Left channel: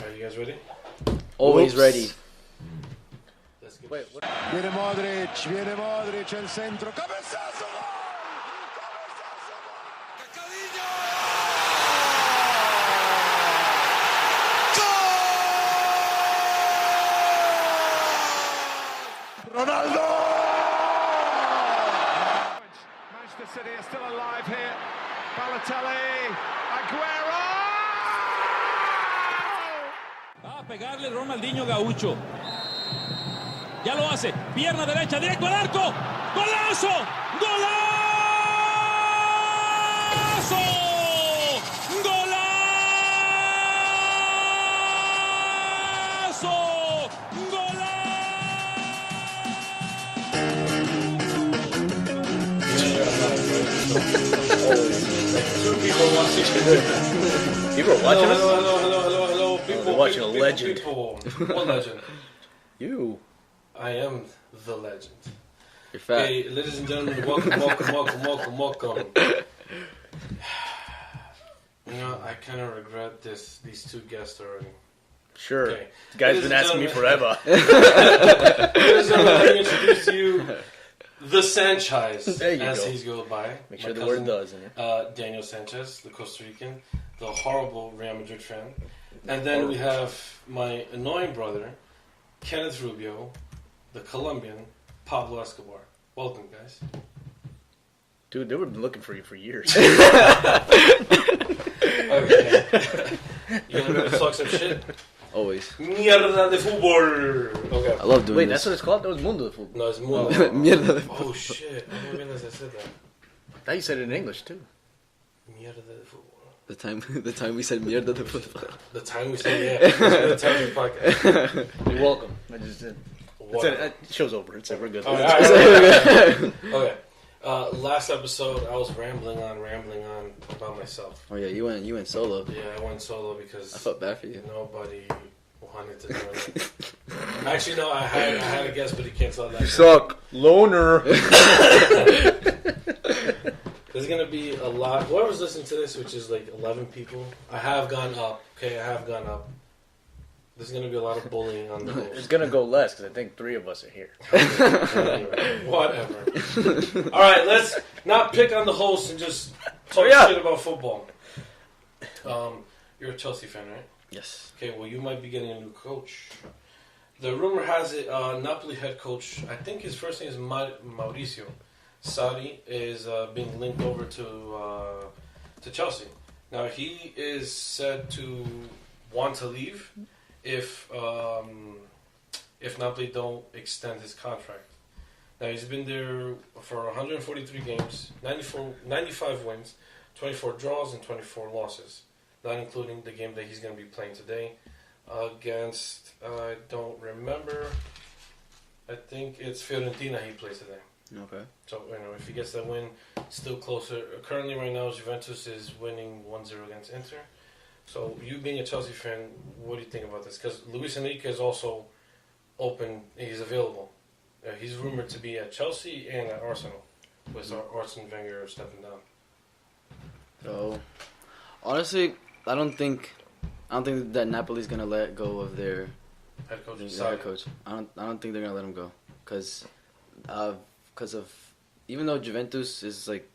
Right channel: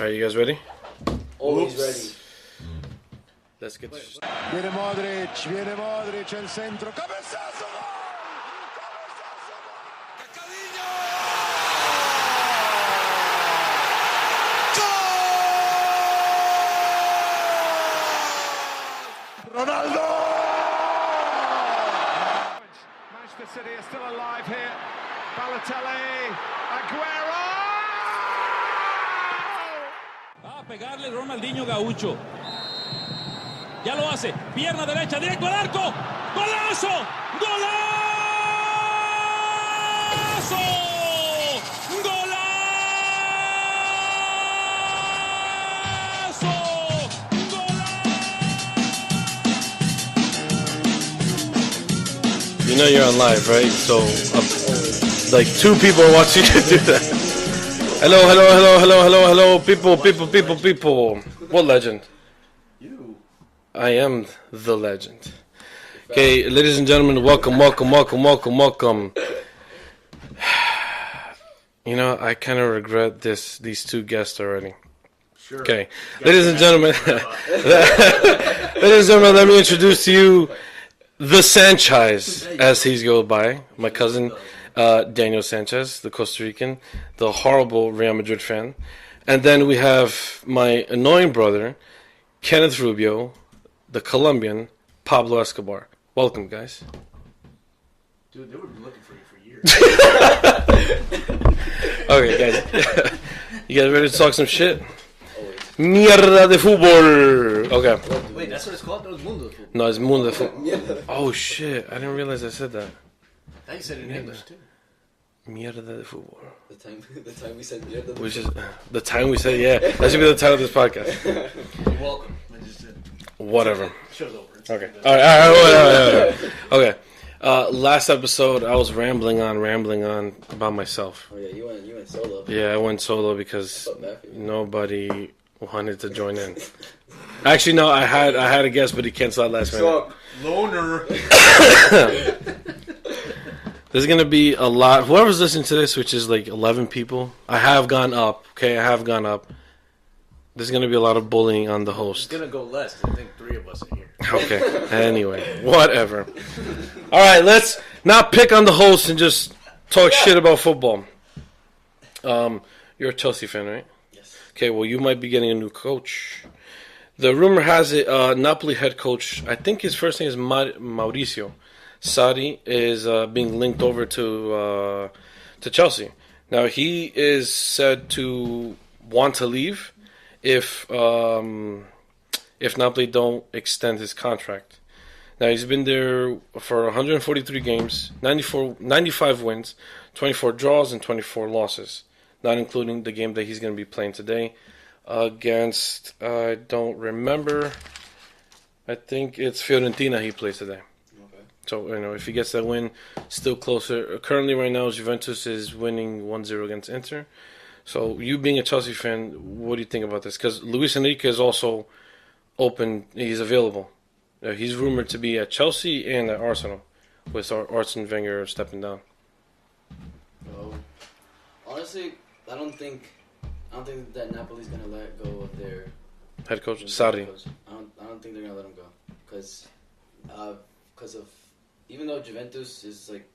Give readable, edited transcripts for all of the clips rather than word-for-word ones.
Are you guys ready? Always ready. Let's get Viene Modric, el centro, cabezazo, gol! Ronaldo! Manchester City are still alive here. Balotelli, Aguero! Va a pegarle Ronaldinho Gaucho. Ya lo hace. Pierna derecha, directo al arco. ¡Golazo! ¡Golazo! ¡Golazo! You know you're on live, right? So, like 2 people are watching you do that. Hello, people. What legend? You. I am the legend. Okay, ladies and gentlemen, welcome. You know, I kind of regret these 2 guests already. Sure. Okay, ladies and gentlemen, let me introduce to you the Sanchez, as he's go by, my cousin Daniel Sanchez, the Costa Rican, the horrible Real Madrid fan, and then we have my annoying brother, Kenneth Rubio, the Colombian, Pablo Escobar. Welcome, guys. Dude, they were looking for you for years. Okay, guys. You guys ready to talk some shit? Always. Mierda de fútbol. Okay. I love doing Wait, that's what it's called? That was Mundo. No, it's Mundo. Mierda de Oh shit! I didn't realize I said that. Now you said it in English too. Mierda de fútbol. The time we said mierda de fútbol. The time we said, yeah. That's gonna be the title of this podcast. You're welcome. I just did. Whatever. Show's over. It's okay. Good. All right. Okay. Last episode, I was rambling on about myself. Oh yeah, you went solo. Yeah, I went solo I because felt bad for you. nobody wanted to join in. Actually, no, I had a guest, but he canceled out last night. Suck, loner. There's gonna be a lot. Whoever's listening to this, which is like 11 people, I have gone up. Okay, I have gone up. There's gonna be a lot of bullying on the host. It's gonna go less because I think 3 of us are here. Okay. Anyway, whatever. All right, let's not pick on the host and just talk shit about football. You're a Chelsea fan, right? Yes. Okay. Well, you might be getting a new coach. The rumor has it, Napoli head coach. I think his first name is Mauricio Sarri is being linked over to Chelsea. Now he is said to want to leave if Napoli don't extend his contract. Now he's been there for 143 games, 95 wins, 24 draws, and 24 losses, not including the game that he's going to be playing today against, I don't remember, I think it's Fiorentina he plays today. Okay. So, you know, if he gets that win, still closer. Currently, right now, Juventus is winning 1-0 against Inter. So, you being a Chelsea fan, what do you think about this? Because Luis Enrique is also open. He's available. He's rumored to be at Chelsea and at Arsenal, with Arsene Wenger stepping down. Oh, honestly, I don't think that Napoli's gonna let go of their Head coach Sarri. Sarri. I don't think they're gonna let him go because of even though Juventus is like,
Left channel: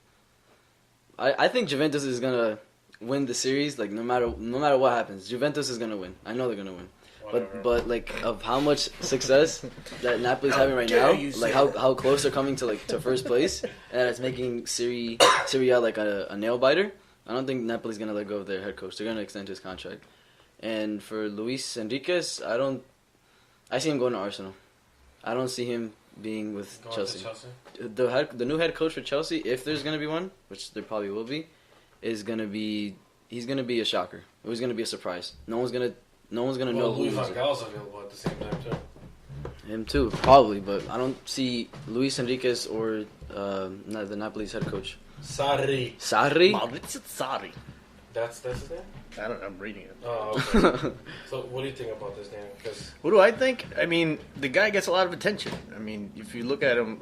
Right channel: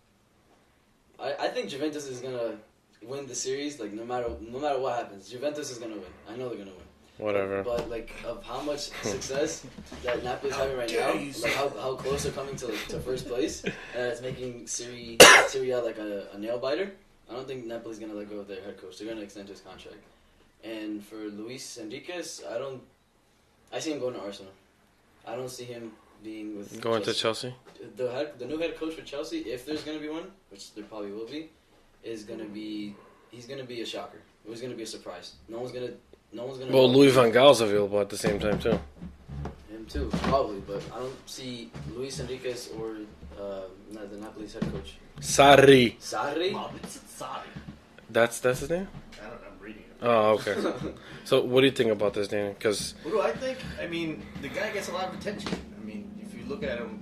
I think Juventus is gonna win the series. Like no matter what happens, Juventus is gonna win. I know they're gonna win. Whatever. But like of how much success that Napoli's having right now, like how close they're coming to first place, and that it's making Serie A like a nail biter. I don't think Napoli's gonna let go of their head coach. They're gonna extend his contract. And for Luis Enriquez, I see him going to Arsenal. I don't see him being with Going Chelsea. to Chelsea? The new head coach for Chelsea, if there's gonna be one, which there probably will be, he's gonna be a shocker. He's gonna be a surprise. No one's gonna know. Well, Louis van Gaal's available at the same time too. Him too, probably, but I don't see Luis Enriquez or the Napoli's head coach. Sarri. Maurizio Sarri. That's his name? I don't know. I'm reading it. Oh, okay. So, what do you think about this, Danny? Because what do I think? I mean, the guy gets a lot of attention. I mean, if you look at him,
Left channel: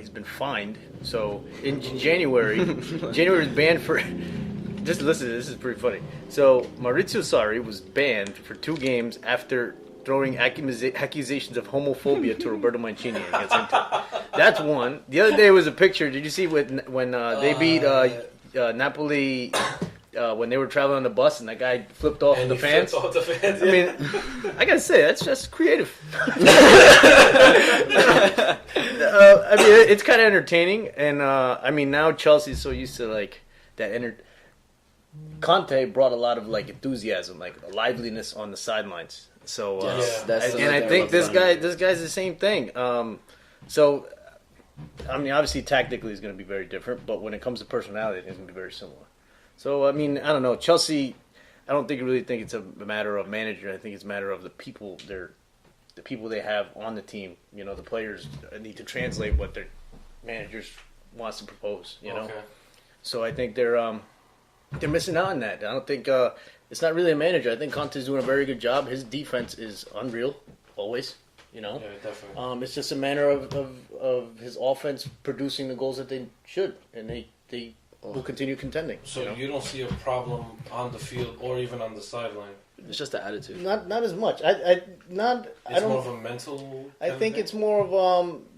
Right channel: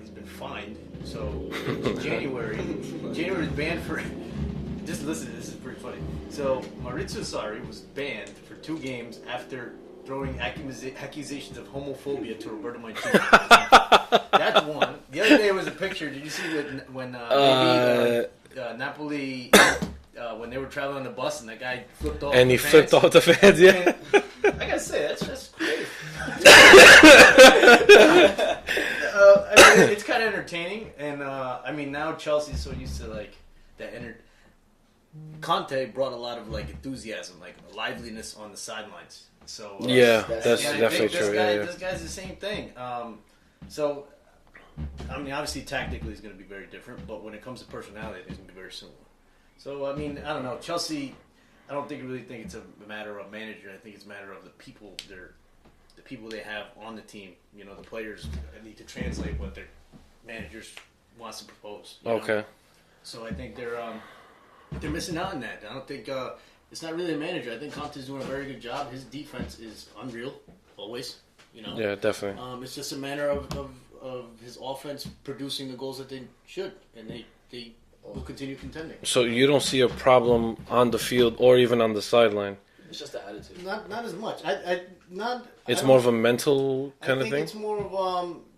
he's been fined. So in January, was banned for just listen. This is pretty funny. So Maurizio Sarri was banned for 2 games after throwing accusations of homophobia to Roberto Mancini. That's one. The other day was a picture. Did you see when they beat Napoli? When they were traveling on the bus and that guy flipped off and the he fans. flipped off the fans. Yeah. I mean, I gotta say that's just creative. I mean, it's kind of entertaining, and I mean now Chelsea's so used to like that. Conte brought a lot of like enthusiasm, like liveliness on the sidelines. So yeah, and I think this guy's the same thing. So I mean, obviously tactically it's going to be very different, but when it comes to personality, it's going to be very similar. So, I mean, I don't know. Chelsea, I don't really think it's a matter of manager. I think it's a matter of the people they have on the team. You know, the players need to translate what their managers wants to propose. You know? Okay. So I think they're missing out on that. I don't think it's not really a manager. I think Conte's doing a very good job. His defense is unreal, always. You know. Yeah, definitely. It's just a matter of his offense producing the goals that they should, and they will continue contending. So you don't see a problem on the field or even on the sideline? It's just the attitude. Not as much. It's more of a mental kind of thing? I think it's more of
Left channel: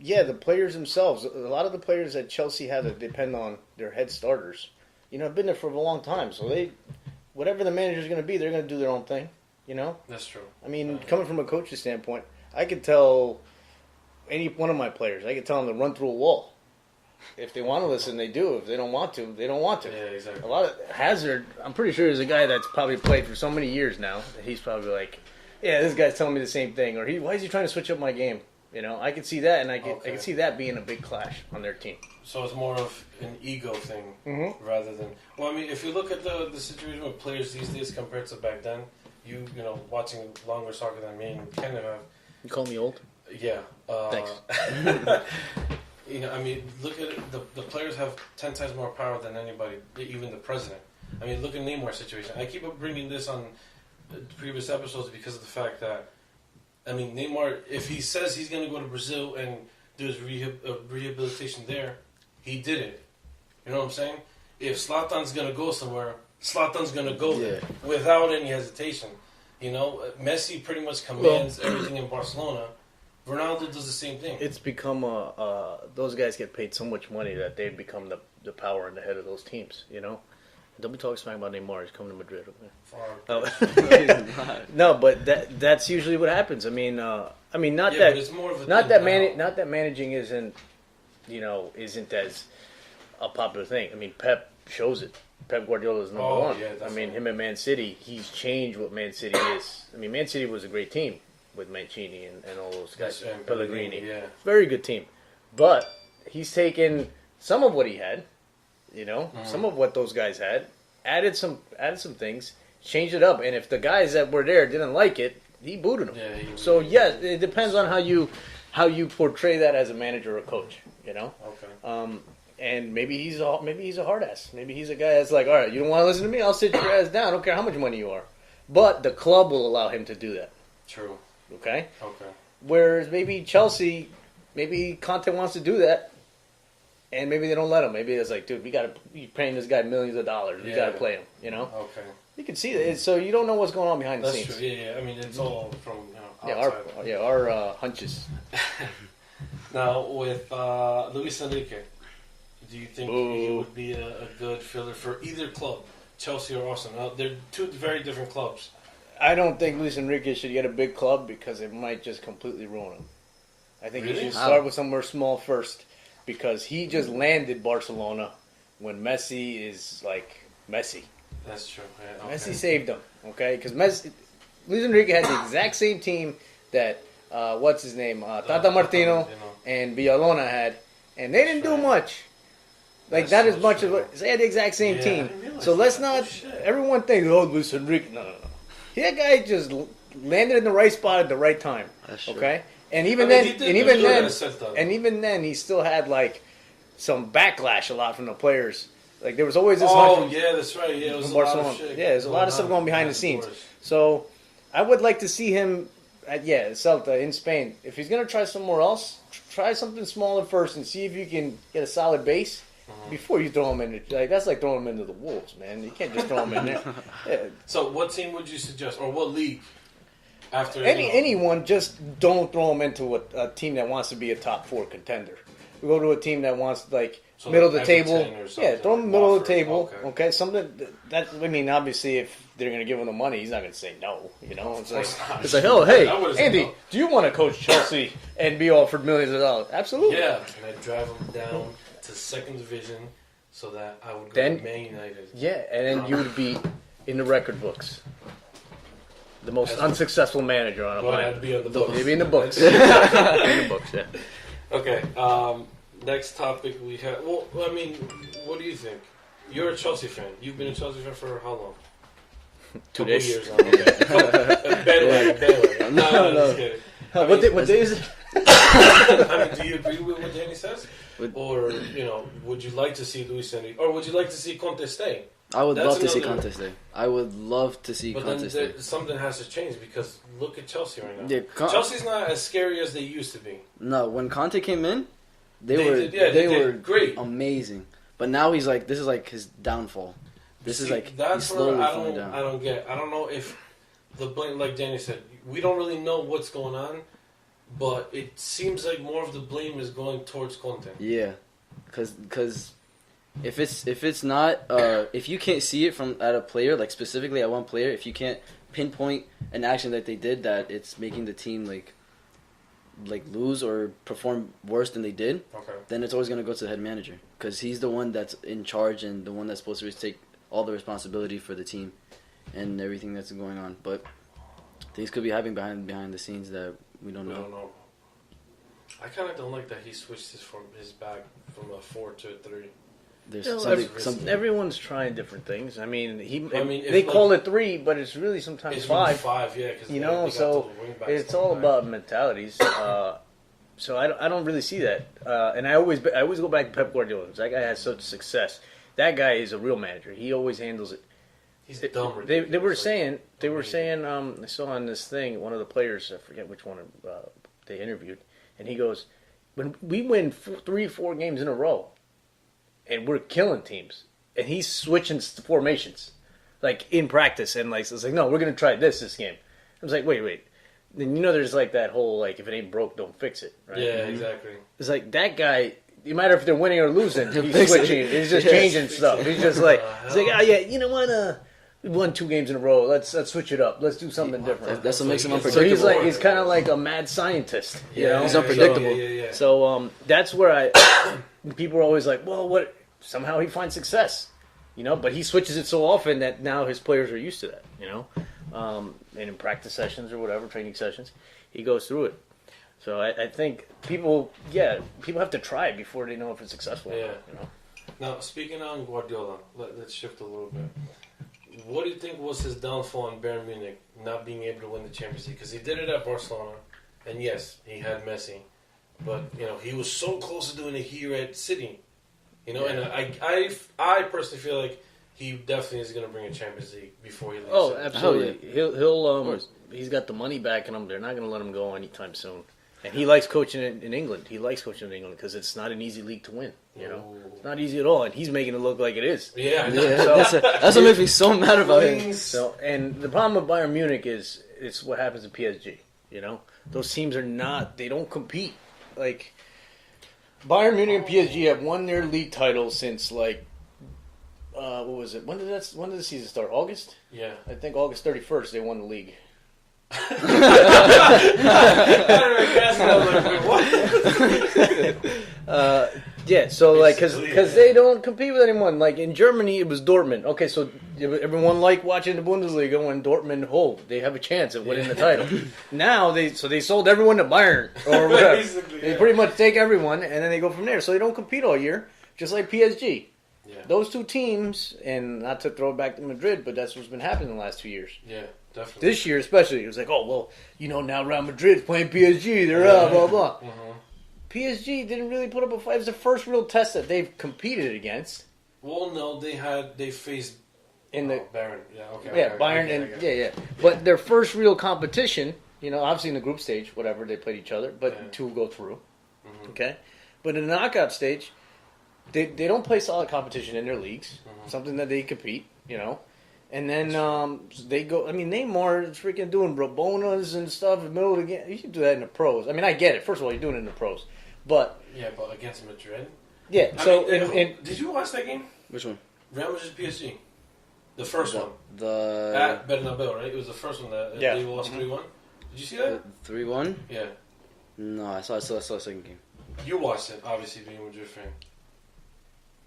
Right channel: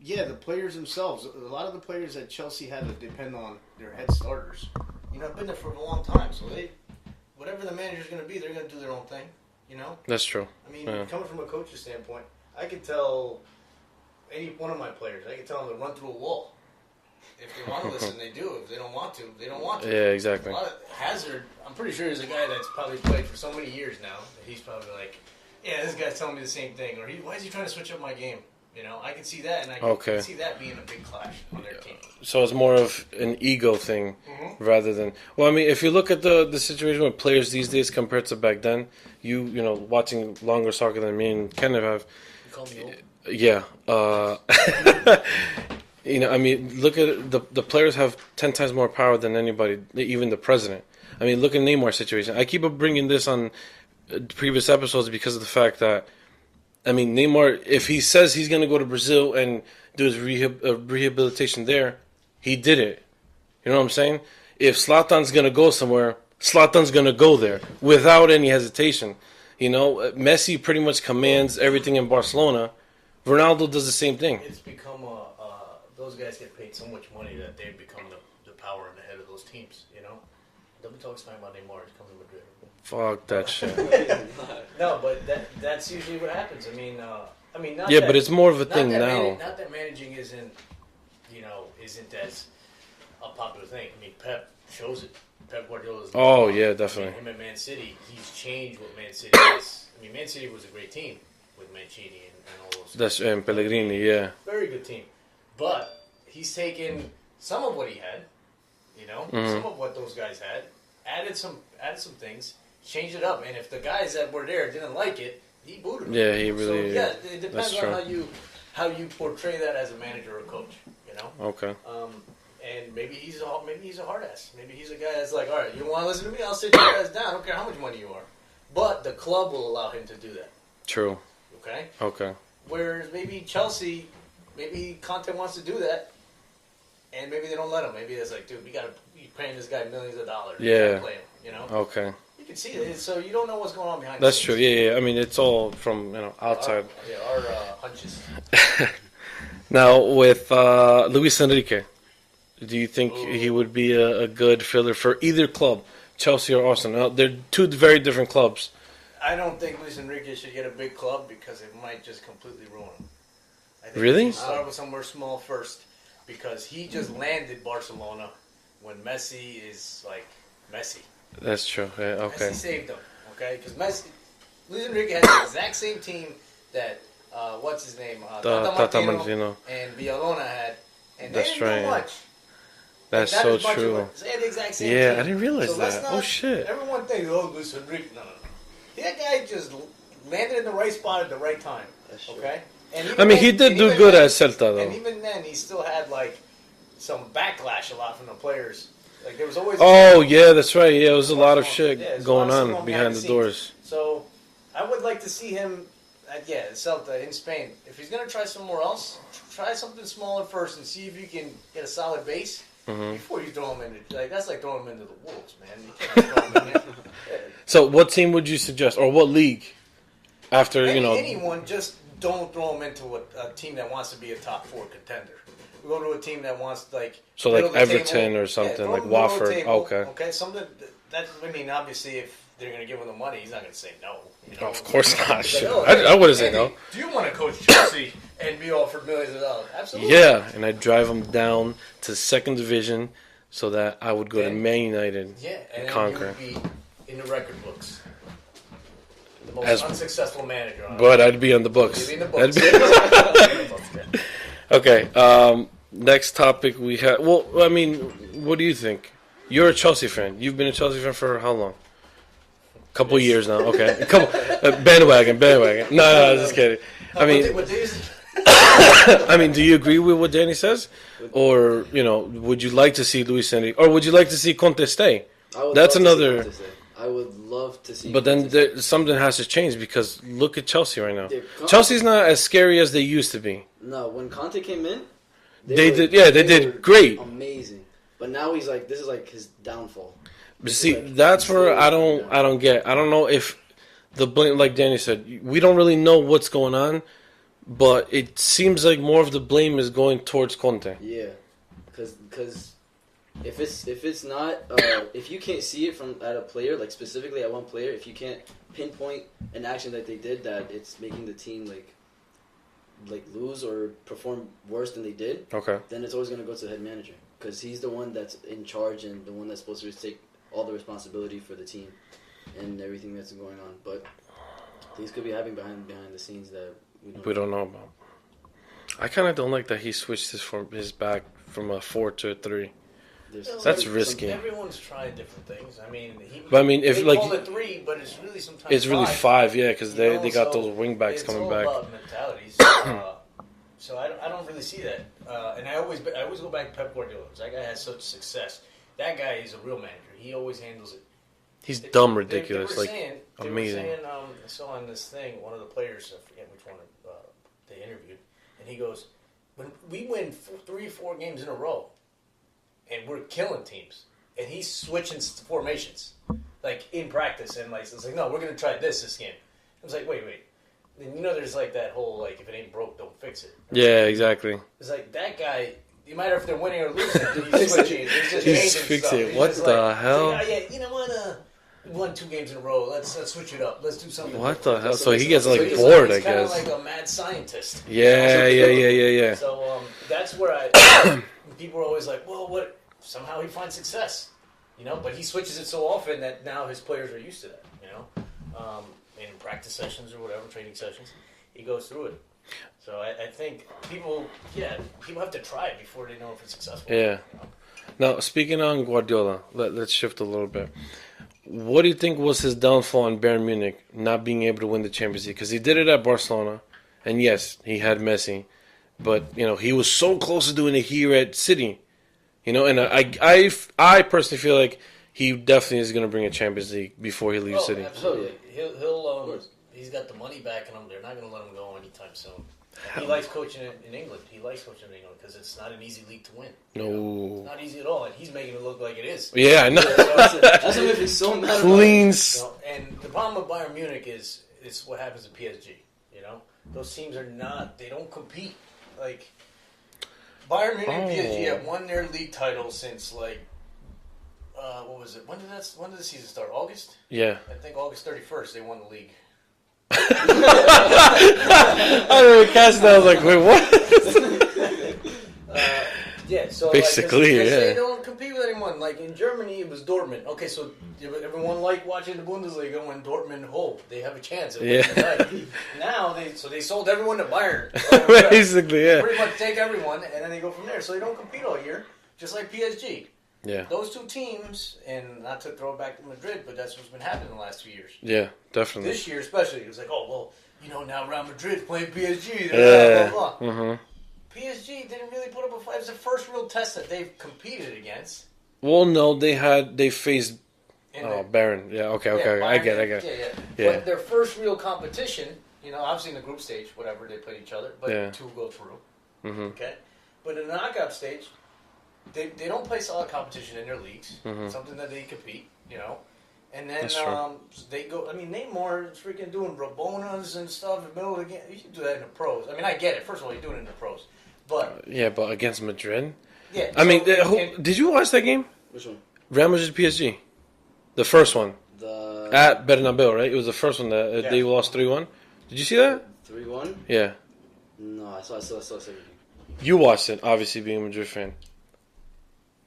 the players themselves. A lot of the players that Chelsea have that depend on their head starters. You know, have been there for a long time, so whatever the manager's going to be, they're going to do their own thing. You know. That's true. I mean, coming from a coach's standpoint, I could tell any one of my players, I could tell them to run through a wall. If they want to listen, they do. If they don't want to, they don't want to. Yeah, exactly. A lot of Hazard, I'm pretty sure is a guy that's probably played for so many years now that he's probably like, yeah, this guy's telling me the same thing. Or why is he trying to switch up my game? You know, I could see that, and I could see that being a big clash on their team. So it's more of an ego thing rather than... Well, I mean, if you look at the situation with players these days compared to back then, you know, watching longer soccer than me and Kenneth have... You call me old? Yeah. You know, I mean, look at it, the players have 10 times more power than anybody, even the president. I mean, look at Neymar's situation. I keep bringing this on previous episodes because of the fact that, I mean, Neymar, if he says he's going to go to Brazil and do his rehabilitation there, he did it. You know what I'm saying? If Zlatan's going to go somewhere, Zlatan's going to go there without any hesitation. You know, Messi pretty much commands everything in Barcelona. Ronaldo does the same thing. It's become those guys get paid so much money that they become the power in the head of those teams. You know, don't be talking smack about Neymar. He's coming to Madrid. Okay? Fuck that shit. No, but that's usually what happens. I mean, not yeah, that, but it's more of a thing now. Not that managing isn't as a popular thing. I mean, Pep shows it. Pep Guardiola's. Yeah, definitely. I mean, him at Man City, he's changed what Man City is. I mean, Man City was a great team with Mancini and all those guys. And Pellegrini, yeah. Very good team. But he's taken some of what he had, you know, some of what those guys had, added some things, changed it up, and if the guys that were there didn't like it, he booted them. Yeah, he really. So yeah, it depends on how you portray that as a manager or coach, you know. Okay. And maybe he's a hard ass. Maybe he's a guy that's like, all right, you don't want to listen to me, I'll sit your ass down. I don't care how much money you are. But the club will allow him to do that. True. Okay. Okay. Whereas maybe Chelsea, maybe Conte wants to do that, and maybe they don't let him. Maybe it's like, dude, you're paying this guy millions of dollars. You gotta play him. You know. Okay. You can see it. So you don't know what's going on behind the That's scenes. true. Yeah. I mean, it's all from outside. Our hunches. Now with Luis Enrique, do you think he would be a good filler for either club, Chelsea or Arsenal? Now, they're two very different clubs. I don't think Luis Enrique should get a big club because it might just completely ruin him. I think really? he should start with somewhere small first because he just landed Barcelona when Messi is like Messi. That's true. Yeah, okay. Messi saved him, okay? Because Luis Enrique had the exact same team that what's his name, Tata Martino and Villalona had, and they didn't do much. Like That's not so as much true. they had the exact same team. Yeah, I didn't realize so that. let's not. Oh shit! Everyone thinks, Luis Enrique. No. That guy just landed in the right spot at the right time. That's true. Okay, and I mean, he did do good at Celta, though. And even then, he still had like some backlash a lot from the players. Like there was always. Yeah, that's right. Yeah, it was a lot of shit. Yeah, there's a lot of stuff going behind the scenes. Doors. So, I would like to see him at Celta in Spain. If he's gonna try somewhere else, try something smaller first and see if you can get a solid base. before you throw him in. That's like throwing him into the wolves, man. You can't just throw him in there. Yeah. So, what team would you suggest, or what league? After anyone, just don't throw him into a team that wants to be a top 4 contender. Go to a team that wants middle of the Everton table or something, throw like him middle of the Watford. table. Okay, something that I mean, obviously, if they're going to give him the money, he's not going to say no. Of course not. It's like, oh, hey, I wouldn't say Andy, no. do you want to coach Chelsea and be offered millions of dollars? Absolutely. Yeah, and I'd drive him down to 2nd division so that I would go to Man United. Yeah, and then you would be in the record books. The most unsuccessful manager on But I'd be on the books. You'd be in the books. In the books, yeah. Okay, next topic we have. Well, I mean, what do you think? You're a Chelsea fan. You've been a Chelsea fan for how long? Couple years now. Okay. Bandwagon. No, just kidding. I mean, what day is it? I mean, do you agree with what Danny says? Or, would you like to see Luis Enrique? Or would you like to see Conte stay? I would That's love another. To see Conte stay. I would love to see But Conte then something has to change because look at Chelsea right now. Dude, Chelsea's not as scary as they used to be. No, when Conte came in, they did great. Amazing. But now he's like, this is like his downfall. But see, that's where I don't get. I don't know if the blame, like Danny said, we don't really know what's going on, but it seems like more of the blame is going towards Conte. Yeah, because if it's not if you can't see it from at a player, like specifically at one player, if you can't pinpoint an action that they did that it's making the team like lose or perform worse than they did, Okay. then it's always gonna go to the head manager because he's the one that's in charge and the one that's supposed to take all the responsibility for the team and everything that's going on. But things could be happening behind the scenes that we don't know about. I kind of don't like that he switched his back from a 4 to a 3. That's risky. Everyone's trying different things. I mean, if they call it 3, but it's really sometimes it's 5. really 5, yeah, because they got those wing backs coming back. It's all about mentalities. So I don't really see that. And I always go back to Pep Guardiola. That guy has such success. That guy is a real manager. He always handles it. He's dumb ridiculous. They were saying. I saw on this thing, one of the players, I forget which one they interviewed, and he goes, when we win 3 or 4 games in a row, and we're killing teams, and he's switching formations, like in practice, and like it's like, no, we're gonna try this game. I was like, wait. Then there's like that whole like if it ain't broke, don't fix it. Right? Yeah, exactly. It's like that guy. No matter if they're winning or losing, he's switching. He's just changing stuff. He's what just the like, hell? He's like, oh yeah, you know what? We won 2 games in a row. Let's switch it up. Let's do something. What different. the hell? So he gets so he's bored, he's kind of like a mad scientist. Yeah. So that's where people are always like, well, what? Somehow he finds success, But he switches it so often that now his players are used to that, And in practice sessions or whatever, training sessions, he goes through it. So I think people have to try it before they know if it's successful. Yeah. Now, speaking on Guardiola, let's shift a little bit. What do you think was his downfall in Bayern Munich, not being able to win the Champions League? Because he did it at Barcelona, and yes, he had Messi, but he was so close to doing it here at City. And I personally feel like he definitely is going to bring a Champions League before he leaves City. Absolutely. He's got the money backing him. They're not going to let him go anytime soon. And he likes coaching in England. He likes coaching in England because it's not an easy league to win. It's not easy at all, and he's making it look like it is. Yeah, I know. That's what makes me so mad about it. So, and the problem with Bayern Munich is it's what happens at PSG. Those teams they don't compete. Like Bayern Munich and PSG have won their league title since what was it? When did the season start? August? Yeah. I think August 31st they won the league. I really cast I was like, wait, what? Yeah, so because they don't compete with anyone. Like in Germany, it was Dortmund. Okay, so everyone liked watching the Bundesliga when Dortmund they have a chance of winning the title. Now they sold everyone to Bayern. Basically, They pretty much take everyone and then they go from there. So they don't compete all year, just like PSG. Yeah. Those two teams, and not to throw it back to Madrid, but that's what's been happening the last 2 years. Yeah, definitely. This year especially, it was like, oh, well, now Real Madrid's playing PSG, blah, blah, blah. Mm-hmm. PSG didn't really put up a fight. It was the first real test that they've competed against. Well, no, they faced Bayern. Yeah, okay, Bayern, I get it. Yeah. But their first real competition, obviously in the group stage, whatever, they played each other, but 2 go through. Mm-hmm. Okay? But in the knockout stage, they don't play solid competition in their leagues. Something that they compete, And then they go. I mean, Neymar is freaking doing Rabonas and stuff in the middle of the game. You should do that in the pros. I mean, I get it. First of all, you're doing it in the pros, but but against Madrid. Yeah, I mean, did you watch that game? Which one? Real Madrid PSG, the first one at Bernabeu, right? It was the first one that they lost 3-1. Did you see that? 3-1. Yeah. No, I saw the second game. You watched it, obviously, being a Madrid fan.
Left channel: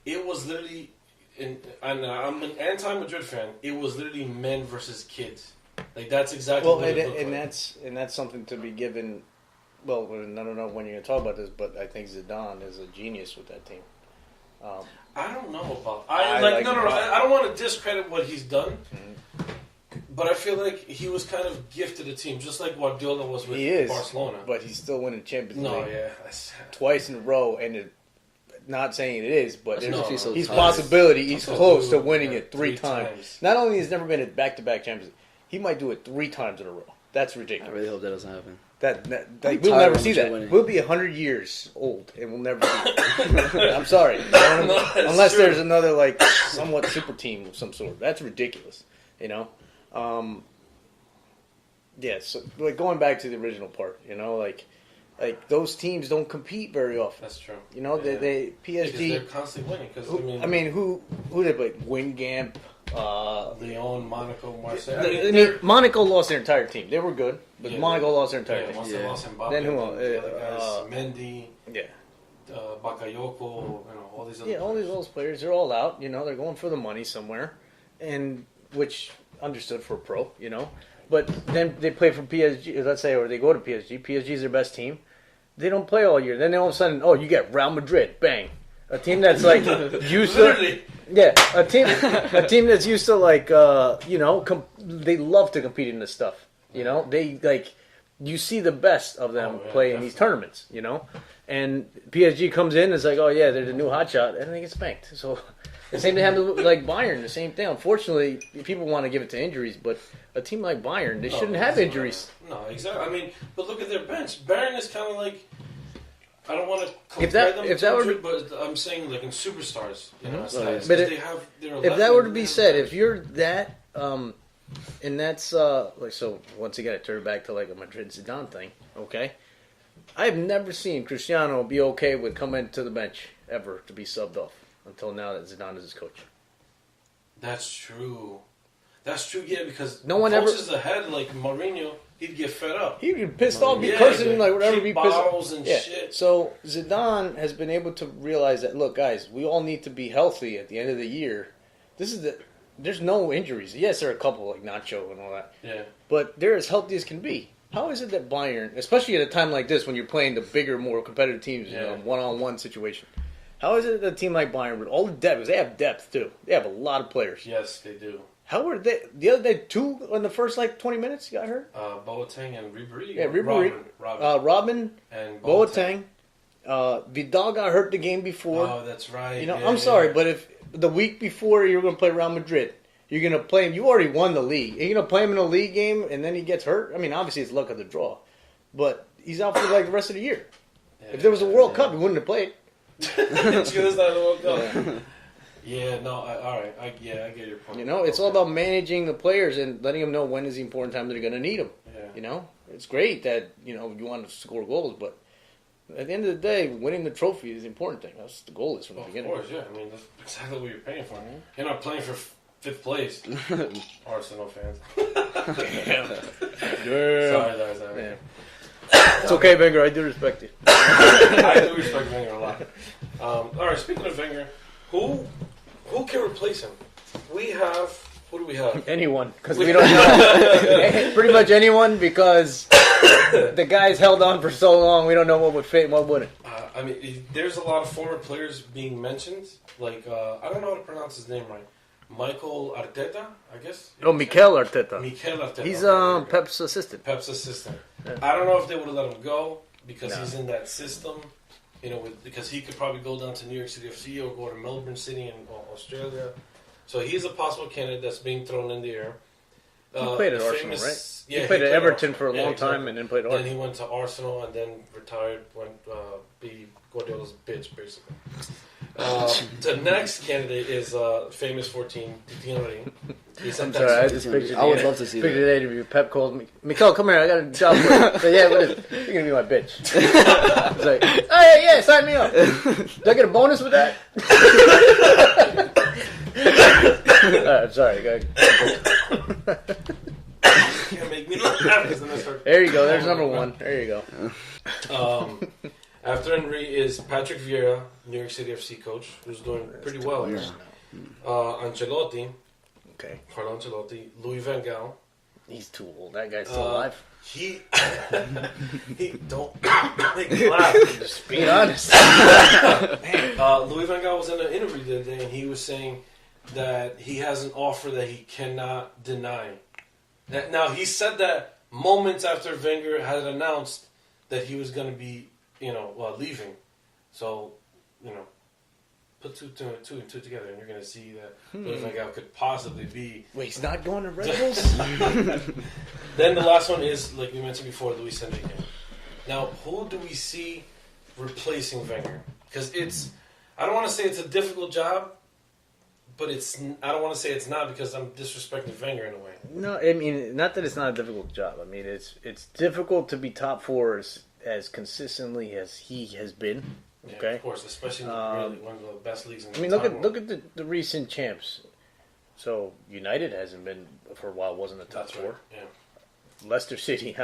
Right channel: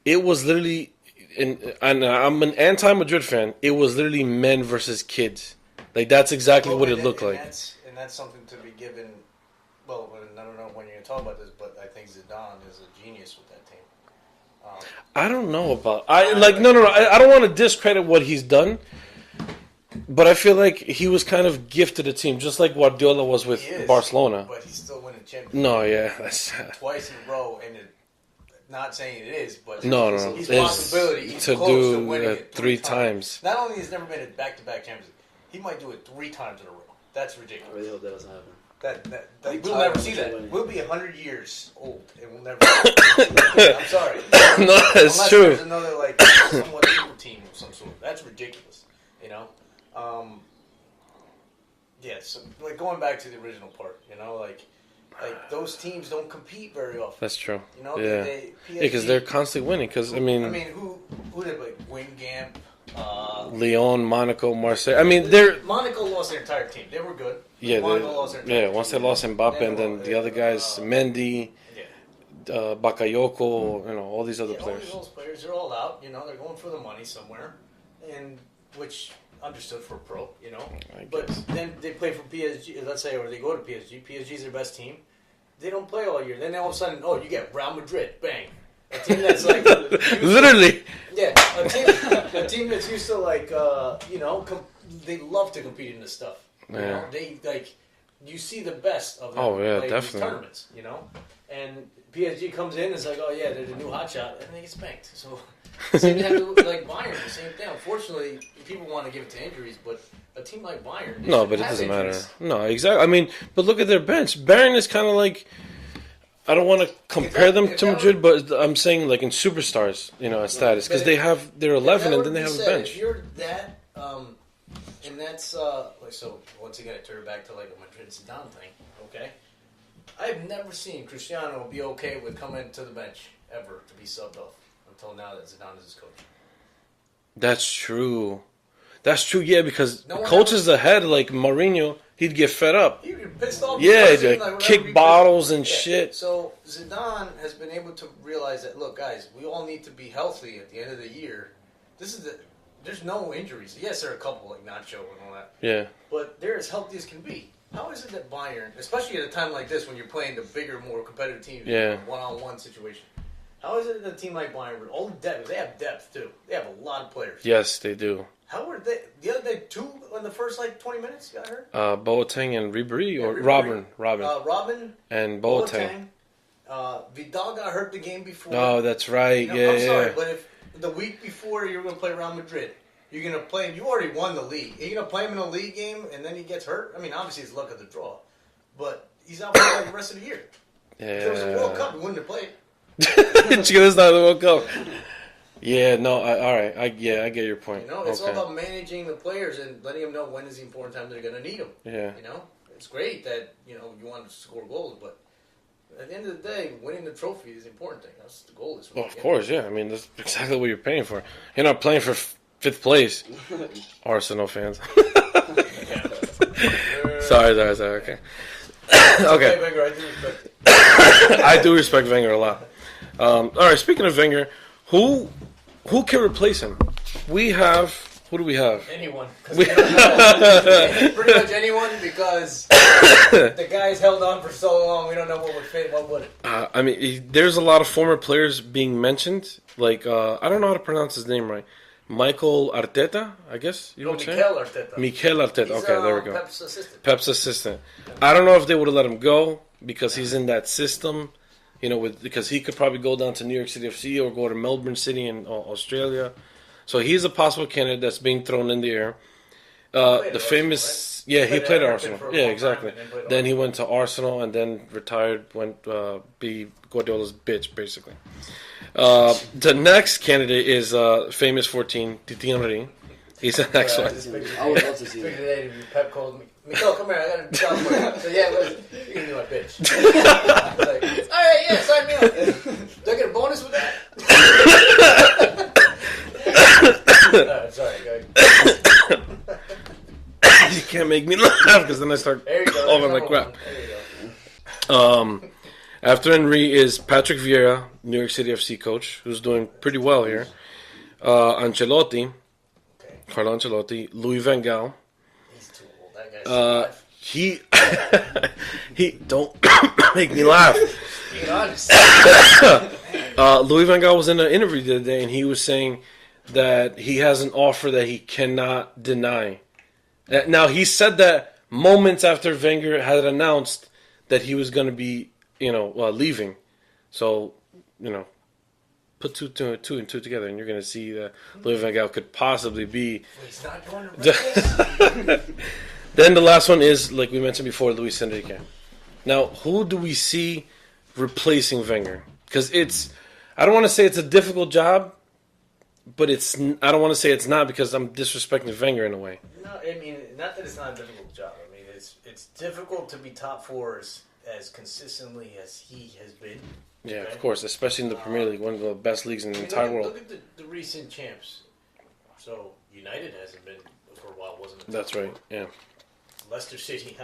It was literally, and I'm an anti-Madrid fan. It was literally men versus kids. Like that's exactly what it looked like. That's something to be given. Well, I don't know when you're going to talk about this, but I think Zidane is a genius with that team. I don't know about. I don't want to discredit what he's done, but I feel like he was kind of gifted a team, just like Guardiola was with Barcelona. But he's still winning Champions League. No, yeah, that's twice in a row, and not saying it is, but he's possibility close to winning it three times. Not only has never been a back-to-back Champions League, he might do it 3 times in a row. That's ridiculous. I really hope that doesn't happen. We'll never see that. Winning. We'll be 100 years old, and we'll never see it. I'm sorry. Unless there's another, somewhat super team of some sort. That's ridiculous, Yeah, so, going back to the original part, those teams don't compete very often. That's true. They PSG... because they're constantly winning. Because, who they play? Wingamp, Lyon, Monaco, Marseille. Monaco lost their entire team. They were good. Yeah, Monaco lost their entire team. Once they lost Mbappe, and then the other guys, Mendy, Bakayoko, all these other players. All those players, they're all out. They're going for the money somewhere, and which understood for a pro, But then they play for PSG, let's say, or they go to PSG. PSG is their best team. They don't play all year. Then all of a sudden, you get Real Madrid, bang. A team that's like literally, a team that's used to they love to compete in this stuff. They you see the best of them play in these tournaments. And PSG comes in, it's like, they're the new hotshot, and they get spanked. So same thing happened with Bayern, the same thing. Unfortunately, people want to give it to injuries, but a team like Bayern, they shouldn't have injuries. No, exactly. I mean, but look at their bench. Bayern is kind of like. I don't want to compare them to Madrid, but I'm saying in superstars, at status, because they're 11. If that were to be said, if you're that, and that's so once again, I turn it back to a Madrid Zidane thing. Okay, I have never seen Cristiano be okay with coming to the bench ever to be subbed off until now that Zidane is his coach. That's true. Yeah, because coaches ahead like Mourinho. He'd get fed up. He'd get pissed off. He'd kick bottles and shit. So Zidane has been able to realize that, look, guys, we all need to be healthy at the end of the year. There's no injuries. Yes, there are a couple like Nacho and all that. Yeah. But they're as healthy as can be. How is it that Bayern, especially at a time like this when you're playing the bigger, more competitive teams in a one-on-one situation, how is it that a team like Bayern, with all the depth, because they have depth too, they have a lot of players. Yes, they do. How were they? The other day, 2 in the first 20 minutes got hurt. Boateng and Ribéry, or Robin. Robin and Boateng. Vidal got hurt the game before. Oh, that's right. I'm sorry, but if the week before you're going to play Real Madrid, you're going to play him. You already won the league. You're going to play him in a league game, and then he gets hurt. I mean, obviously it's luck of the draw, but he's out for the rest of the year. If there was a World Cup, he wouldn't have played. It's not the World Cup. Yeah, no, all right. I get your point. It's all about managing the players and letting them know when is the important time they're going to need them. Yeah. It's great that, you want to score goals, but at the end of the day, winning the trophy is the important thing. That's the goal is. Of course, yeah. I mean, that's exactly what you're paying for. You're not playing for 5th place. Arsenal fans. Sorry. Okay. It's okay, Wenger. I do respect you. I do respect Wenger a lot. All right, speaking of Wenger, who can replace him? Who do we have? Anyone. Because we don't know. Pretty much anyone, because the guy's held on for so long, we don't know what would fit and what wouldn't. I mean, there's a lot of former players being mentioned. I don't know how to pronounce his name right. Michael Arteta, I guess. Mikel Arteta. Mikel Arteta. He's there we go. Pep's assistant. I don't know if they would have let him go because he's in that system. Because he could probably go down to New York City FC or go to Melbourne City in Australia. So he's a possible candidate that's being thrown in the air. The famous, right? He played at Everton for a long time and then played Arsenal. Then he went to Arsenal and then retired, went be Guardiola's bitch, basically. The next candidate is famous 14, Titi Henry. He's the next one. I would love to see Picture that. the interview. Pep calls me. Mikhail, come here. I got a job for you. So, yeah, what is it? You're going to be my bitch. He's like, oh, yeah, sign me up. Do I get a bonus with that? Alright, sorry. Go ahead. You can't make me laugh because then I start. There you go. That's over my number crap. one. There you go. After Henry is Patrick Vieira, New York City FC coach, who's doing pretty well here. Ancelotti, Okay. Carlo Ancelotti, Louis Van Gaal. He's too old. That guy's still alive. He don't make me laugh. Being honest. Louis Van Gaal was in an interview the other day, and he was saying that he has an offer that he cannot deny. Now, he said that moments after Wenger had announced that he was going to be, leaving. So, put two and two together, and you're going to see that Louis Van Gaal could possibly be. Wait, he's not going to Red Bulls? Then the last one is, like we mentioned before, Luis Enrique. Now, who do we see replacing Wenger? Because I don't want to say it's a difficult job, but I don't want to say it's not because I'm disrespecting Wenger in a way. No, I mean, not that it's not a difficult job. I mean, it's difficult to be top four as consistently as he has been. Yeah, Okay? of course, especially in the Premier League, one of the best leagues in the I mean, entire world. look at the recent champs. So, United hasn't been, for a while, wasn't a top That's right, four. yeah. Leicester City,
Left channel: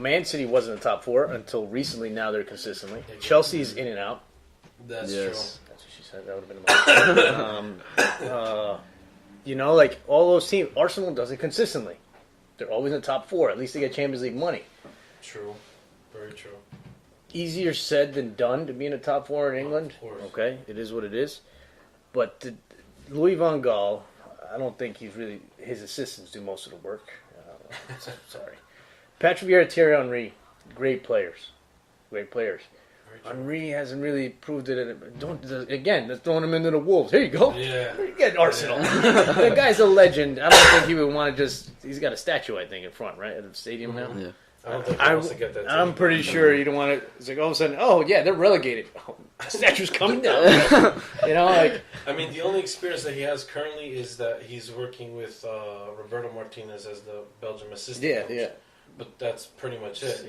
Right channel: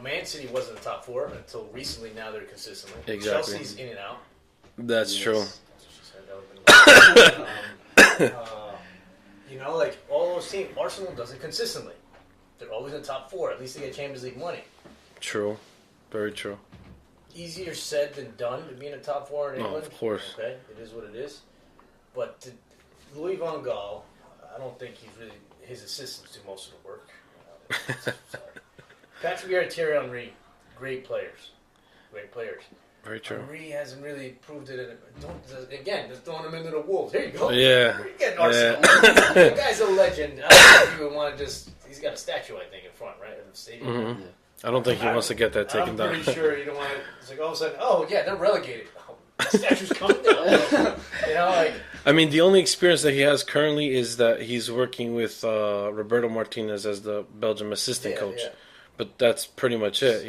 Man City wasn't a top four until recently. Now they're consistently. Exactly. Chelsea's in and out. That's Yes. true. That's what she said. That would have been like all those teams. Arsenal does it consistently. They're always in the top four. At least they get Champions League money. True. Very true. Easier said than done to be in the top four in England. Of course. Okay, it is what it is. But Louis Van Gaal, I don't think his assistants do most of the work. Sorry. Patrick Vieira, Thierry Henry, great players. Very true. Henry hasn't really proved it. They're throwing him into the wolves. Here you go. Yeah. You get Arsenal. The guy's a legend. I don't think he would want to he's got a statue, I think, in front, right? In the stadium now. Yeah. I don't think he wants to get that taken I'm pretty down. sure you don't want to. It's like all of a sudden, oh yeah, they're relegated. Oh, the statue's coming down. I mean, the only experience that he has currently is that he's working with Roberto Martinez as the Belgium assistant coach. Yeah. But that's pretty much it.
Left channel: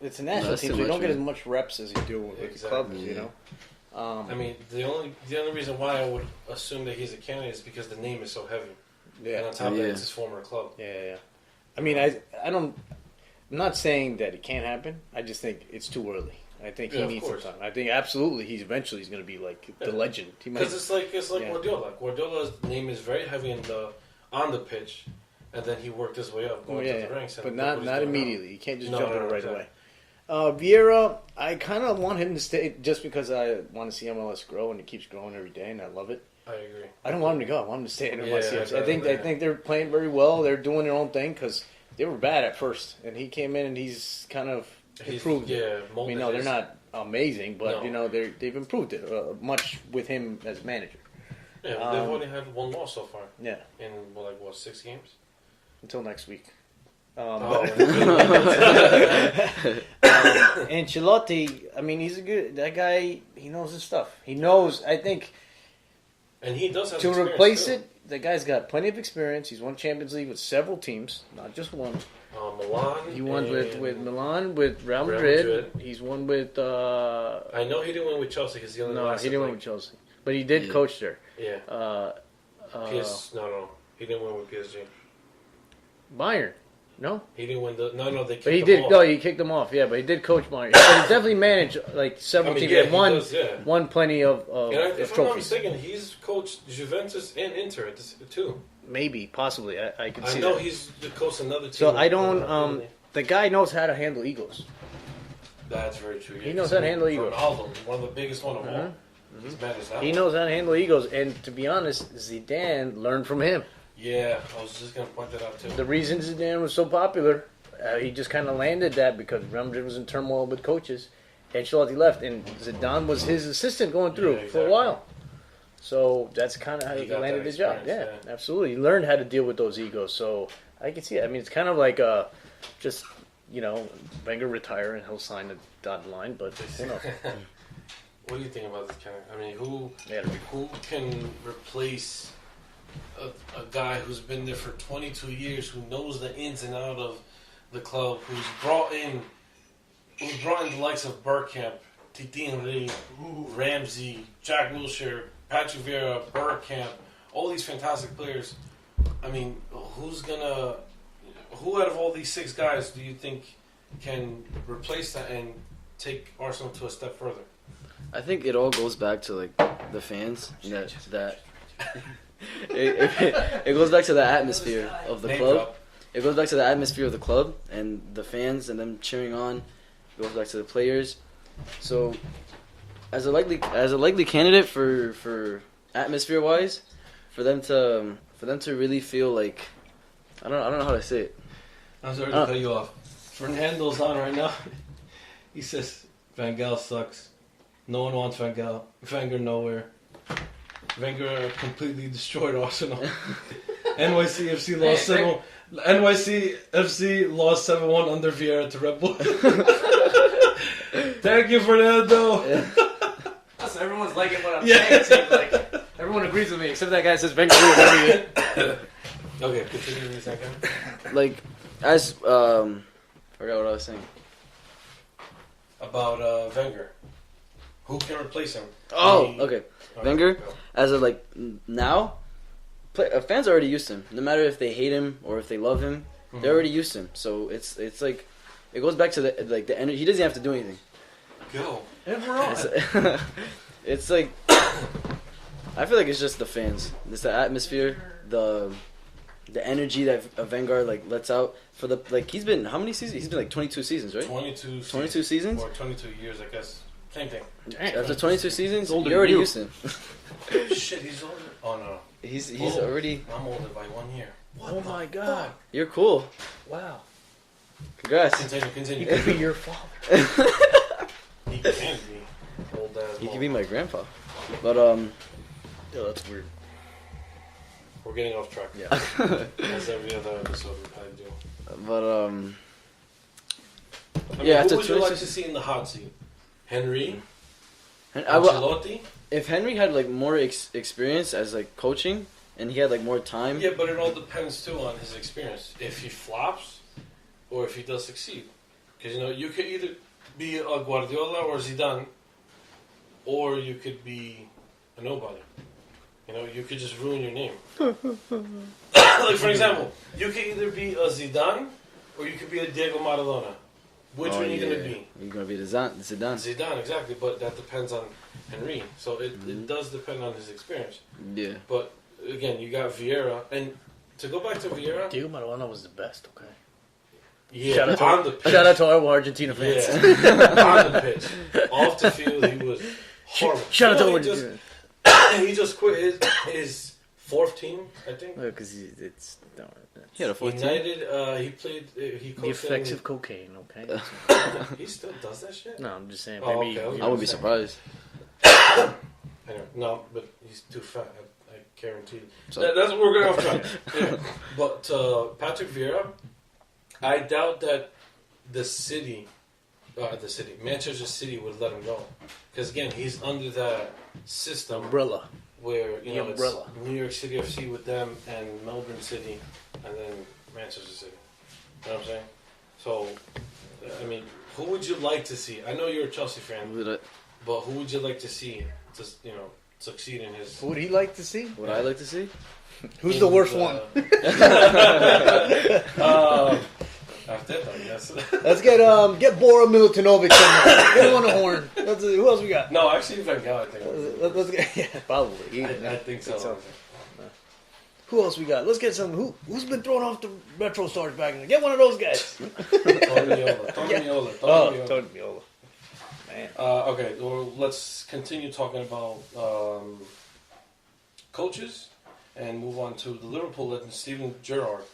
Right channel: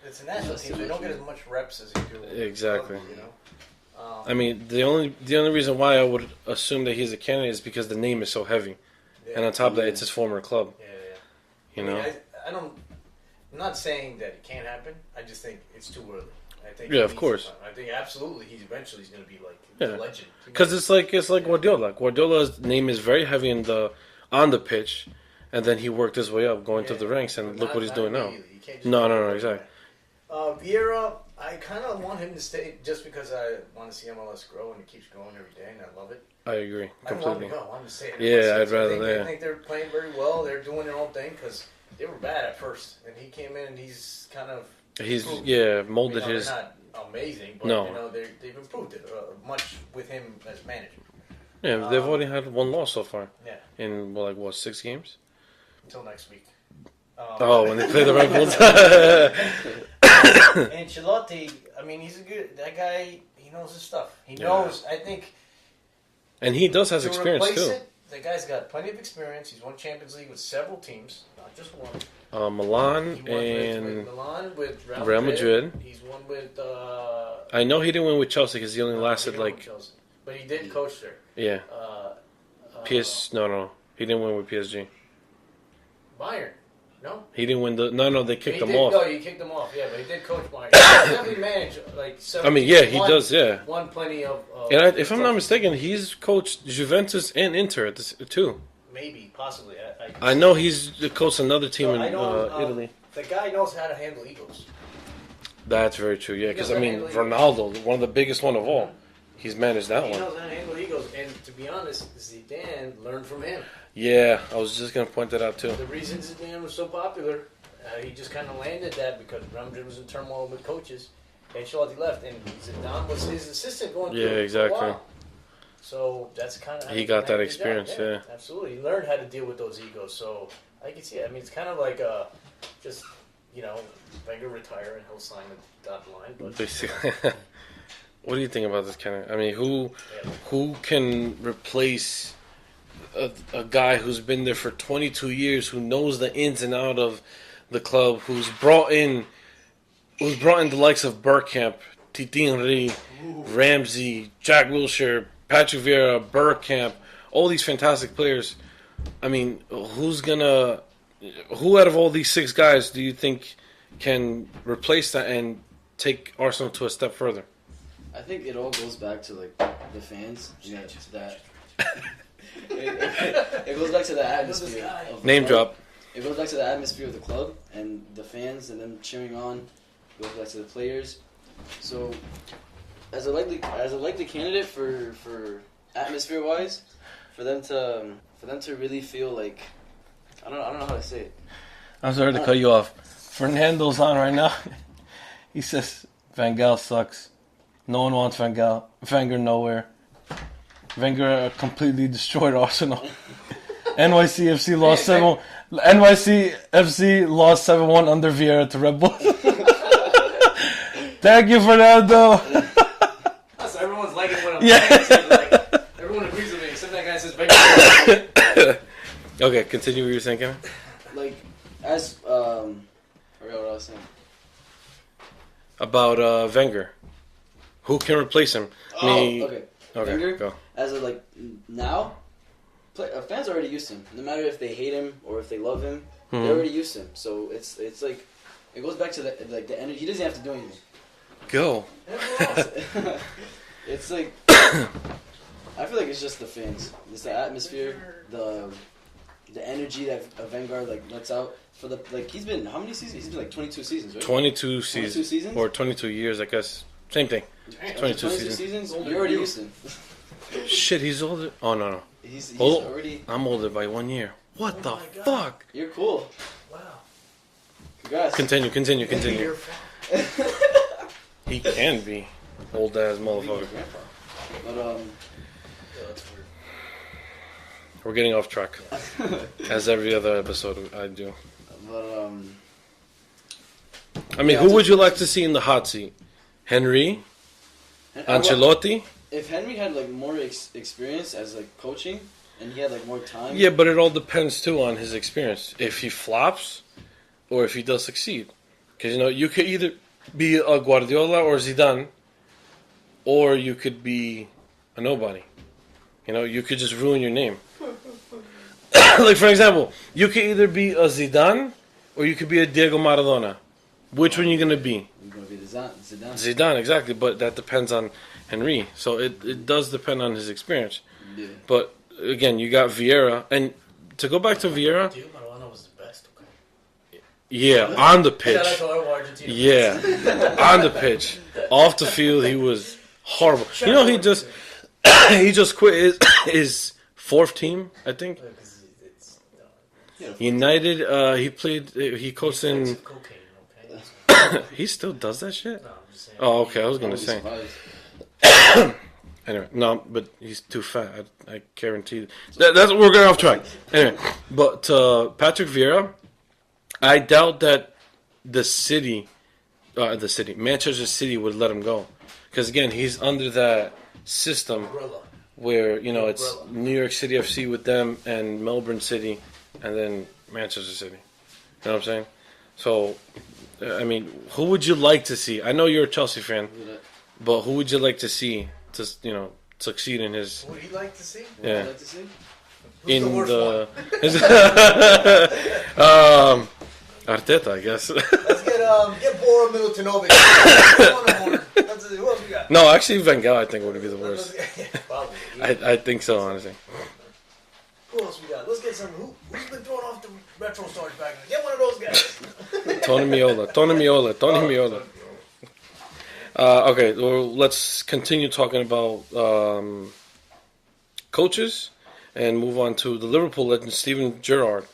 It's a national team, so you don't get as much reps as you do with Exactly. others, I mean, the only reason why I would assume that he's a candidate is because the name is so heavy, and on top of that, it's his former club. Yeah. I mean, I'm not saying that it can't happen. I just think it's too early. I think he of needs course. some time. I think absolutely he's going to be like the legend. Because it's like Guardiola. Guardiola's name is very heavy on the pitch, and then he worked his way up, going through the ranks, and look what he's doing immediately. now. You can't just No, right exactly. away. Vieira, I kind of want him to stay just because I want to see MLS grow, and it keeps growing every day, and I love it. I agree. I don't want him to go. I want him to stay in Yeah, MLS. I'd rather I think they're playing very well. They're doing their own thing because they were bad at first, and he came in and he's kind of improved. Molded They're his. not amazing, but they've improved it much with him as manager. Yeah, they've already had one loss so far. Yeah, in 6 games? until next week. When they play the Red Bulls. Ancelotti, I mean, that guy, he knows his stuff. He knows, I think. And he does have to experience replace too. it, the guy's got plenty of experience. He's won Champions League with several teams, not just one. Milan. He won with Milan, with Real Real Madrid. Madrid. He's won with. I know he didn't win with Chelsea because he only lasted he didn't win with Chelsea, but he did coach there. Yeah. No. He didn't win with PSG. Bayern, no. He didn't win they kicked He him did. off. No, he kicked him off. Yeah, but he did coach Bayern. He definitely managed several. I mean, teams. yeah, he does. Yeah. Won plenty of. If I'm not trophies. mistaken, he's coached Juventus and Inter too. Maybe, possibly. I know he's coached another team. So I don't. Italy. The guy knows how to handle egos. That's very true. Yeah, He knows because how to handle egos. Ronaldo, one of the biggest one of all, he's managed that He one. knows how to handle egos, and to be honest, Zidane learned from him. Yeah, I was just gonna point that out too. The reason Zidane was so popular, he just kind of landed that because Real Madrid was in turmoil with coaches. Ancelotti left, and Zidane was his assistant going through for a while. So that's kind of how he got that landed the job. experience. Yeah, absolutely. He learned how to deal with those egos. So I can see it. I mean, it's kind of like Wenger retire and he'll sign a dotted line, but What do you think about this, Ken? I mean, who can replace a guy who's been there for 22 years, who knows the ins and out of the club, who's brought in the likes of Bergkamp, Titi Henry, Ramsey, Jack Wilshere, Patrick Vieira, Bergkamp, all these fantastic players. I mean, who out of all these 6 guys do you think can replace that and take Arsenal to a step further? I think it all goes back to like the fans. That it goes back to the atmosphere of the Name club. drop. It goes back to the atmosphere of the club and the fans and them cheering on. It goes back to the players. So, as a likely candidate for atmosphere wise, for them to really feel like I don't know how to say it. I'm sorry to cut you off. Fernando's on right now. He says Van Gaal sucks. No one wants Van Gaal. Wenger nowhere. Wenger completely destroyed Arsenal. NYCFC lost 7. NYCFC lost 7-1 under Vieira to Red Bull. Thank you, Fernando. So everyone's liking what I'm Yeah. saying. Like, everyone agrees with me except that guy that says Wenger. Okay, continue what you were saying, Kevin. Like as forgot what I was saying. About Wenger. Who can replace him? Okay. Wenger, go. as of like now, fans are already used to him. No matter if they hate him or if they love him, they're already used to him. So it's like it goes back to the energy. He doesn't have to do anything. Go. It's like I feel like it's just the fans. It's the atmosphere, the energy that Wenger like lets out for the like. He's been how many seasons? He's been like 22 seasons, right? 22 seasons or 22 years, I guess. Same thing. After 22 seasons, Older you're already than you. used to him. Shit, he's older. Oh no. He's Oh. already. I'm older by 1 year. What Oh the my God. fuck? You're cool. Wow. Congrats. Continue. Your fault. He can be old ass You can be my motherfucker. grandpa. But Yeah, that's weird. We're getting off track. Yeah. As every other episode I do. but I mean, Yeah, who it's would you like to just- see in the hot seat? Henry? I- Ancelotti? if Henry had like more experience as like coaching and he had like more time. Yeah, but it all depends too on his experience. If he flops or if he does succeed. Because, you could either be a Guardiola or Zidane, or you could be a nobody. You could just ruin your name. Like, for example, you could either be a Zidane or you could be a Diego Maradona. Which one are you going to be? You're gonna be Zidane. Zidane, exactly. But that depends on Henry. So it does depend on his experience. Yeah. But, again, you got Vieira. And to go back to Vieira, Diego Maradona was the best, okay? yeah, on the pitch. Shout out to all Argentina fans. Yeah, on the pitch. Off the field, he was horrible. Shout out to He just quit his 4th team, I think. Because it's... No, He had a United, he played, he coached in... effects of cocaine, okay? He still does that shit? No, I'm just saying. Oh, maybe okay, I was I gonna wouldn't be say. surprised. Anyway, no, but he's too fat. I guarantee. That's we're going off track. Anyway, but Patrick Vieira, I doubt that Manchester City would let him go, because again, he's under that system Umbrella. where it's umbrella. New York City FC with them and Melbourne City, and then Manchester City. You know what I'm saying? So, I mean, who would you like to see? I know you're a Chelsea fan, but who would you like to see to succeed in his? Who would he like to see? What I'd like to see? Who's the worst one? Arteta, I guess. Let's get Bora Milutinovic. Get him on the horn. Who else we got? No, actually, Van Gaal, I think, would be the Let's worst. get, yeah, probably. I think so, honestly. Who else we got? Let's get some. Who's been thrown off the Retro Stars back in? Get one of those guys. Tony Miola. Oh, Tony Miola. Okay, well, let's continue talking about coaches and move on to the Liverpool legend, Steven Gerrard.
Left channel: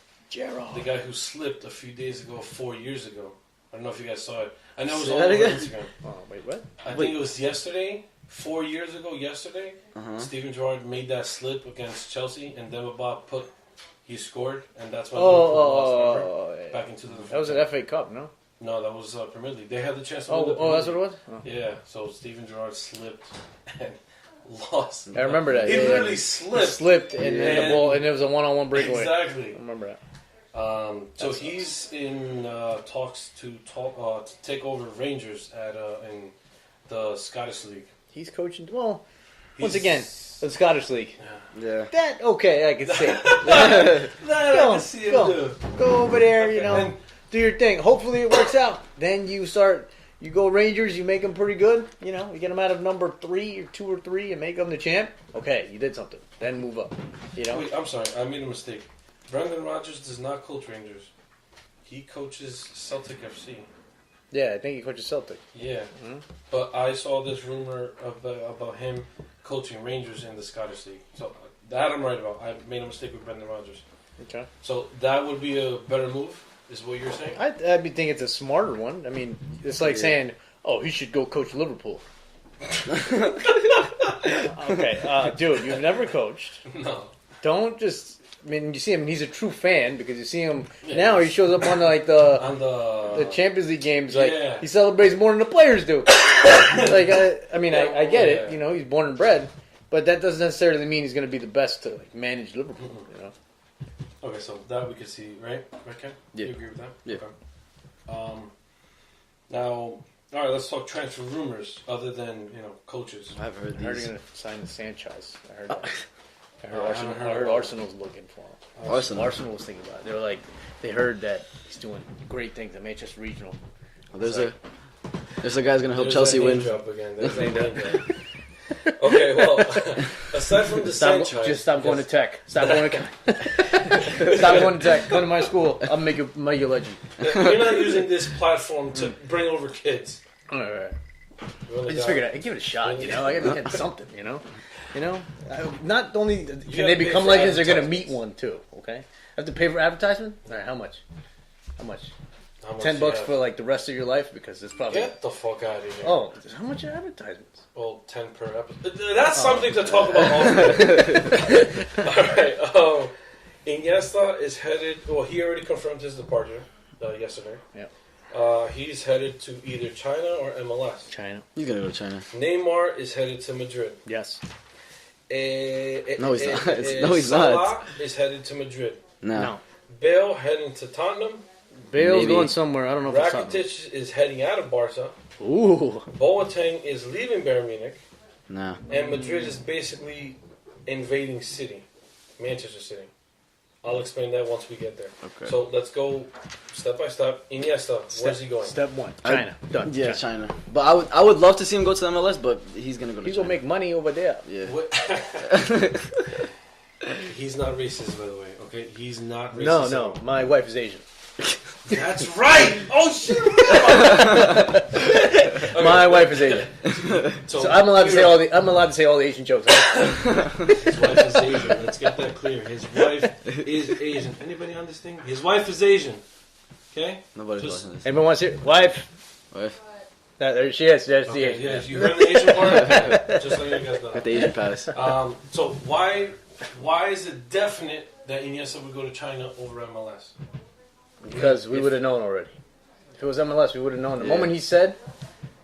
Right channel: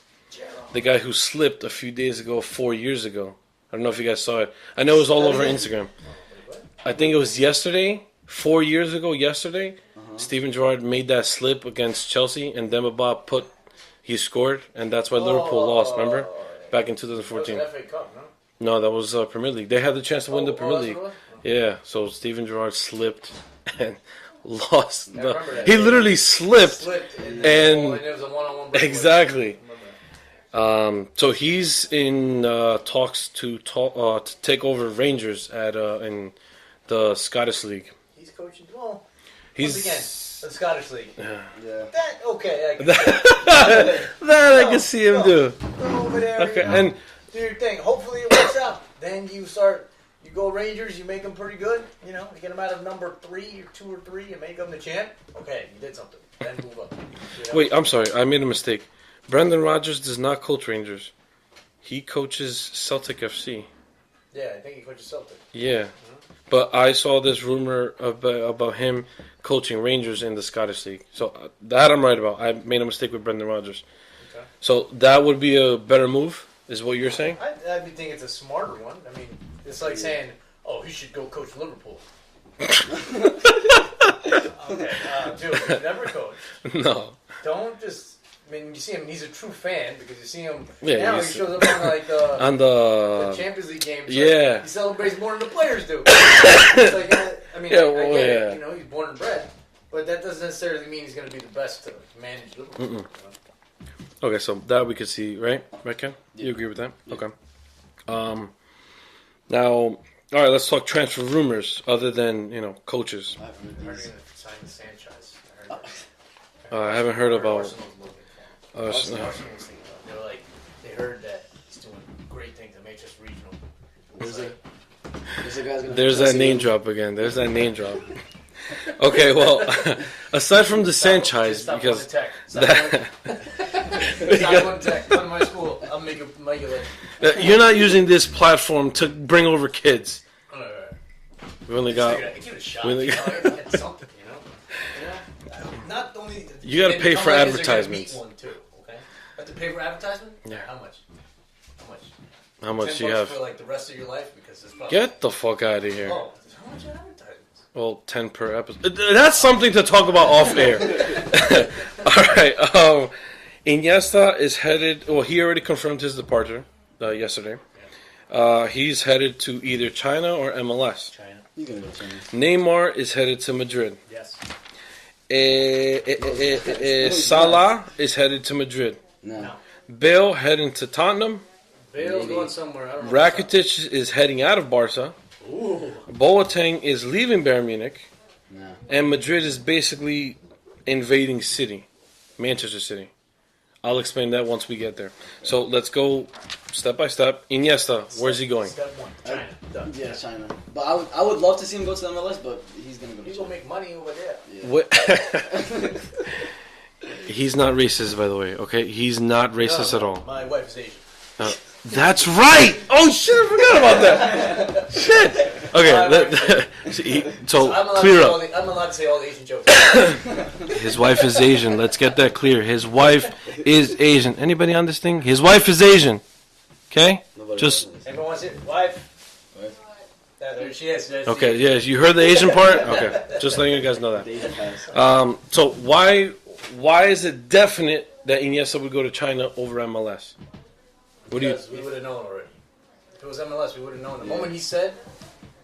The guy who slipped a few days ago, 4 years ago. I don't know if you guys saw it. I know it was all over Instagram. Oh, wait, what? I think it was yesterday, 4 years ago, yesterday. Steven Gerrard made that slip against Chelsea, and Demba he scored, and that's why Liverpool lost, remember? Back in That was 2014. an FA Cup, no? No, that was Premier League. They had the chance to win the Premier that's League. what it was? Yeah, so Steven Gerrard slipped and lost. I remember that. He literally slipped. And it was a one-on-one breakaway. Exactly. I remember that. So he's in talks to take over Rangers in the Scottish League. He's coaching. Well, He's once again, the Scottish League. Yeah. That okay? I can see. I can see him do. Go over there, Okay, and do your thing. Hopefully it works out. Then you go Rangers. You make them pretty good. You get them out of number 3 or 2 or 3 and make them the champ. Okay, you did something. Then move up. Wait, I'm sorry. I made a mistake. Brendan Rodgers does not coach Rangers. He coaches Celtic FC. Yeah, I think he coaches Celtic. Yeah. But I saw this rumor about him coaching Rangers in the Scottish League. So that I'm right about. I made a mistake with Brendan Rodgers. Okay. So that would be a better move, is what you're saying? I think it's a smarter one. I mean, it's like saying, "Oh, he should go coach Liverpool." Okay, dude, you've never coached. No. Don't just. I mean, you see him. He's a true fan because you see him Yeah, now. He shows up on the Champions League games. Like, Yeah. he celebrates more than the players do. Like I get it. Yeah. He's born and bred, but that doesn't necessarily mean he's going to be the best to manage Liverpool. Okay, so that we could see, right, Ken? Yeah. You agree with that? Yeah. Okay. Now, all right, let's talk transfer rumors other than coaches. I've heard I heard these. he's going to sign Sanchez. I heard that. I haven't heard about Arsenal's looking for him. Arsenal was thinking about it. They were like, they heard that he's doing great things at Manchester Regional. There's a guy's gonna help There's Chelsea that name win. drop again. There's that name drop. Okay, well, aside from the Sanchez, Just stop going to tech. Stop going to tech. Come to my school. I'll make you legend. you're not using this platform to bring over kids. All right. We only Just got. figured give it a shot. Really? I gotta get something. Not only You gotta they pay become for legends, they're gonna meet advertisements. one too. Okay, I have to pay for advertisement. All right, how much? How much $10 do you have? for like the rest of your life because it's probably. Get the fuck out of here. Oh, how much are advertisements? Well, 10 per episode. That's something to talk about off air. All right. Iniesta is headed. Well, he already confirmed his departure yesterday. Yeah. He's headed to either China or MLS. China. He's gonna go to China. Neymar is headed to Madrid. Yes. No, he's not. No, he's Salah is headed to Madrid. No. Bale heading to Tottenham. Bale's Maybe. going somewhere. I don't know. if it's Rakitic is heading out of Barca. something. Ooh. Boateng is leaving Bayern Munich. No. And Madrid is basically invading Manchester City. I'll explain that once we get there. Okay. So let's go step by step. Iniesta, where's he going? Step 1. China. Done. Yeah, China. But I would love to see him go to the MLS, but he's gonna go to He's China. gonna make money over there. Yeah. What? He's not racist, by the way. Okay, he's not racist at all. My wife is Asian. That's right. Oh shit! I forgot about that. Shit. Okay. My wife is Asian. So I'm allowed to clear say up. I'm allowed to say all the Asian jokes. His wife is Asian. Let's get that clear. His wife is Asian. Anybody on this thing? His wife is Asian. Okay? Nobody Just watching this. Anyone wants to? Wife. Wife? There she is. There's okay. Yes, you heard the Asian part. Okay, just letting you guys know The that. Asian pass. So why is it definite that Iniesta would go to China over MLS? Because we would have known already. If it was MLS, we would have known. The moment he said,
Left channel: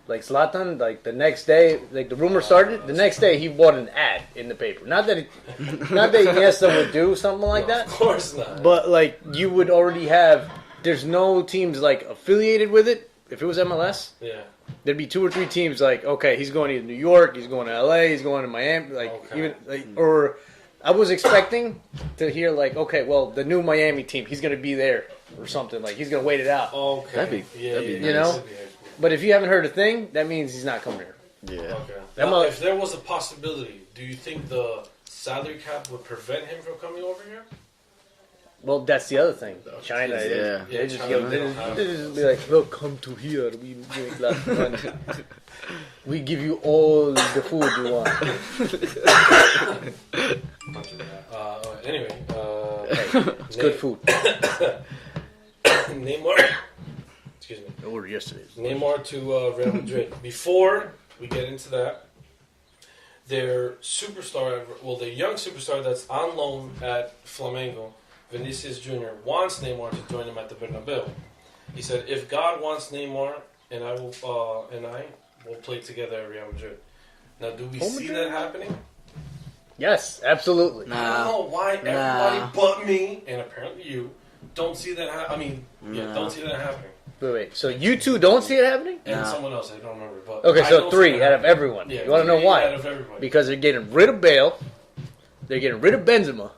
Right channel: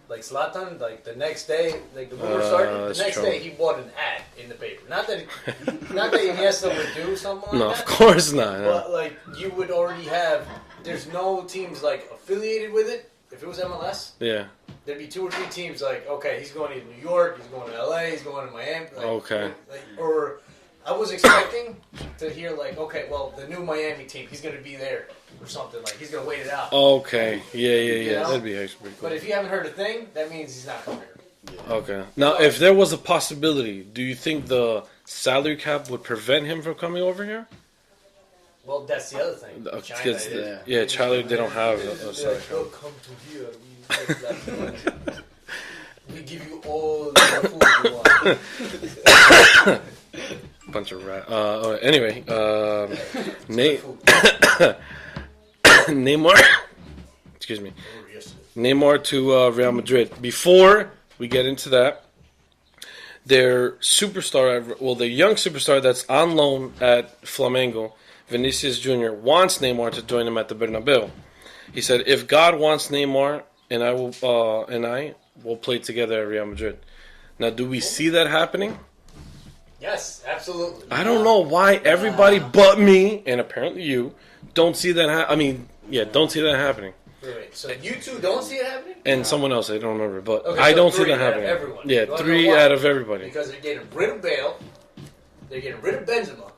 like Zlatan, like the next day, like the rumor started, the that's next true. day he bought an ad in the paper. Not that Iniesta would do something like No, that, of course not. but like you would already have. There's no teams like affiliated with it. If it was MLS, yeah. there'd be 2 or 3 teams like, okay, he's going to New York, he's going to LA, he's going to Miami, like, Okay. or I was expecting to hear like, okay, well, the new Miami team, he's going to be there or something, like he's going to wait it out. Okay. Yeah. you know? That'd be actually pretty But if you haven't heard a thing, that means he's not coming here. Yeah. okay. Now, if there was a possibility, do you think the salary cap would prevent him from coming over here? Well, that's the other thing. China, Yeah. Yeah, China, they don't have. They just be like, oh, come to here. We give you all the food you want. Bunch of rat. Anyway, Good food. Neymar. Excuse me. I ordered yesterday. Neymar to Real Madrid. Before we get into that, their superstar, the young superstar that's on loan at Flamengo, Vinicius Jr., wants Neymar to join him at the Bernabeu. He said, "If God wants Neymar, and I will play together at Real Madrid." Now, do we see that happening? Yes, absolutely. I don't know why everybody but me, and apparently you, don't see that. Don't see that happening. Wait. So you two don't see it happening? And someone else, I don't remember, but Okay, so I don't 3 see that out of happening. everyone. Yeah, You wanna know 3 why? out of everybody. Because they're getting rid of Bale. They're getting rid of Benzema.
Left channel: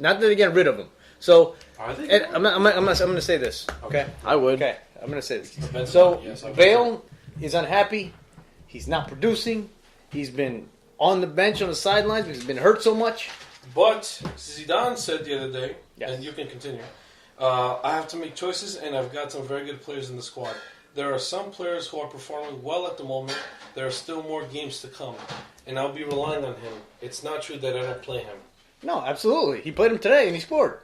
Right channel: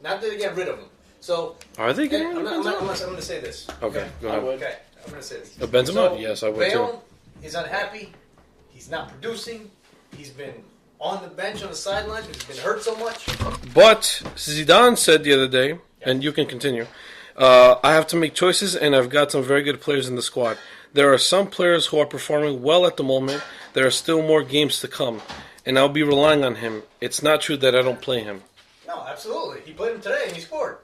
Not that they're getting rid of him. So Are they? and I'm going to say this. Okay. I would. Okay, I'm going to say this. Benzema? So Yes, I would. Bale is unhappy. He's not producing. He's been on the bench on the sidelines because he's been hurt so much. But Zidane said the other day, Yes. and you can continue, I have to make choices, and I've got some very good players in the squad. There are some players who are performing well at the moment. There are still more games to come, and I'll be relying on him. It's not true that I don't play him. No, absolutely. He played him today and he scored.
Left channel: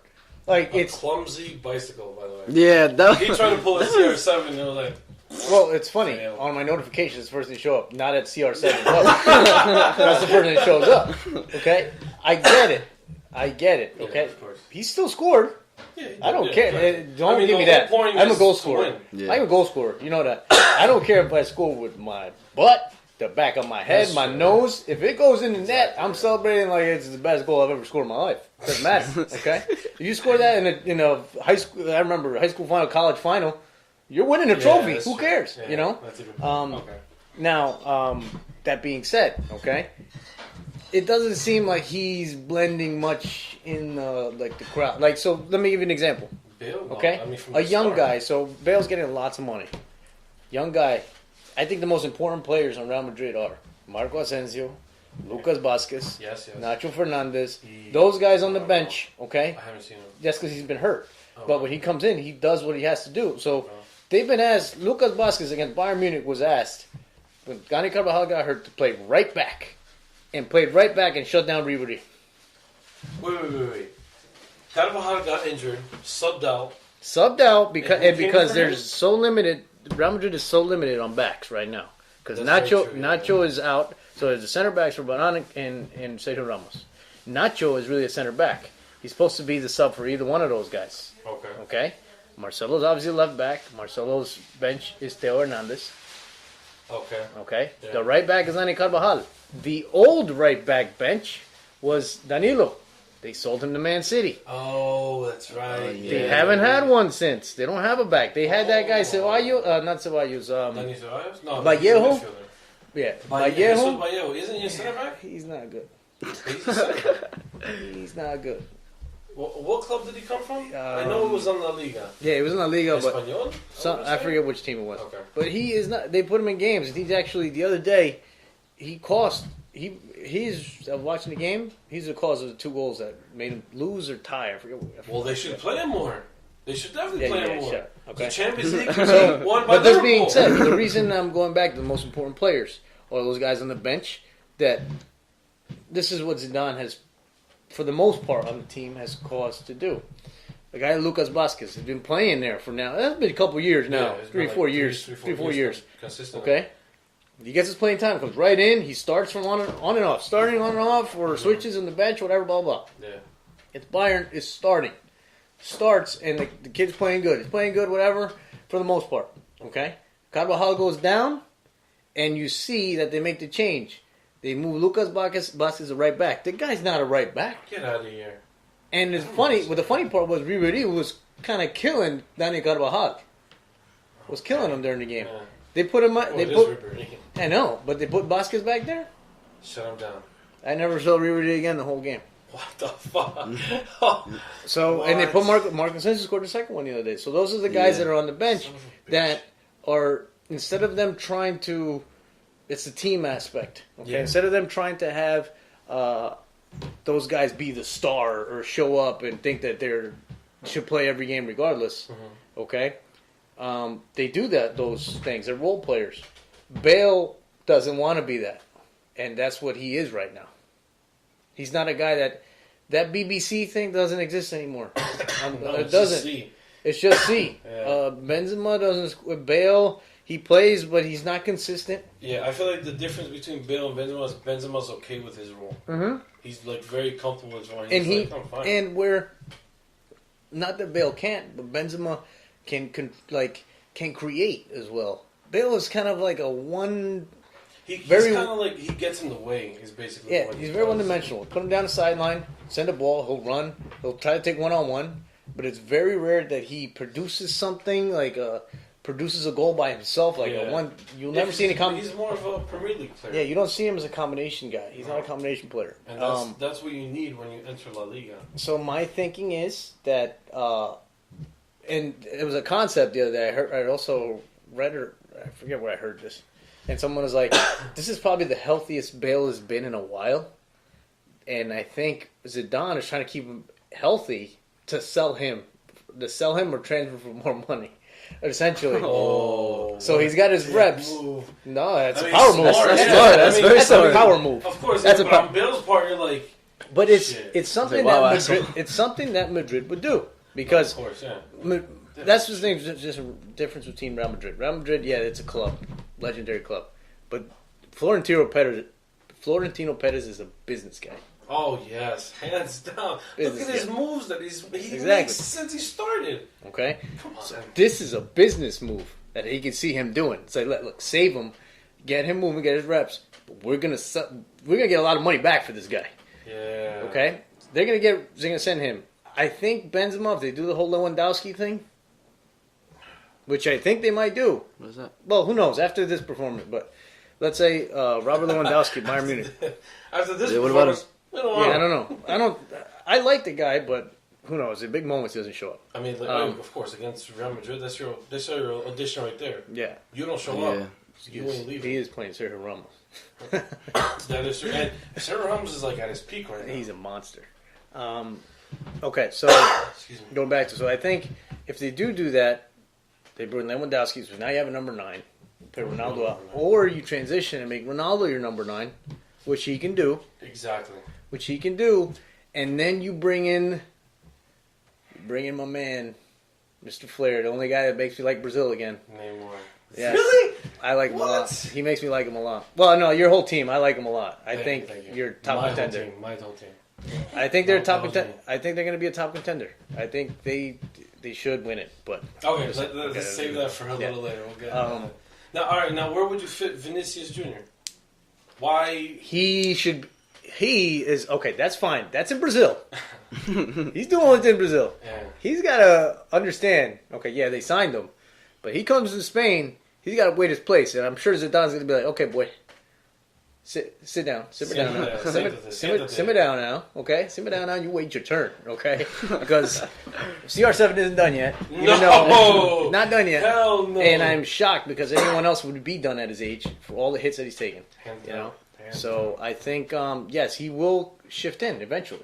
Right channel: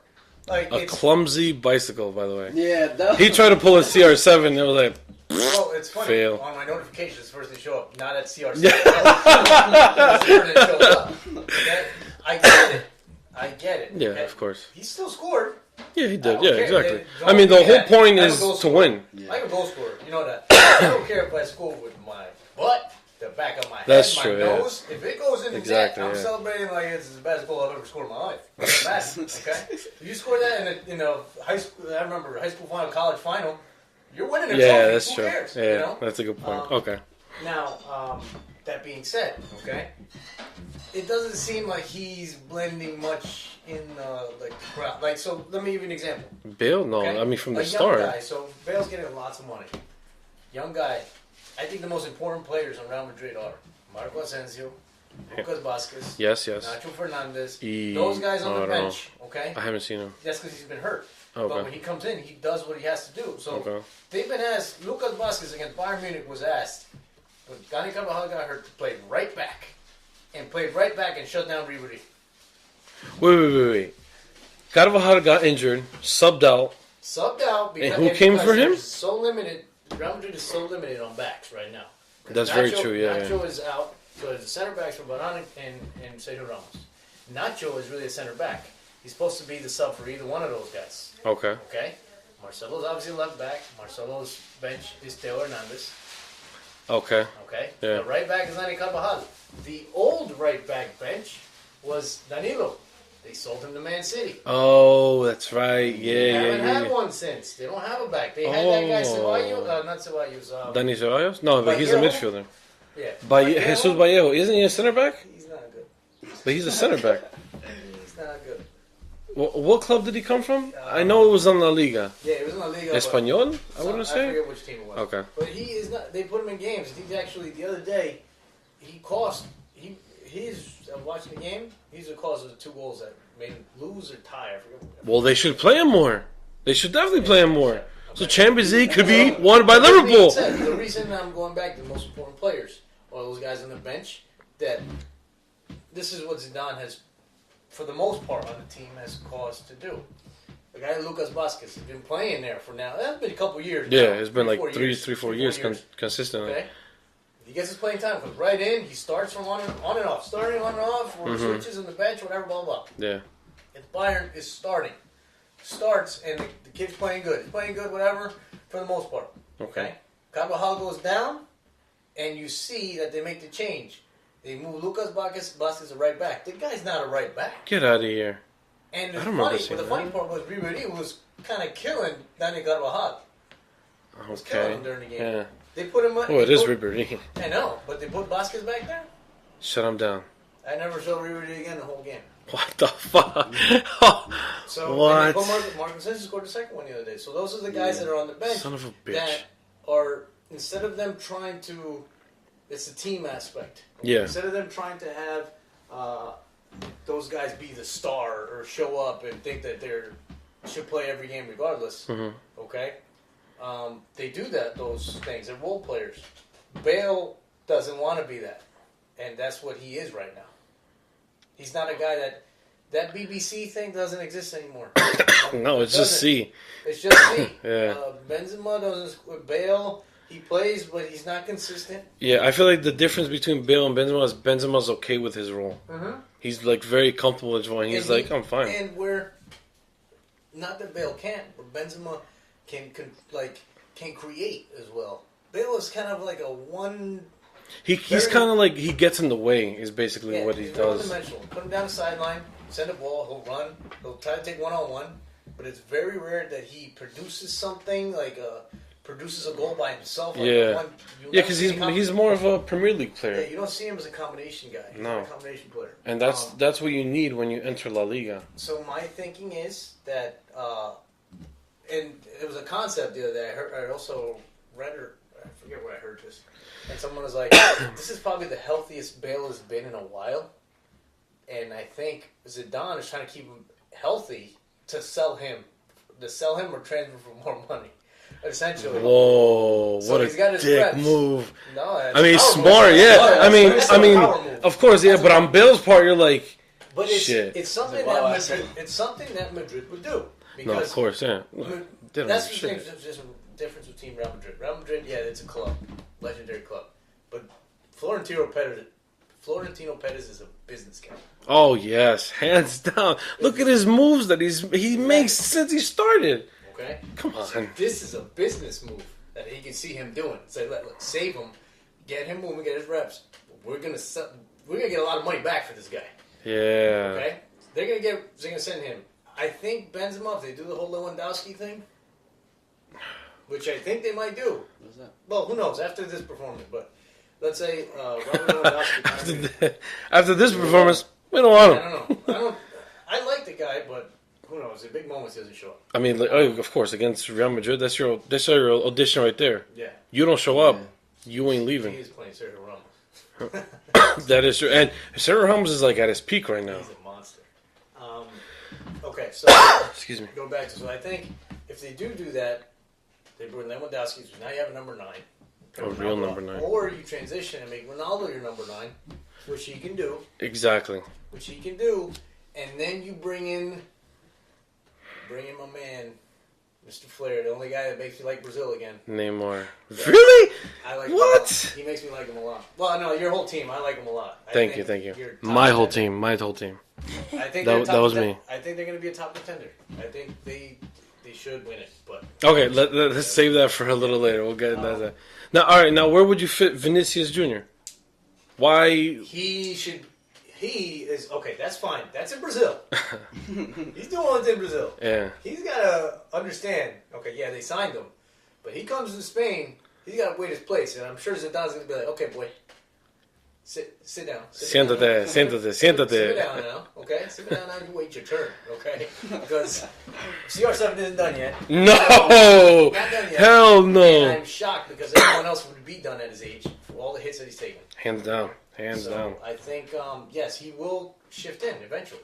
Like A clumsy bicycle, by the way. Yeah, that He tried to pull a CR7, and I was like, well, it's funny. Fail. On my notifications, first thing show up. Not at CR7. That's the first thing that shows up. Okay, I get it. yeah, Okay, of course. he still scored. Yeah, he did. I don't Yeah, care. exactly. Don't I mean, give the me whole that. point I'm a is goal to scorer. win. Yeah. I'm a goal scorer. You know that. I don't care if I score with my butt, the back of my head, That's my true, nose. If it goes in the Exactly, net, I'm yeah. celebrating like it's the best goal I've ever scored in my life. It doesn't matter. Okay, if you score that in a high school, I remember high school final, college final, you're winning a Yeah, trophy. that's Who true. cares? Yeah, You know. that's a good point. Okay. Now, that being said, okay, it doesn't seem like he's blending much in the crowd. Like, so let me give you an example. Bale? No, Okay, I mean from a the young start. guy. So Bale's getting lots of money. Young guy. I think the most important players on Real Madrid are Marco Asensio, Lucas Vazquez, Yes, yes. Nacho Fernandez. Those guys on the no. bench. Okay, I haven't seen him. that's because he's been hurt. Okay. But when he comes in, he does what he has to do. So Okay. they've been asked. Lucas Vazquez against Bayern Munich was asked when Gani Carvajal got hurt to play right back, and played right back and shut down Ribery. Wait. Carvajal got injured, subbed out. Subbed out because And who came for him? they're so limited. Real Madrid is so limited on backs right now because That's very Nacho true, yeah, Nacho is out. So the center backs for Varane and Sergio Ramos. Nacho is really a center back. He's supposed to be the sub for either one of those guys. Okay. Okay, Marcelo's obviously left back. Marcelo's bench is Theo Hernandez. Okay. Okay, Yeah. the right back is Dani Carvajal. The old right back bench was Danilo. They sold him to Man City. Oh, that's right. They Yeah. haven't had yeah. one since. They don't have a back. They had that guy Oh. Ceballos, not Ceballos. Dani Ceballos? No, but he's a Vallejo? midfielder. Yeah, Jesus Vallejo. Vallejo. Isn't he a center back? He's not good. But he's a center back. He's not good. What club did he come from? I know it was on La Liga. Yeah, it was in La Liga, but Español? I forget which team it was. Okay. But he is not. They put him in games. He's actually the other day. He cost. He's watching the game. He's the cause of the 2 goals that made him lose or tie. I forget. Well, they should play him more. They should definitely play him more. yeah, okay. So Champions League could be won by But that being Liverpool. said, the reason I'm going back to the most important players or those guys on the bench, that this is what Zidane has, for the most part on the team, has caused to do. The guy Lucas Vazquez has been playing there for now. That's been a couple years now. Yeah, it's been like 4 three, years. 4 3-4 years consistently. Okay. He gets his playing time, comes right in. He starts from on and off, starting on and off, or switches in the bench, whatever, blah blah. Yeah. It's Bayern is starts, and the kid's playing good. He's playing good, whatever, for the most part. Okay. Carvajal goes down, and you see that they make the change. They move Lucas Vazquez to right back. The guy's not a right back. Get out of here. And it's I don't remember funny. seeing Well, the funny part was Ribery was kind of killing Dani Carvajal. Was killing him during the game. Yeah. They put him. Oh, it is Ribery. I know, but they put Vazquez back there. Shut him down. I never saw Ribery again the whole game. What the fuck? So and they put Marcus Asensio scored the second one the other day. So those are the guys that are on the bench Son of a bitch. that are, instead of them trying to, it's the team aspect. Okay? Yeah. Instead of them trying to have those guys be the star or show up and think that they should play every game regardless. Mm-hmm. Okay, they do those things. They're role players. Bale doesn't want to be that, and that's what he is right now. He's not a guy that BBC thing doesn't exist anymore. No, It it's just doesn't. C. It's just C. Yeah. Benzema doesn't. Bale, he plays, but he's not consistent. Yeah, I feel like the difference between Bale and Benzema is Benzema's okay with his role. Mm-hmm. He's like very comfortable with his role. He's like, I'm fine. And we're not that Bale can't, but Benzema, can create as well. Bale is kind of like a one. He's kind of like he gets in the way. Is basically what he he's does. very one-dimensional. Put him down the sideline, send a ball, he'll run, he'll try to take one-on-one, but it's very rare that he produces something produces a goal by himself. Because he's more of a Premier League player. Yeah, you don't see him as a combination guy. He's not a combination player. And that's what you need when you enter La Liga. So my thinking is that, and it was a concept the other day. I also read I forget where I heard this, and someone was like, "This is probably the healthiest Bale has been in a while," and I think Zidane is trying to keep him healthy to sell him or transfer for more money. Essentially. Whoa! So he's got his dick reps. Move. No, that's smart. That's a power move. Of course, yeah. But on Bale's part, you're like, but it's something that Madrid would do because of course, yeah. That's the thing. Just a difference between Real Madrid. Real Madrid, yeah, it's a club, legendary club, but Florentino Perez is a business guy. Oh yes, hands down. Look at his moves that he makes since he started. Okay, come on. So this is a business move that he can see him doing. It's like, look, save him, get him moving, get his reps. We're gonna get a lot of money back for this guy. Yeah. Okay, they're gonna send him. I think Benzema, if they do the whole Lewandowski thing, which I think they might do. What is that? Well, who knows after this performance? But let's say Robert Lewandowski, Bayern Munich. After this performance, we don't want him. I don't know. I like the guy, but who knows? In big moments, he doesn't show up. I mean, of course, against Real Madrid, that's your audition right there. Yeah. You don't show up, you ain't leaving. He is playing Sergio Ramos. That is true. And Sergio Ramos is like at his peak right now. He's a monster. Okay, so excuse me. Going back to I think if they do that, they bring Lewandowski. So now you have a number 9. Number 9. Or you transition and make Ronaldo your number 9, which he can do. Exactly. Which he can do, and then you bring in my man, Mr. Flair, the only guy that makes me like Brazil again. Neymar. Yeah. Really? I like him a lot. He makes me like him a lot. Well, no, your whole team. I like him a lot. Thank you. You're my whole team. I think they're top. That was me. I think they're going to be a top contender. I think they should win it. But okay, let's save that for a little later. We'll get into that. Now, all right. Now, where would you fit Vinicius Jr.? Why he should? He is okay. That's fine. That's in Brazil. He's doing what's in Brazil. Yeah. He's got to understand. Okay, yeah, they signed him, but he comes to Spain. He's got to wait his place, and I'm sure Zidane's going to be like, "Okay, boy, sit down. Sit down now. Okay, sit down now. You wait your turn. Okay, because CR7 isn't done yet. No, not done yet. Hell no. And I'm shocked because anyone else would be done at his age for all the hits that he's taken. Hands down. So I think yes, he will shift in eventually.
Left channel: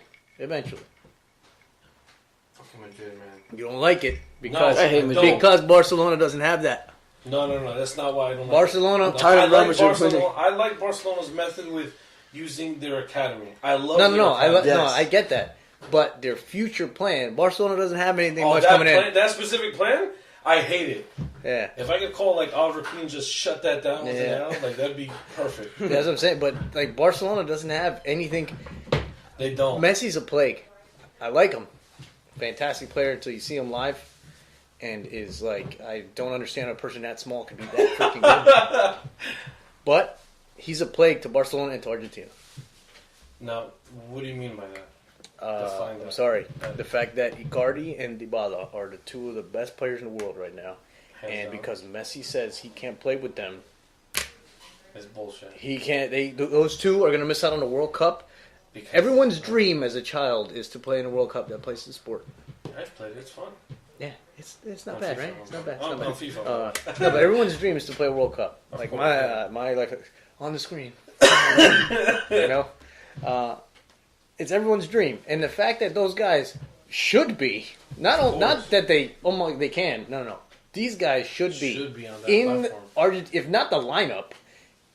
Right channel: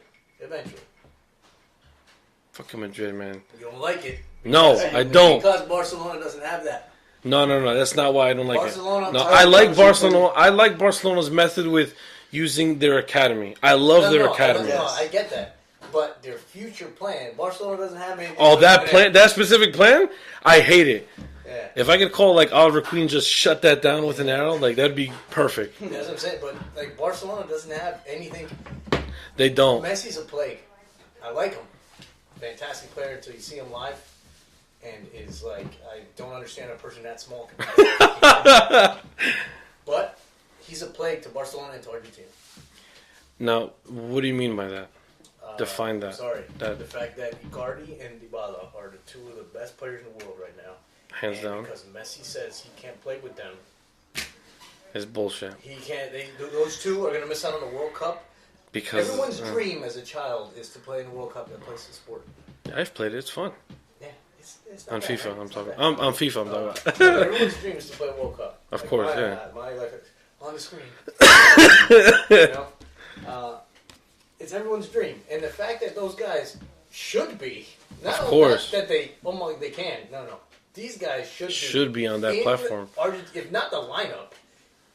Fucking Madrid, man. You don't like it? No, I don't. Because Barcelona doesn't have that. No. That's not why I don't like Barcelona. it. No, I like Barcelona. I like Barcelona's method with using their academy. I love their academy. I get that. But their future plan, Barcelona doesn't have anything. Oh, that specific plan? I hate it. Yeah. If I could call like Oliver Queen, just shut that down with an arrow, like that'd be perfect. That's what I'm saying. But like Barcelona doesn't have anything. They don't. Messi's a plague. I like him. Fantastic player until you see him live, and is like I don't understand how a person that small can be that freaking good. But he's a plague to Barcelona and to Argentina. Now, what do you mean by that? Define that. I'm sorry. The fact that Icardi and Dybala are the two of the best players in the world right now. Hands down. Because Messi says he can't play with them. It's bullshit. He can't. Those two are going to miss out on the World Cup. Because everyone's dream as a child is to play in a World Cup that plays the sport. Yeah, I've played it. It's fun. Yeah, it's not on bad, FIFA. right? I'm talking. On FIFA. But everyone's dream is to play a World Cup. Of like course, my on the screen. You know, it's everyone's dream, and the fact that those guys should be not that they can. No. These guys should be on that platform. If not the lineup,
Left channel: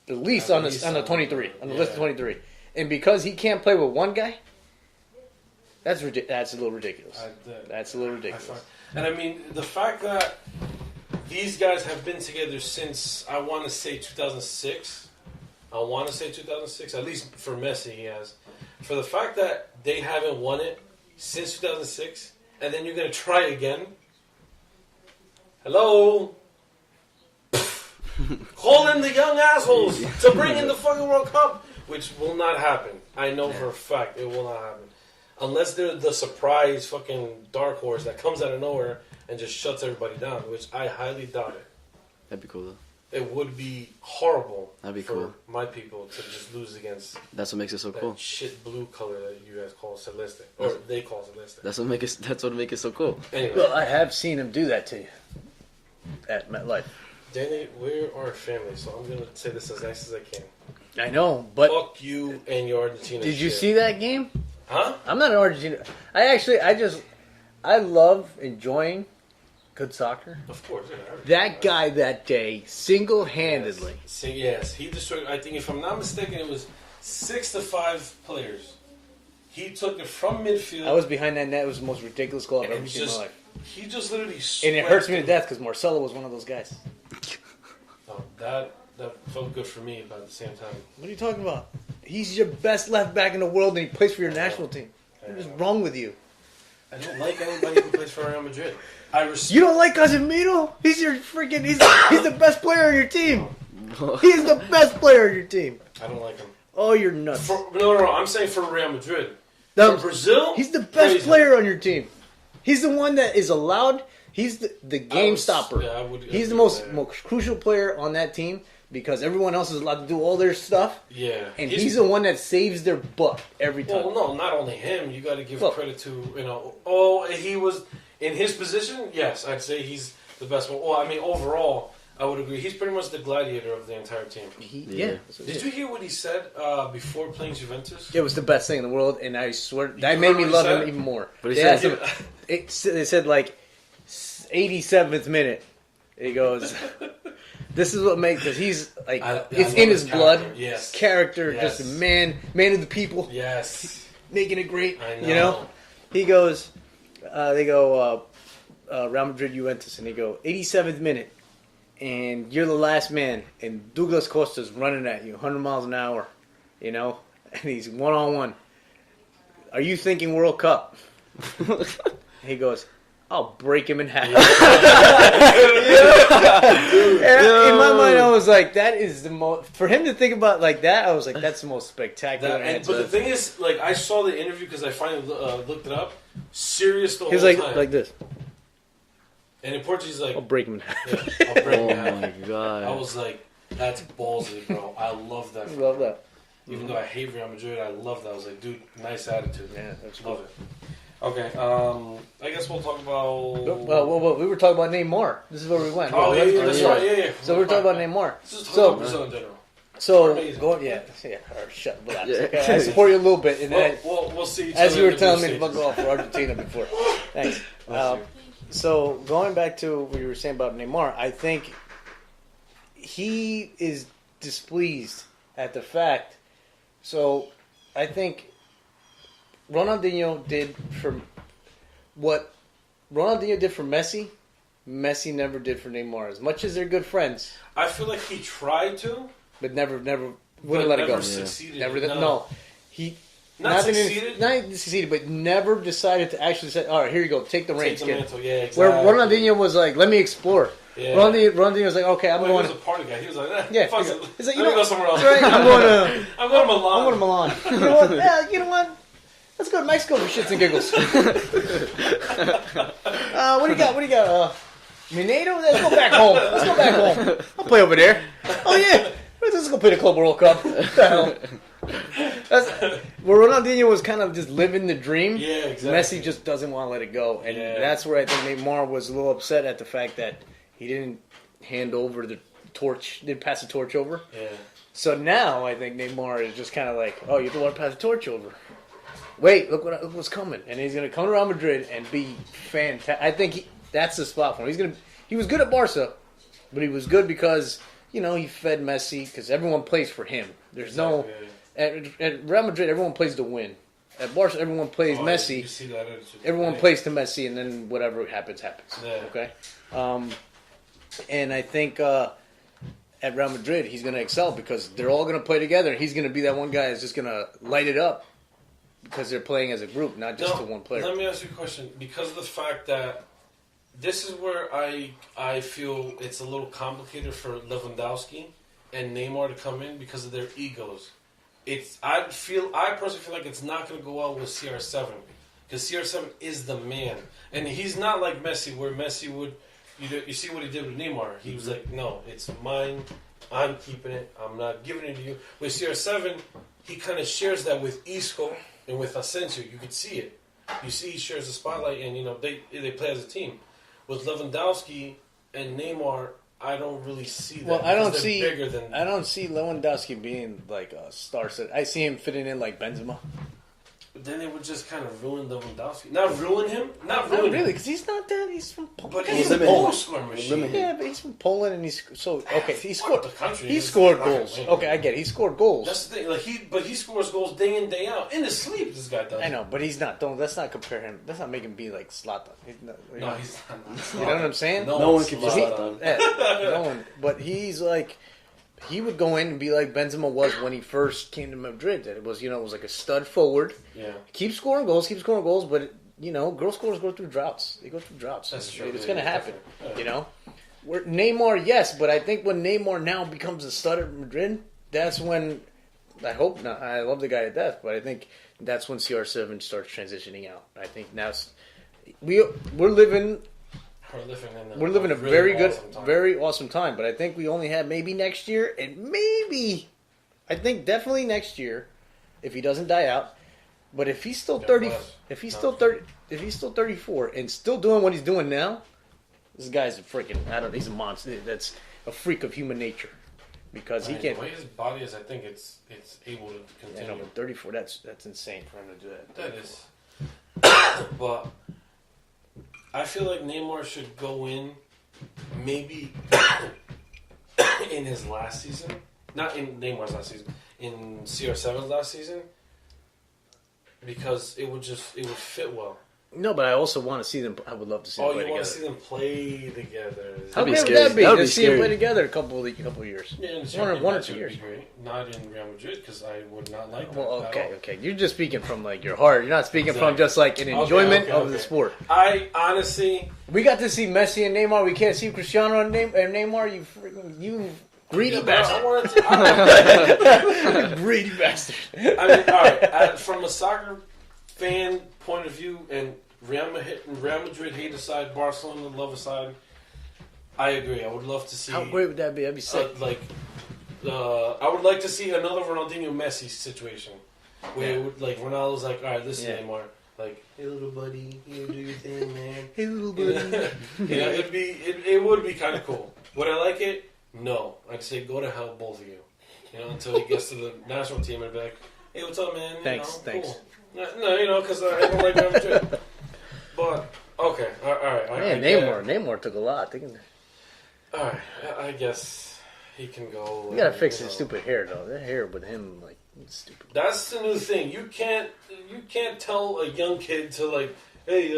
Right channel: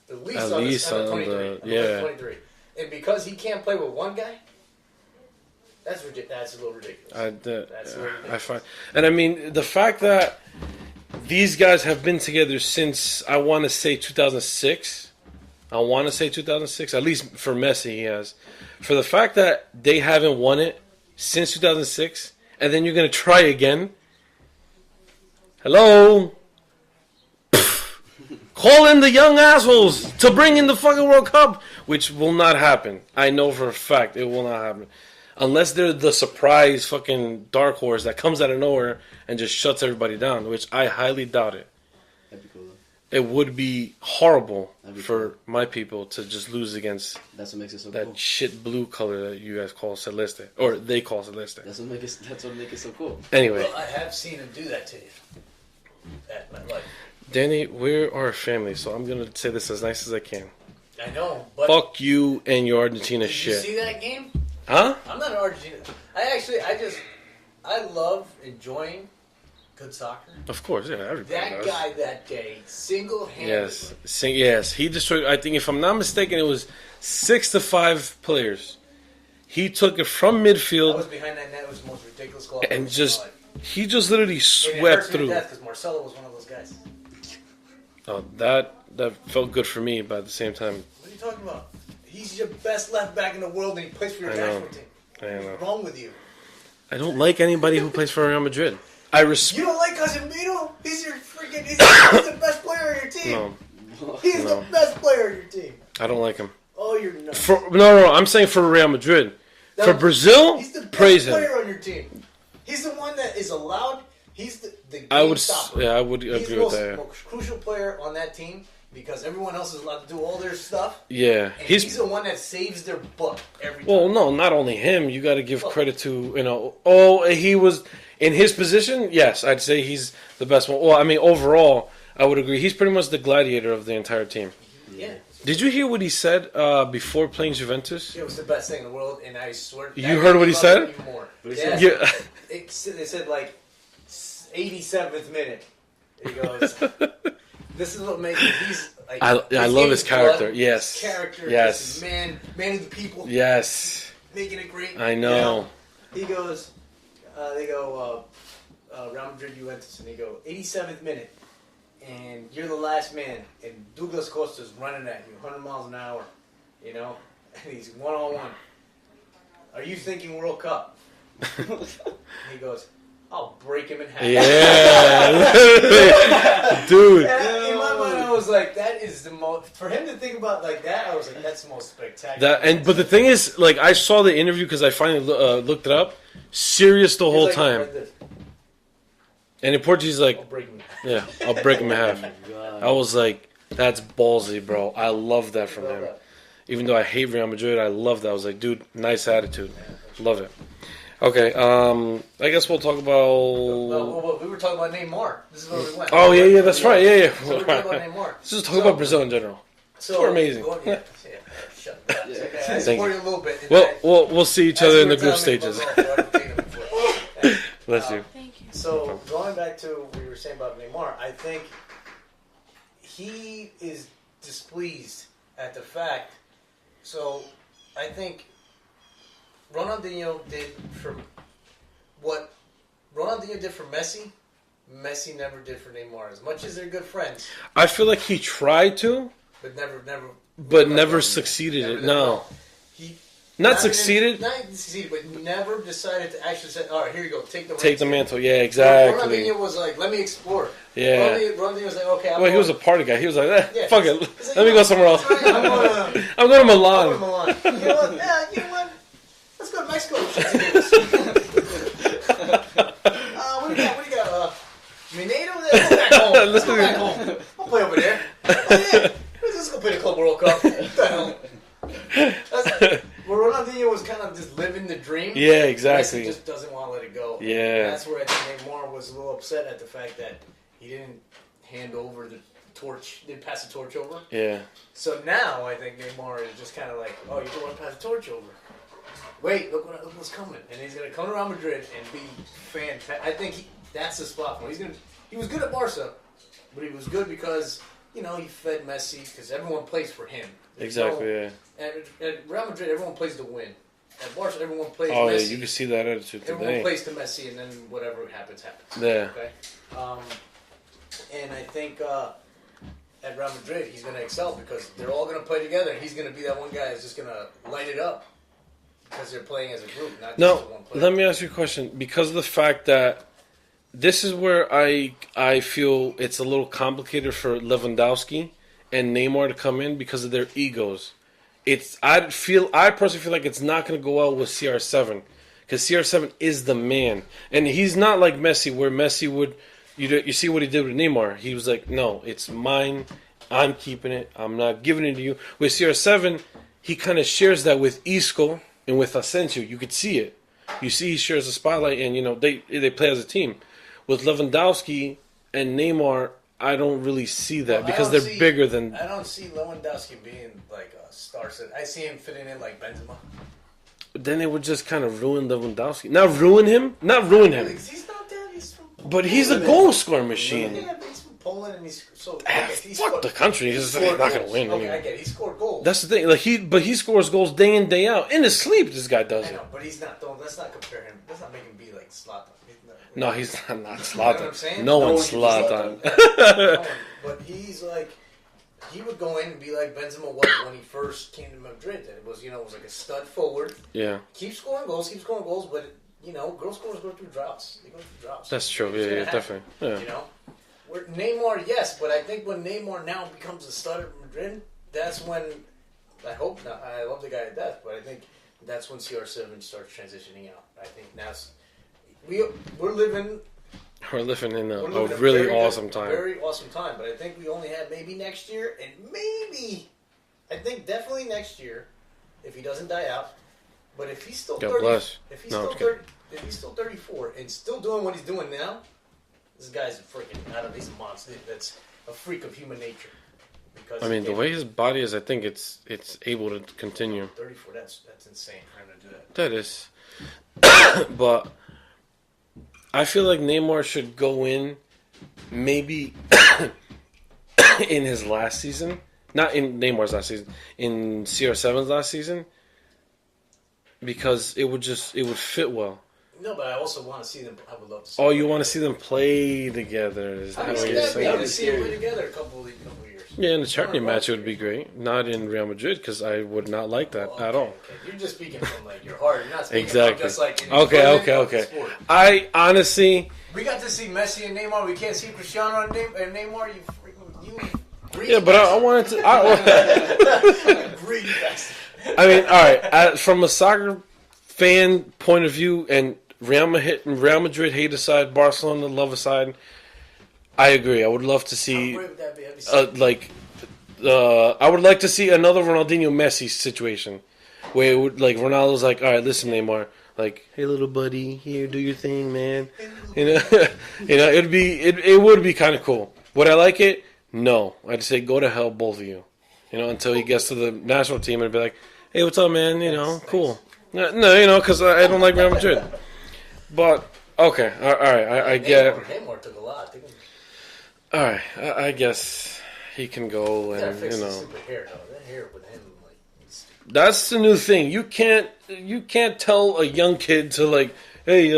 at least on the 23, on the list of 23. And because he can't play with one guy, that's a little ridiculous. That's a little ridiculous. And I mean, the fact that these guys have been together since, I want to say 2006. At least for Messi, he has. For the fact that they haven't won it since 2006, and then you're going to try again, Hello? Call in the young assholes to bring in the fucking World Cup, which will not happen. I know for a fact it will not happen. Unless they're the surprise fucking dark horse that comes out of nowhere and just shuts everybody down, which I highly doubt it. That'd be cool, though. It would be horrible That'd be for cool. my people to just lose against That's what makes it so that cool. shit blue color that you guys call Celeste. Or they call Celeste. That's what make it so cool. Anyway, Well, I have seen him do that to you at MetLife. Danny, we are a family, so I'm going to say this as nice as I can. I know, but Fuck you and your Argentina did you shit. see that game? Huh? I'm not an Argentina. I love enjoying good soccer. Of course, yeah. everybody That does. guy that day, single-handedly. Yes, he destroyed. I think, if I'm not mistaken, it was 6 to 5 players. He took it from I was midfield behind that net. It was the most ridiculous goal I've ever and seen in just my life. he just literally And it swept hurts me to through. death because Marcelo was one of those guys. Oh, that felt good for me, but at the same time, What are you talking about? He's your best left back in the world, and he plays for your I know. national team. I What's know. wrong with you? I don't like anybody who plays for Real Madrid. I respect. You don't like Casemiro? He's your freaking. He's the best player on your team. He's the best player on your team. I don't like him. Oh, you're nuts. No. I'm saying for Real Madrid. No, For Brazil, He's the best praise him. player on your team. He's the one that is allowed. He's the I game would, stopper. yeah, I would. He's the agree with most, that. most crucial player on that team because everyone else is allowed to do all their stuff, Yeah, and he's the one that saves their butt every time. Well, no, not only him. You got to give Well- credit to he was in his position. Yes, I'd say he's the best one. Well, I mean, overall, I would agree. He's pretty much the gladiator of the entire team. Yeah. Did you hear what he said before playing Juventus? It was the best thing in the world, and I swear You that heard made me what he love said? him even more. What he Yeah, said? Yeah. They said like 87th minute. He goes, "This is what makes it." He's like, I it's love in his character. blood. Yes. His character, Yes. just a man of the people, Yes, making it great. I know. You know? He goes, they go, Real Madrid Juventus, and they go 87th minute, and you're the last man, and Douglas Costa's running at you 100 miles an hour, you know, and he's 1-on-1. Are you thinking World Cup? He goes, I'll break him in half. dude. And in my mind, I was like, that is the most. For him to think about like that, I was like, that's the most spectacular. But the thing is, like, I saw the interview because I finally looked it up. Serious the he was whole like, time. like this. And in Portuguese, like, I'll break him in half. yeah, I'll break him in Oh half. my God. I was like, that's ballsy, bro. I love that from Love him. that. Even though I hate Real Madrid, I love that. I was like, dude, nice attitude. Yeah, that's Love it. Okay, I guess we'll talk about. Well, we were talking about Neymar. This is where we went. Oh yeah, that's right. Yeah. So we're talking about Neymar. Let's just talk about Brazil in general. So We're amazing. Shut up. Yeah. Okay, I Thank support you a little bit. And We'll see each as other you in were the group telling me about stages. golf for Argentina before. Thanks. Bless you. So going back to what you were saying about Neymar, I think he is displeased at the fact. So I think Ronaldinho did for what Ronaldinho did for Messi. Messi never did for Neymar. As much as they're good friends, I feel like he tried to, but never but let never go. succeeded. Never, No, he not even- succeeded. not even succeeded, but never decided to actually say, "All right, here you go, take the reins." Take the kid." mantle. Yeah, exactly. Ronaldinho was like, "Let me explore." Yeah. Ronaldinho was like, "Okay, I'm Well, he going." was a party guy. He was like, Yeah, fuck he's- it. he's like, Let me go somewhere else. That's right. I'm going to. I'm going to I'm Milan. going to Milan. You know what? Yeah, you know what? Let's go to Mexico for shits and giggles. What do you got? What do you got? Mineiro? Let's go back home. Let's go back home. I'll play over there. Oh yeah. Let's go play the Club World Cup. What the hell? That's, where Ronaldinho was kind of just living the dream. Yeah, exactly. Messi just doesn't want to let it go. And Yeah. that's where I think Neymar was a little upset at the fact that he didn't hand over the torch, didn't pass the torch over. Yeah. So now I think Neymar is just kind of like, oh, you don't want to pass the torch over. Wait, look what's coming, and he's gonna come to Real Madrid and be fantastic. I think that's the spot for him. He was good at Barca, but he was good because he fed Messi because everyone plays for him. There's Exactly. at Real Madrid everyone plays to win. At Barca everyone plays Oh, yeah, Messi. you can see that attitude. Everyone today. plays to Messi, and then whatever happens. Yeah. Okay. And I think at Real Madrid he's going to excel because they're all going to play together. He's going to be that one guy that's just going to light it up because they're playing as a group, not just to one player. Let me ask you a question. Because of the fact that this is where I feel it's a little complicated for Lewandowski and Neymar to come in because of their egos. I personally feel like it's not going to go well with CR7 because CR7 is the man, and he's not like Messi, where Messi would you see what he did with Neymar. He was like, no, it's mine. I'm keeping it. I'm not giving it to you. With CR7, he kind of shares that with Isco and with Asensio. You could see it. You see he shares the spotlight, and they play as a team. With Lewandowski and Neymar, I don't really see that because they're bigger than. I don't see Lewandowski being like a star. I see him fitting in like Benzema. Then it would just kind of ruin Lewandowski. Not ruin him. Because he's not that. He's from Poland. But he's a goal scoring machine. Yeah, but he's from Poland, and he's so okay. He scored the country. He scored not goals. Win, okay, I get it. He scored goals. That's the thing. Like he scores goals day in day out in his sleep. This guy does. I know, but he's not. Let's not compare him. Let's not make him be like Zlatan. He's not Zlatan. You know what I'm saying? No one's Zlatan. No one. But he's like. He would go in and be like Benzema was when he first came to Madrid. And it was like a stud forward. Yeah. Keep scoring goals, but girl scorers go through droughts. They go through droughts. That's true. It's Yeah, definitely. Yeah. Where Neymar, yes, but I think when Neymar now becomes a stud at Madrid, that's when I hope not. I love the guy at death, but I think that's when CR7 starts transitioning out. I think now we're living. We're living in a really very awesome time. Very awesome time. But I think we only have maybe next year, and I think definitely next year, if he doesn't die out. But if he's still 30, if he's still 34 and still doing what he's doing now, this guy's he's a monster. That's a freak of human nature. Because the way his body is, I think it's able to continue. 34, that's insane for him to do that. That is, but. I feel like Neymar should go in maybe in his last season. Not in Neymar's last season. In CR7's last season. Because it would fit well. No, but I also want to see them. I would love to see. Oh, you want to see them play together? How good would that be? To see them play together a couple of years. Yeah, in the champion match it would be great. Not in Real Madrid because I would not like that at all. Okay, you're just speaking from like your heart. You're not speaking from just like an enjoyment of the sport. I honestly, we got to see Messi and Neymar. We can't see Cristiano and Neymar. You greedy yeah, but bastard. I wanted to. Greedy bastard. I mean, all right. From a soccer fan point of view and Real Madrid hate aside, Barcelona love aside. I agree. I would love to see. How great would that be? That'd be I would like to see another Ronaldinho Messi situation, where it would like Ronaldo's like, all right, listen, Neymar, like, hey little buddy, here, do your thing, man. Hey little buddy. It would be kind of cool. Would I like it? No, I'd say go to hell, both of you. Until he gets to the national team and be like, hey, what's up, man? Thanks. Cool. No, because I don't like Real Madrid. But okay, all right. I get. Neymar took a lot. All right, I guess he can go. You gotta fix his stupid hair though. That hair with him, like, it's stupid. That's the new thing. You can't tell a young kid to like, hey,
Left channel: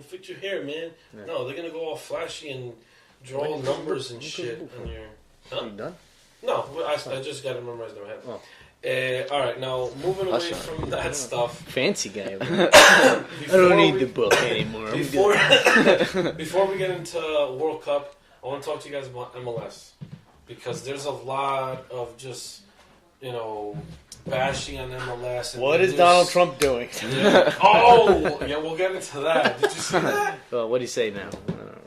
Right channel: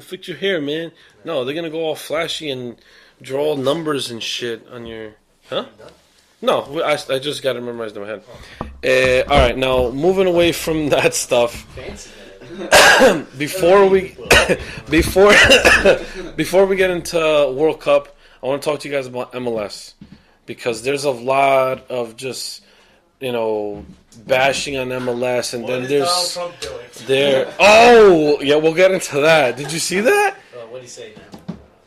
fix your hair, man. Yeah. No, they're gonna go all flashy and draw numbers and shit on your. Huh? You done? No, I just got it memorized in my head. Oh. All right, now moving away from that stuff. Fancy guy. before we get into World Cup, I want to talk to you guys about MLS because there's a lot of just bashing on MLS and what is Donald Trump doing? Oh yeah, we'll get into that. Did you see that? Well, what do you say now?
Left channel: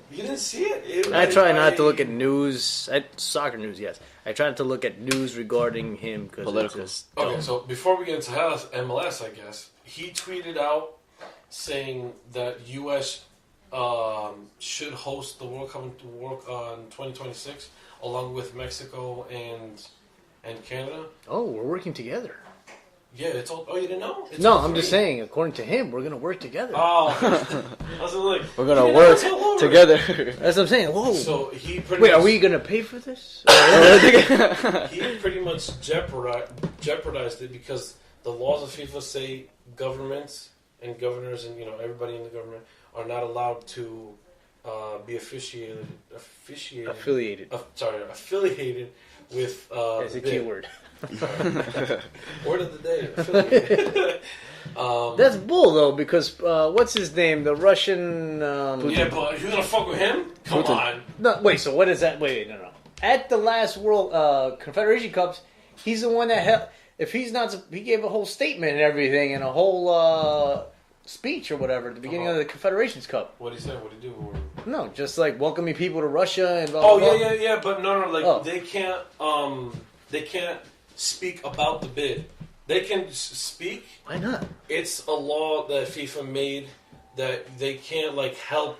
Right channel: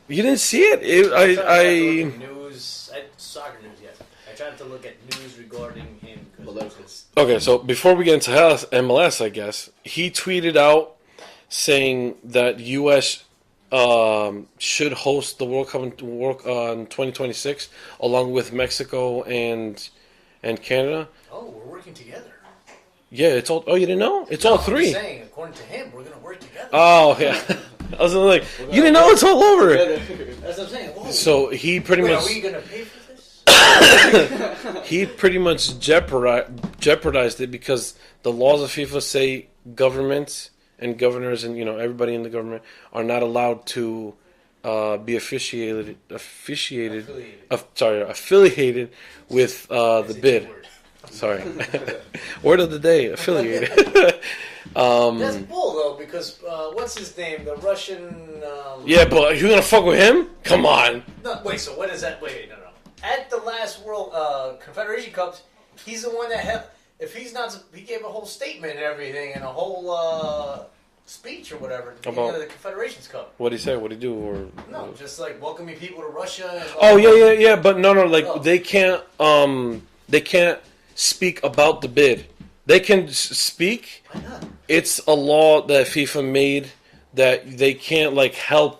You didn't see it? I try not to look at news, soccer news. Yes. I try not to look at news regarding him because okay, so before we get into MLS, I guess he tweeted out saying that U.S. Should host the World Cup in 2026 along with Mexico and Canada. Oh, we're working together. Yeah, it's all. Oh, you didn't know? It's all all three. I'm just saying, according to him, we're gonna work together. Oh, okay. I was like, you didn't know it's all over together. That's what I'm saying. Whoa. So he pretty much. much. Are we gonna pay for this? He pretty much jeopardized it because the laws of FIFA say governments and governors and everybody in the government are not allowed to be affiliated with the bid. Word. Sorry. Word of the day, affiliated. That's bull though, because what's his name? The Russian. Yeah, but you're gonna fuck with him? Come on. No, wait. So what is that? Wait, no. At the last World Confederation Cups, he's the one that held. If he's not, he gave a whole statement and everything, and a whole speech or whatever at the beginning of the Confederations Cup. What did he say? What did he do? Or no, just like welcoming people to Russia and. Blah, blah. Yeah. But no, like they can't speak about the bid. They can speak. Why not? It's a law that FIFA made that they can't like help,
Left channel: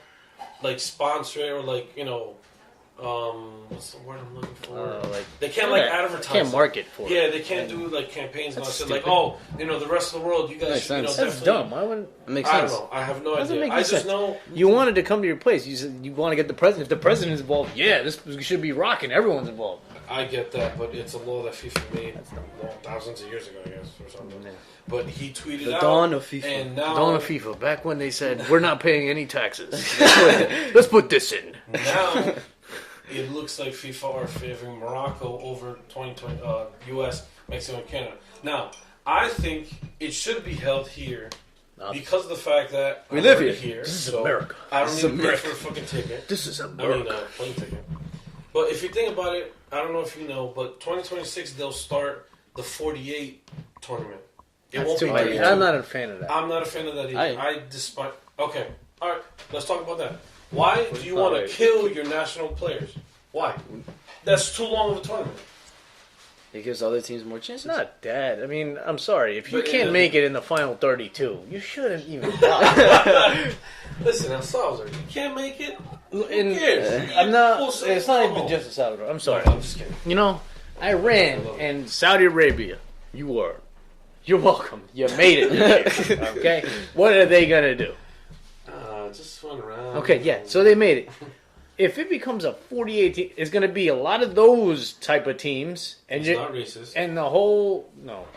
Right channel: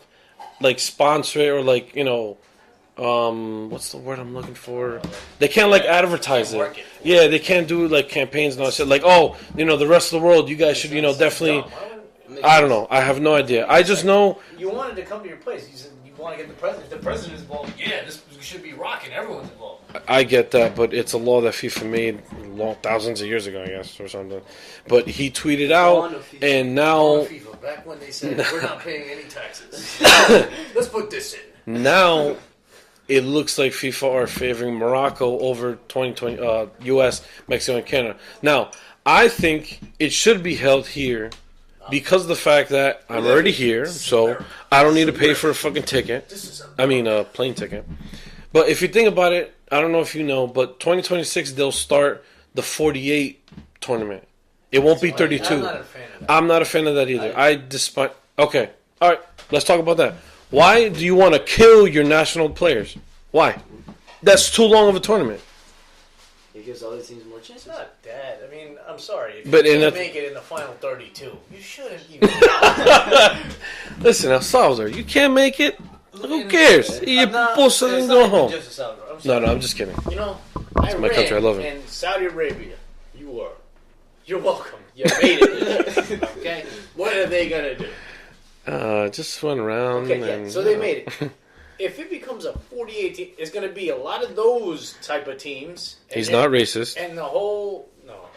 like sponsor it or like what's the word I'm looking for? They can't like advertise. Can't market for it. Yeah, they can't do like campaigns and all that shit. Like, the rest of the world, you guys should, definitely. I don't know. I have no idea. I just know you wanted to come to your place. You said you want to get the president. If the president's involved, yeah, this should be rocking. Everyone's involved. I get that, but it's a law that FIFA made thousands of years ago, I guess, or something. But he tweeted out, and now dawn of FIFA, back when they said we're not paying any taxes. Let's put this in. Now. It looks like FIFA are favoring Morocco over 2020 U.S., Mexico, and Canada. Now, I think it should be held here because of the fact that I'm already here, so America. I don't need to pay for a fucking ticket. This is a plane ticket. But if you think about it, I don't know if you know, but 2026 they'll start the 48 tournament. It won't be 32. I'm not a fan of that. I'm not a fan of that either. I despise. Okay, all right. Let's talk about that. Why do you want to kill your national players? Why? That's too long of a tournament. It gives other teams more chances. It's not that. I mean, I'm sorry. If you can't make it in the final 32, you shouldn't even die. Listen, El Salvador, you can't make it? Who cares? It's not even just El Salvador. I'm sorry. No, I'm just kidding. Iran and Saudi Arabia, you're welcome. You made it. Okay? What are they going to do? Just run around. Okay, yeah. So they made it. If it becomes a 48 team, it's going to be a lot of those type of teams. And he's not racist. And the whole... No,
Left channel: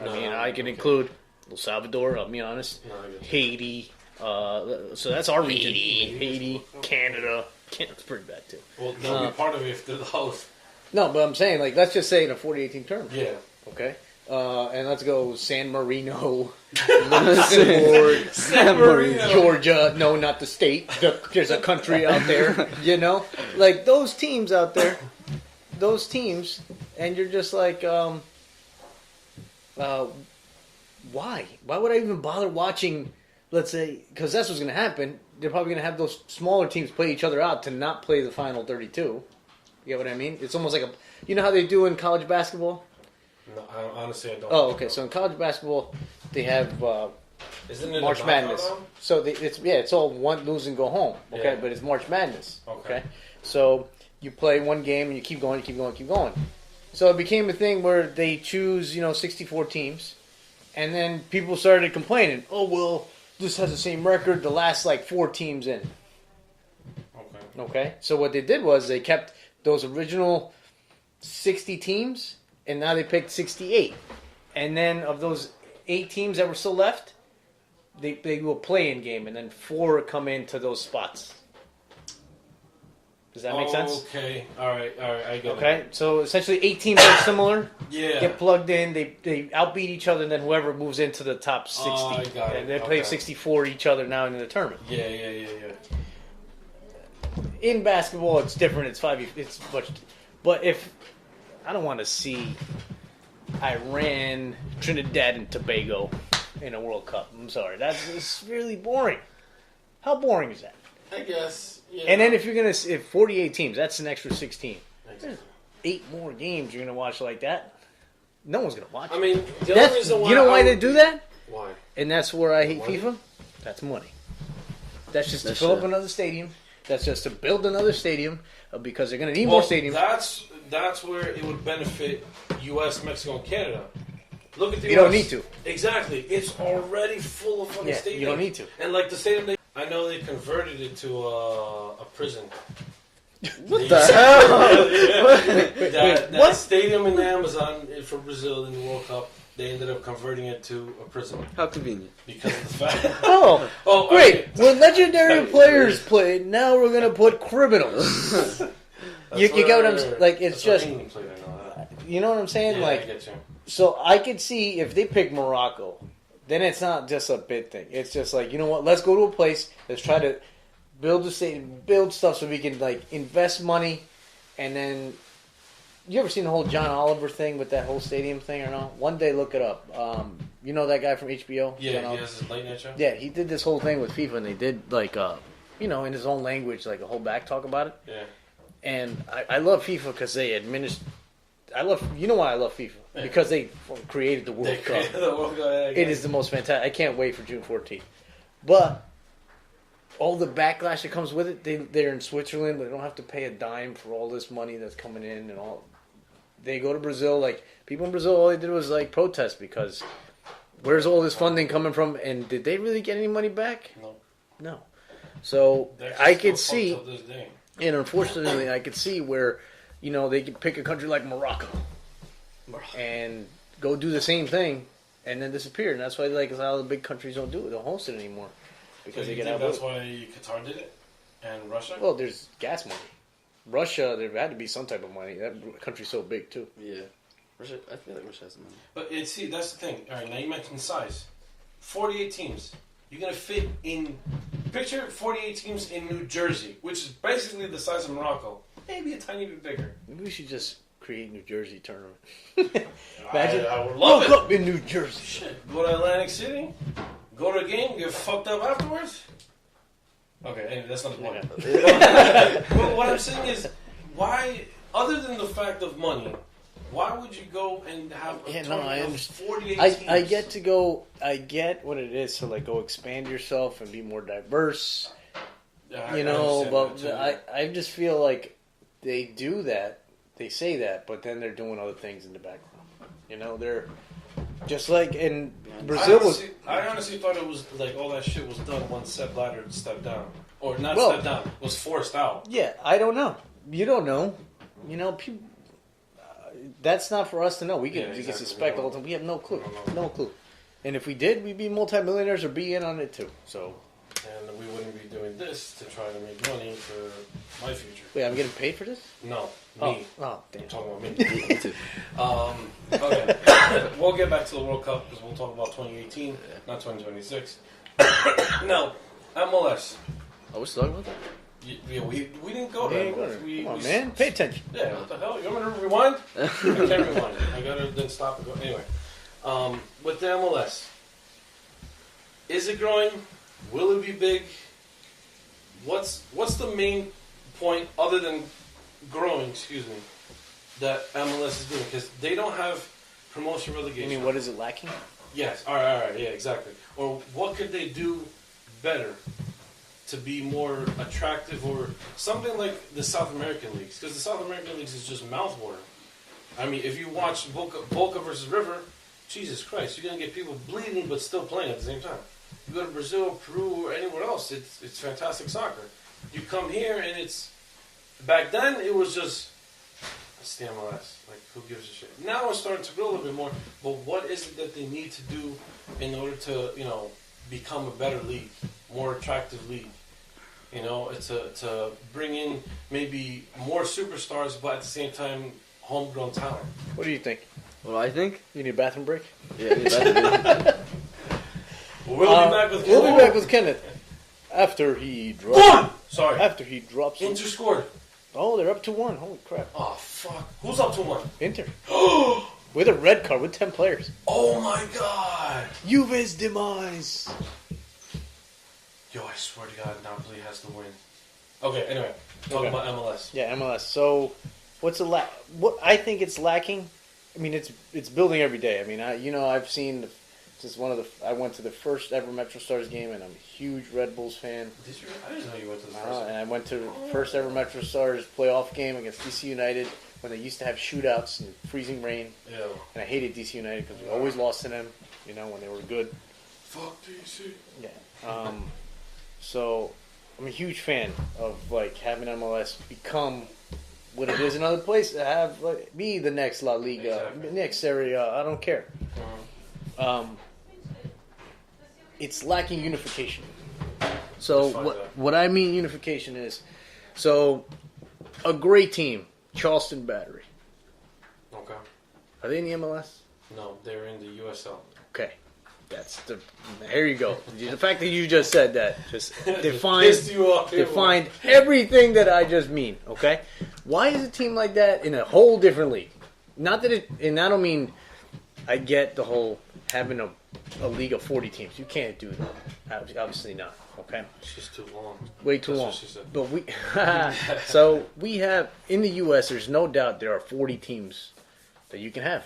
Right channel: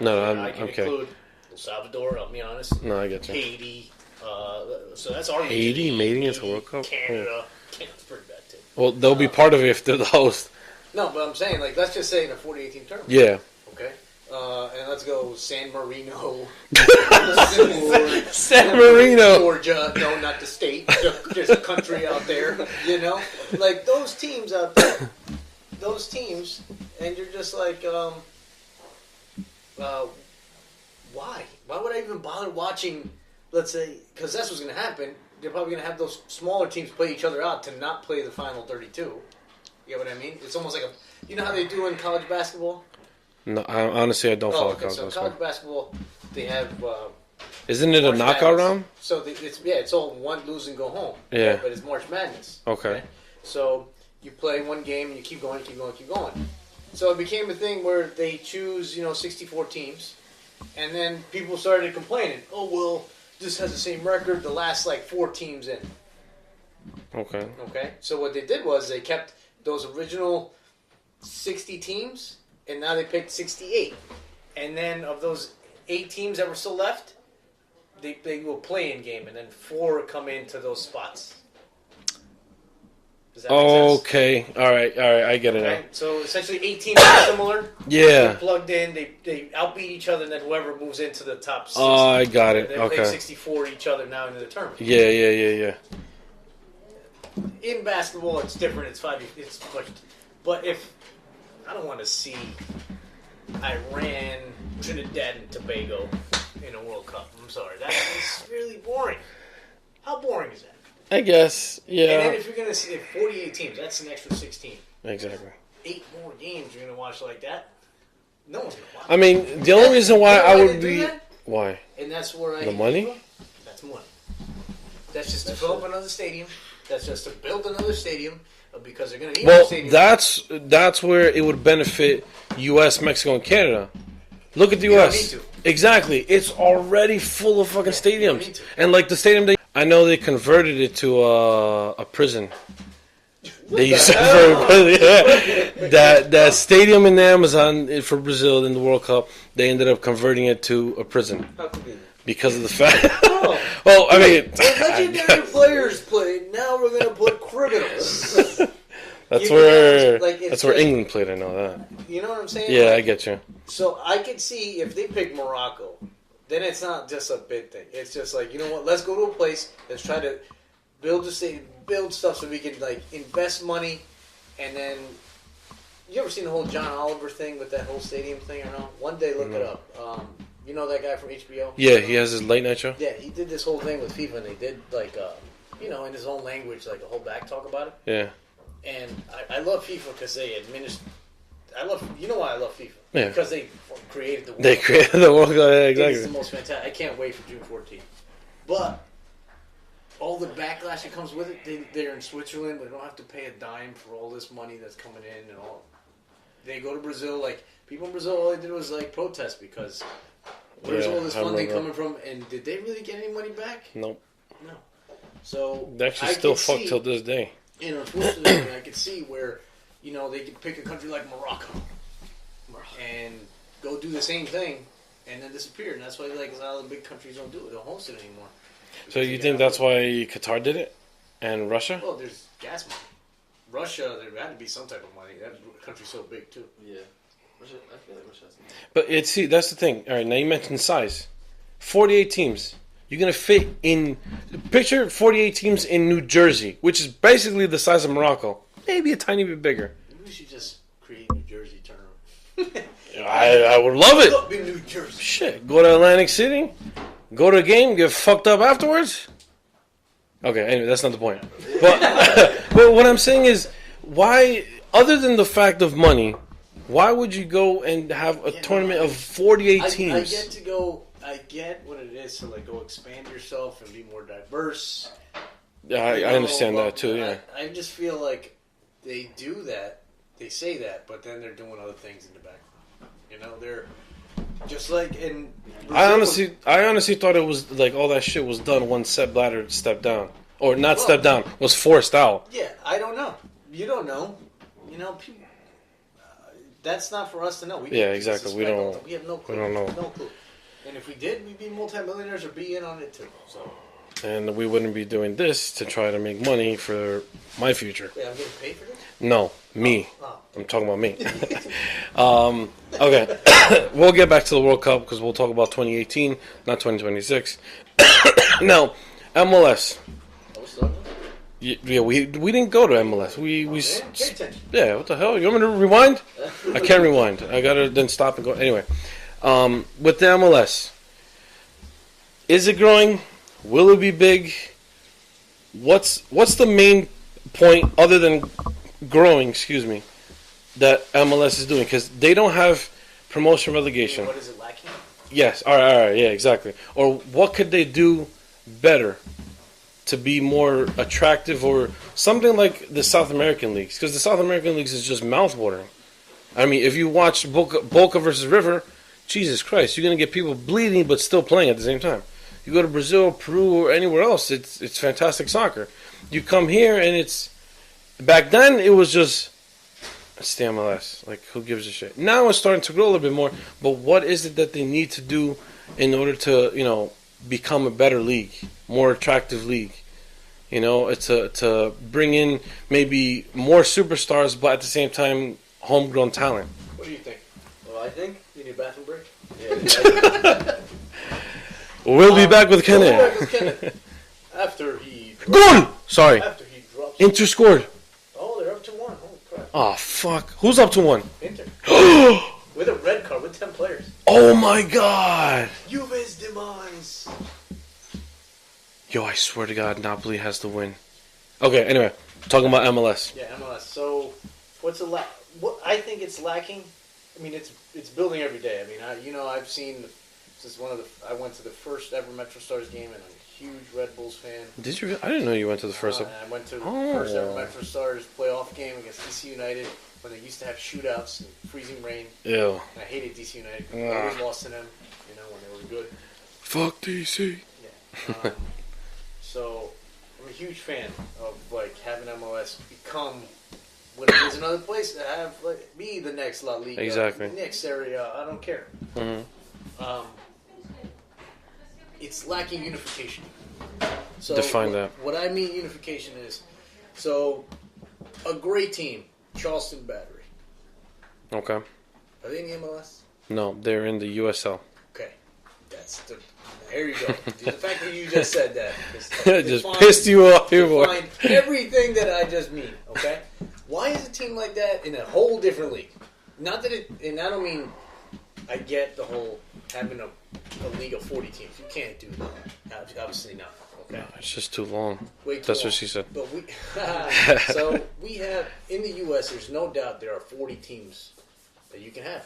I can include El Salvador, I'll be honest. No, I get you. Haiti. So that's our region. Haiti, Canada. Canada's pretty bad, too. Well, they'll be part of it if they're the host. No, but I'm saying, like, let's just say in a 48 team tournament. Yeah. Okay? And let's go San Marino. San Marino. Georgia. No, not the state. There's a country out there. Like those teams out there. Those teams. And you're just like, why? Why would I even bother watching, let's say, because that's what's going to happen. They're probably going to have those smaller teams play each other out to not play the final 32. You get what I mean? It's almost like you know how they do in college basketball? No, honestly, I don't. Oh, okay. So in college basketball, they have. Isn't it a knockout round? So it's all one lose and go home. Okay? Yeah. But it's March Madness. Okay. So you play one game and you keep going, keep going. So it became a thing where they choose 64 teams, and then people started complaining. Oh well, this has the same record. The last 4 teams in. Okay. Okay. So what they did was they kept those original 60 teams. And now they picked 68. And then of those 8 teams that were still left, they do a play-in game, and then 4 come into those spots. Does that make sense? Okay. All right. I get it. Okay. So essentially 8 teams are similar. Yeah. They plugged in, they outbeat each other, and then whoever moves into the top 60. Oh, I got it. They play 64 each other now in the tournament. Yeah. In basketball, it's different. It's much. But if... I don't want to see Iran, Trinidad, and Tobago in a World Cup. I'm sorry. That is really boring. How boring is that? I guess, yeah. And then if you're going to see 48 teams, that's an extra 16. Exactly. 8 more games you're going to watch like that? No one's going to watch I mean, the only reason why I would do that? Why? And that's where I hate money? FIFA. That's money. That's just to fill up another stadium. That's just to build another stadium. Because they're going to need more stadiums. That's where it would benefit U.S., Mexico, and Canada. Look at the U.S. U.S. You don't need to. Exactly. It's already full of fucking stadiums. You don't need to. And the stadium, I know they converted it to a prison. They used that stadium in the Amazon for Brazil in the World Cup, they ended up converting it to a prison. How convenient. Because of the fact. Well, I mean, when legendary players played, now we're gonna put criminals. That's where England played. I know that. You know what I'm saying? Yeah, I get you. So I could see if they pick Morocco then it's not just a bid thing. It's just like, you know what? Let's go to a place that's trying to build stuff so we can like invest money, and then. You ever seen the whole John Oliver thing with that whole stadium thing or not? One day, look it up. You know that guy from HBO? Yeah, he has his late night show. Yeah, he did this whole thing with FIFA, and they did like, in his own language, like a whole back talk about it. Yeah. And I love FIFA because they administer. You know why I love FIFA? Yeah. Because they created the World They Cup. created the World Cup. Yeah, It is the exactly. most fantastic. I can't wait for June 14th. But all the backlash that comes with it, they're in Switzerland. They don't have to pay a dime for all this money that's coming in and all. They go to Brazil. Like people in Brazil, all they did was like protest because where's all this funding coming from? And did they really get any money back? Nope. No. So They actually I still can fuck see, till this day. and unfortunately, I could see where they could pick a country like Morocco and go do the same thing and then disappear. And that's why like a lot of the big countries don't do it. Don't host it anymore. So Because you they think get that's outvoted. why Qatar did it, and Russia? Well, there's gas money. Russia, there had to be some type of money. That country's so big too. Yeah. Russia, I feel like Russia has money. But that's the thing. All right, now you mentioned size. 48 teams. You're gonna fit in. Picture 48 teams in New Jersey, which is basically the size of Morocco, maybe a tiny bit bigger. Maybe we should just create New Jersey tournament. I would love it. Up in New Jersey. Shit, go to Atlantic City, go to a game, get fucked up afterwards. Okay, anyway, that's not the point. But what I'm saying is, why, other than the fact of money, why would you go and have a tournament of 48 teams? I get to go. I get what it is to like go expand yourself and be more diverse. Yeah, I understand that too. Yeah. I just feel like they do that. They say that, but then they're doing other things in the background. They're just like in Brazil. I honestly thought it was like all that shit was done once Sepp Blatter stepped down, or not stepped down, was forced out. Yeah, I don't know. You don't know. People, that's not for us to know. We can exactly. suspect all the time. We have no clue. We don't know. No clue. And if we did, we'd be multimillionaires or be in on it too. So. And we wouldn't be doing this to try to make money for my future. Wait, I'm getting paid for this? No, me. Oh, I'm talking about me. Okay, we'll get back to the World Cup because we'll talk about 2018, not 2026. Now, MLS. Oh, what's talking about? Yeah, we didn't go to MLS. We man, pay attention. Yeah, what the hell? You want me to rewind? I can't rewind. I gotta then stop and go. Anyway, with the MLS, is it growing? Will it be big? What's the main point other than growing? Excuse me, that MLS is doing because they don't have promotion relegation. What is it lacking? Yes. All right. Yeah. Exactly. Or what could they do better to be more attractive, or something like the South American leagues? Because the South American leagues is just mouthwatering. I mean, if you watch Boca versus River, Jesus Christ, you're gonna get people bleeding but still playing at the same time. You go to Brazil, Peru, or anywhere else, it's fantastic soccer. You come here and it's back then it was just it's the MLS. Like, who gives a shit? Now it's starting to grow a little bit more. But what is it that they need to do in order to become a better league, more attractive league? It's to bring in maybe more superstars, but at the same time, homegrown talent. What do you think? What I think? You need a bathroom break? Yeah. We'll be back with We'll be Kenneth. back with Kenneth. After he Goal! Sorry. After he drops. Inter scored. Oh, they're up to 1. Holy crap. Oh, fuck. Who's up to 1? Inter. With a red card, with 10 players. Oh, my God. Juve's demise. Yo, I swear to God, Napoli has to win. Okay, anyway. Talking about MLS. Yeah, MLS. So, what I think it's lacking. I mean, it's building every day. I mean, I've seen. This is I went to the first ever Metro Stars game, and I'm a huge Red Bulls fan. Did you? I didn't know you went to the first. And I went to the first ever Metro Stars playoff game against DC United when they used to have shootouts and freezing rain. Ew. And I hated DC United because I always lost to them. When they were good. Fuck DC. Yeah. So I'm a huge fan of having MLS become when there's another place to have be the next La Liga, Exactly. next Serie A. I don't care. Mm-hmm. It's lacking unification. So Define that. What I mean unification is, a great team, Charleston Battery. Okay. Are they in the MLS? No, they're in the USL. Okay. Here you go. The fact that you just said that just pissed you off. Defined everything that I just mean. Okay, why is a team like that in a whole different league? Not that it, and I don't mean. I get the whole having a league of 40 teams. You can't do that. Obviously not. Okay, It's just too long. way too That's long. what she said. But we have in the U.S. There's no doubt there are 40 teams that you can have.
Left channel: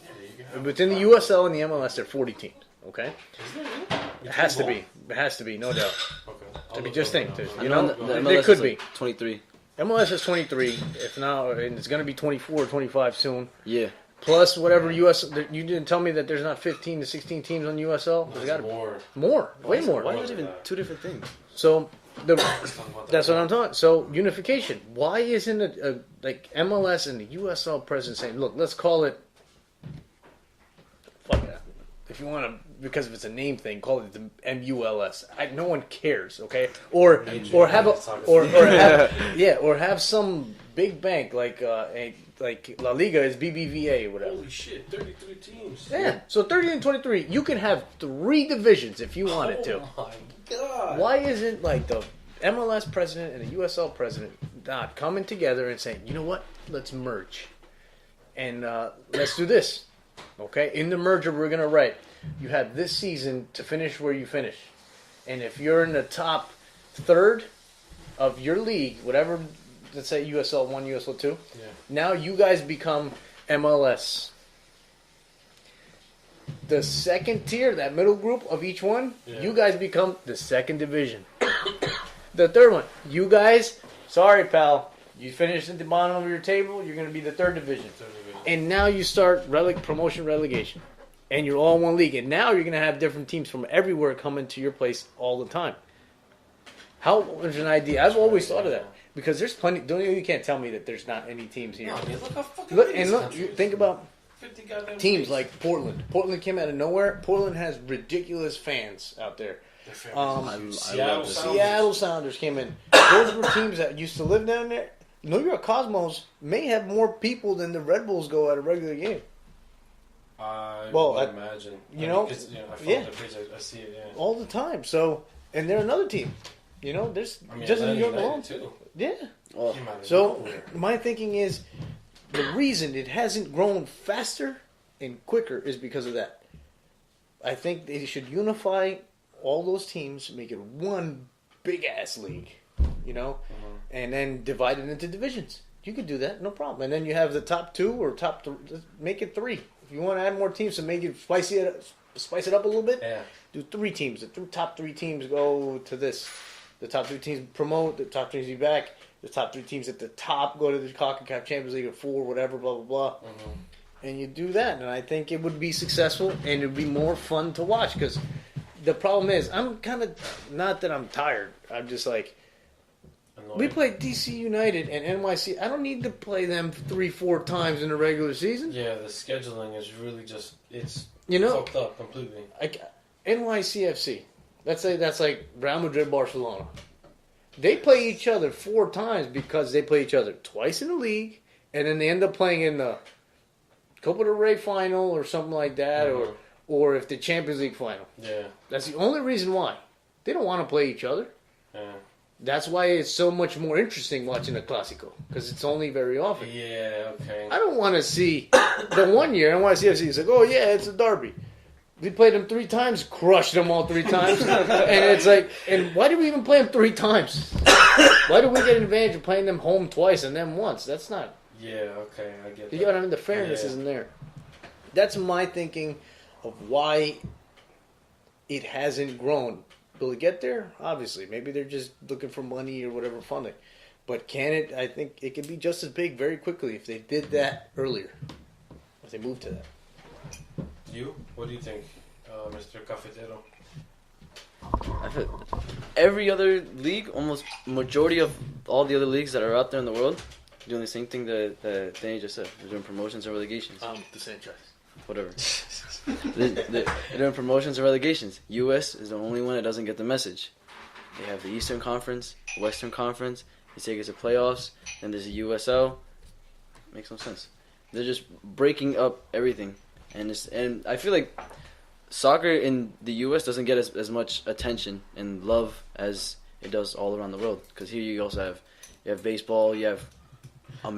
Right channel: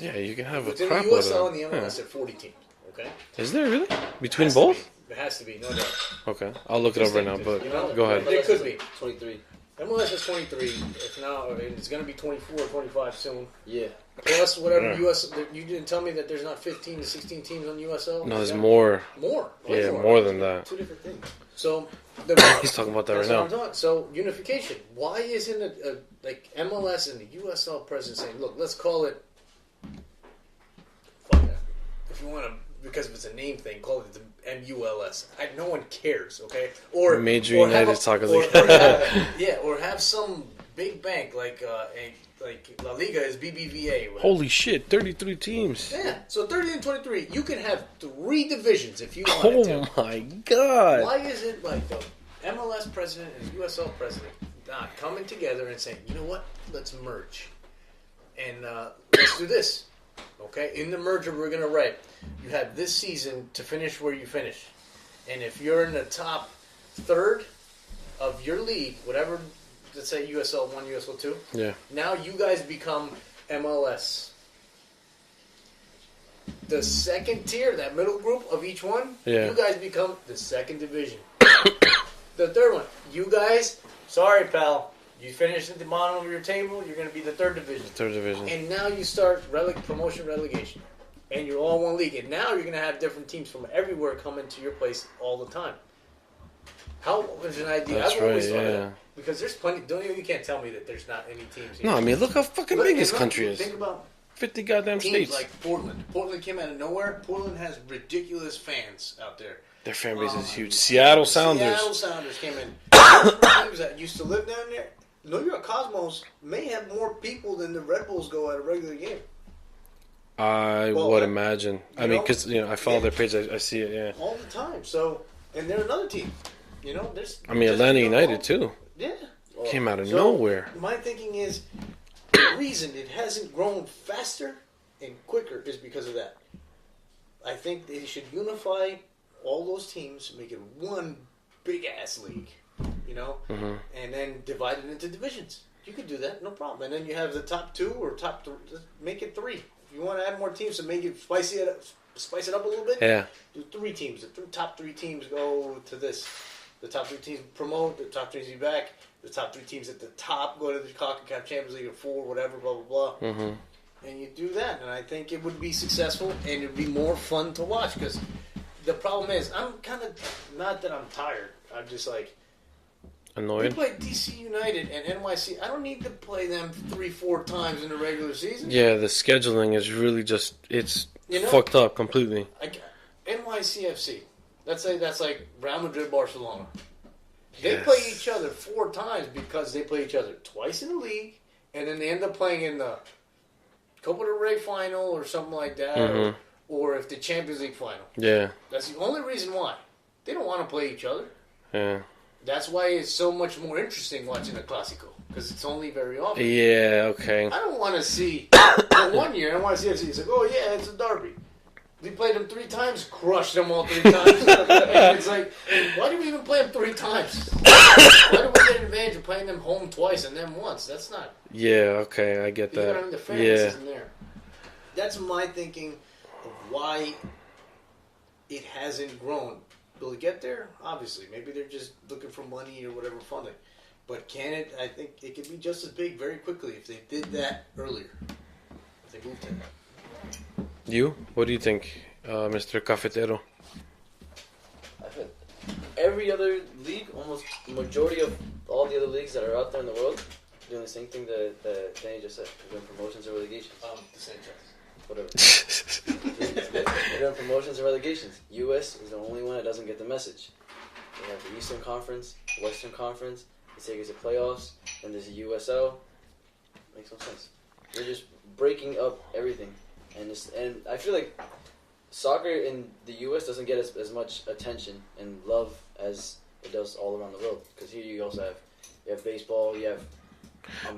Yeah, you can have. Within a the crap USL load and the of them. MLS, there are 40 teams. Okay, Is there really? it Between has both? to be. It has to be, no doubt. Okay, I'll look it up right now. But You know, go ahead. There could be. 23. MLS is 23. If now, and it's going to be 24 or 25 soon. Yeah. Plus whatever US. You didn't tell me that there's not 15 to 16 teams on USL. No, there's more. More, way Yeah, more. more than that. Two different things. So He's talking about that that's right what I'm now. talking. So unification. Why isn't it like MLS and the USL president saying, "Look, let's call it." Fuck that. If you want to, because if it's a name thing, call it the MULS. No one cares, okay? Or Major or have United a- Soccer or- League. or have- yeah, or have some big bank like La Liga is BBVA. Whatever. Holy shit, 33 teams. Yeah, so 30 and 23, you can have 3 divisions if you wanted to. Oh my god. Why isn't like the MLS president and the USL president not coming together and saying, you know what, let's merge and let's do this, okay? In the merger, we're gonna write you have this season to finish where you finish, and if you're in the top third of your league, whatever, let's say USL 1, USL 2, Yeah. now you guys become MLS. The second tier, that middle group of each one, Yeah. you guys become the second division. The third one, you guys, sorry pal, you finished at the bottom of your table, you're going to be the third division. Third division. And now you start promotion relegation. And you're all in one league. And now you're going to have different teams from everywhere coming to your place all the time. How is an idea? That's I've always right, thought of yeah. that. Because there's plenty, you can't tell me that there's not any teams here. No, I mean, look how fucking Look, big and this look, country is. Think about 50 goddamn teams states. like Portland. Portland came out of nowhere. Portland has ridiculous fans out there. Their fan base is I- huge. I Seattle love the Sounders. Seattle Sounders came in. Those were teams that used to live down there. New York Cosmos may have more people than the Red Bulls go at a regular game. I Well, would I- imagine. you I mean, know? because I follow Yeah. their page. I see it. Yeah. All the time. So, and they're another team. There's. I mean, just Atlanta as United well. too Yeah. came out of So, nowhere. My thinking is the reason it hasn't grown faster and quicker is because of that. I think they should unify all those teams, make it one big ass league, and then divide it into divisions. You could do that, no problem. And then you have the top 2 or top 3. Make it 3. If you want to add more teams to make it spice it up a little bit. Yeah. Do 3 teams. The top 3 teams go to this. The top 3 teams promote. The top 3 teams be back. The top 3 teams at the top go to the CONCACAF Champions League or 4, whatever, blah, blah, blah. Mm-hmm. And you do that, and I think it would be successful, and it would be more fun to watch, because the problem is, I'm kind of, not that I'm tired, I'm just like, we Annoyed. play DC United and NYC. I don't need to play them 3-4 times in the regular season. Yeah, the scheduling is really just it's fucked up completely. NYCFC. That's like Real Madrid, Barcelona. They Yes. play each other 4 times because they play each other twice in the league, and then they end up playing in the Copa del Rey final or something like that, or if the Champions League final. Yeah. That's the only reason why. They don't want to play each other. Yeah. That's why it's so much more interesting watching the Clásico, because it's only very often. Yeah. Okay. I don't want to see the one year NYCFC is like, oh yeah, it's a derby. We played them 3 times, crushed them all 3 times, and it's like, and why did we even play them 3 times? Why did we get an advantage of playing them home twice and them once? That's not. Yeah. Okay. I get that. You know what I mean? The fairness Yeah. isn't there. That's my thinking of why it hasn't grown. Will it get there? Obviously. Maybe they're just looking for money or whatever funding. But can it? I think it could be just as big very quickly if they did that earlier. If they moved to that. You? What do you think, Mr. Cafetero? I feel every other league, almost majority of all the other leagues that are out there in the world, doing the same thing that Danny just said. They're doing promotions and relegations. The same choice. Whatever. They're doing promotions and relegations. U.S. is the only one that doesn't get the message. They have the Eastern Conference, Western Conference. They take us to playoffs, and there's a USL. Makes no sense. They're just breaking up everything, and I feel like soccer in the U.S. doesn't get as much attention and love as it does all around the world. Because here you also have baseball, you have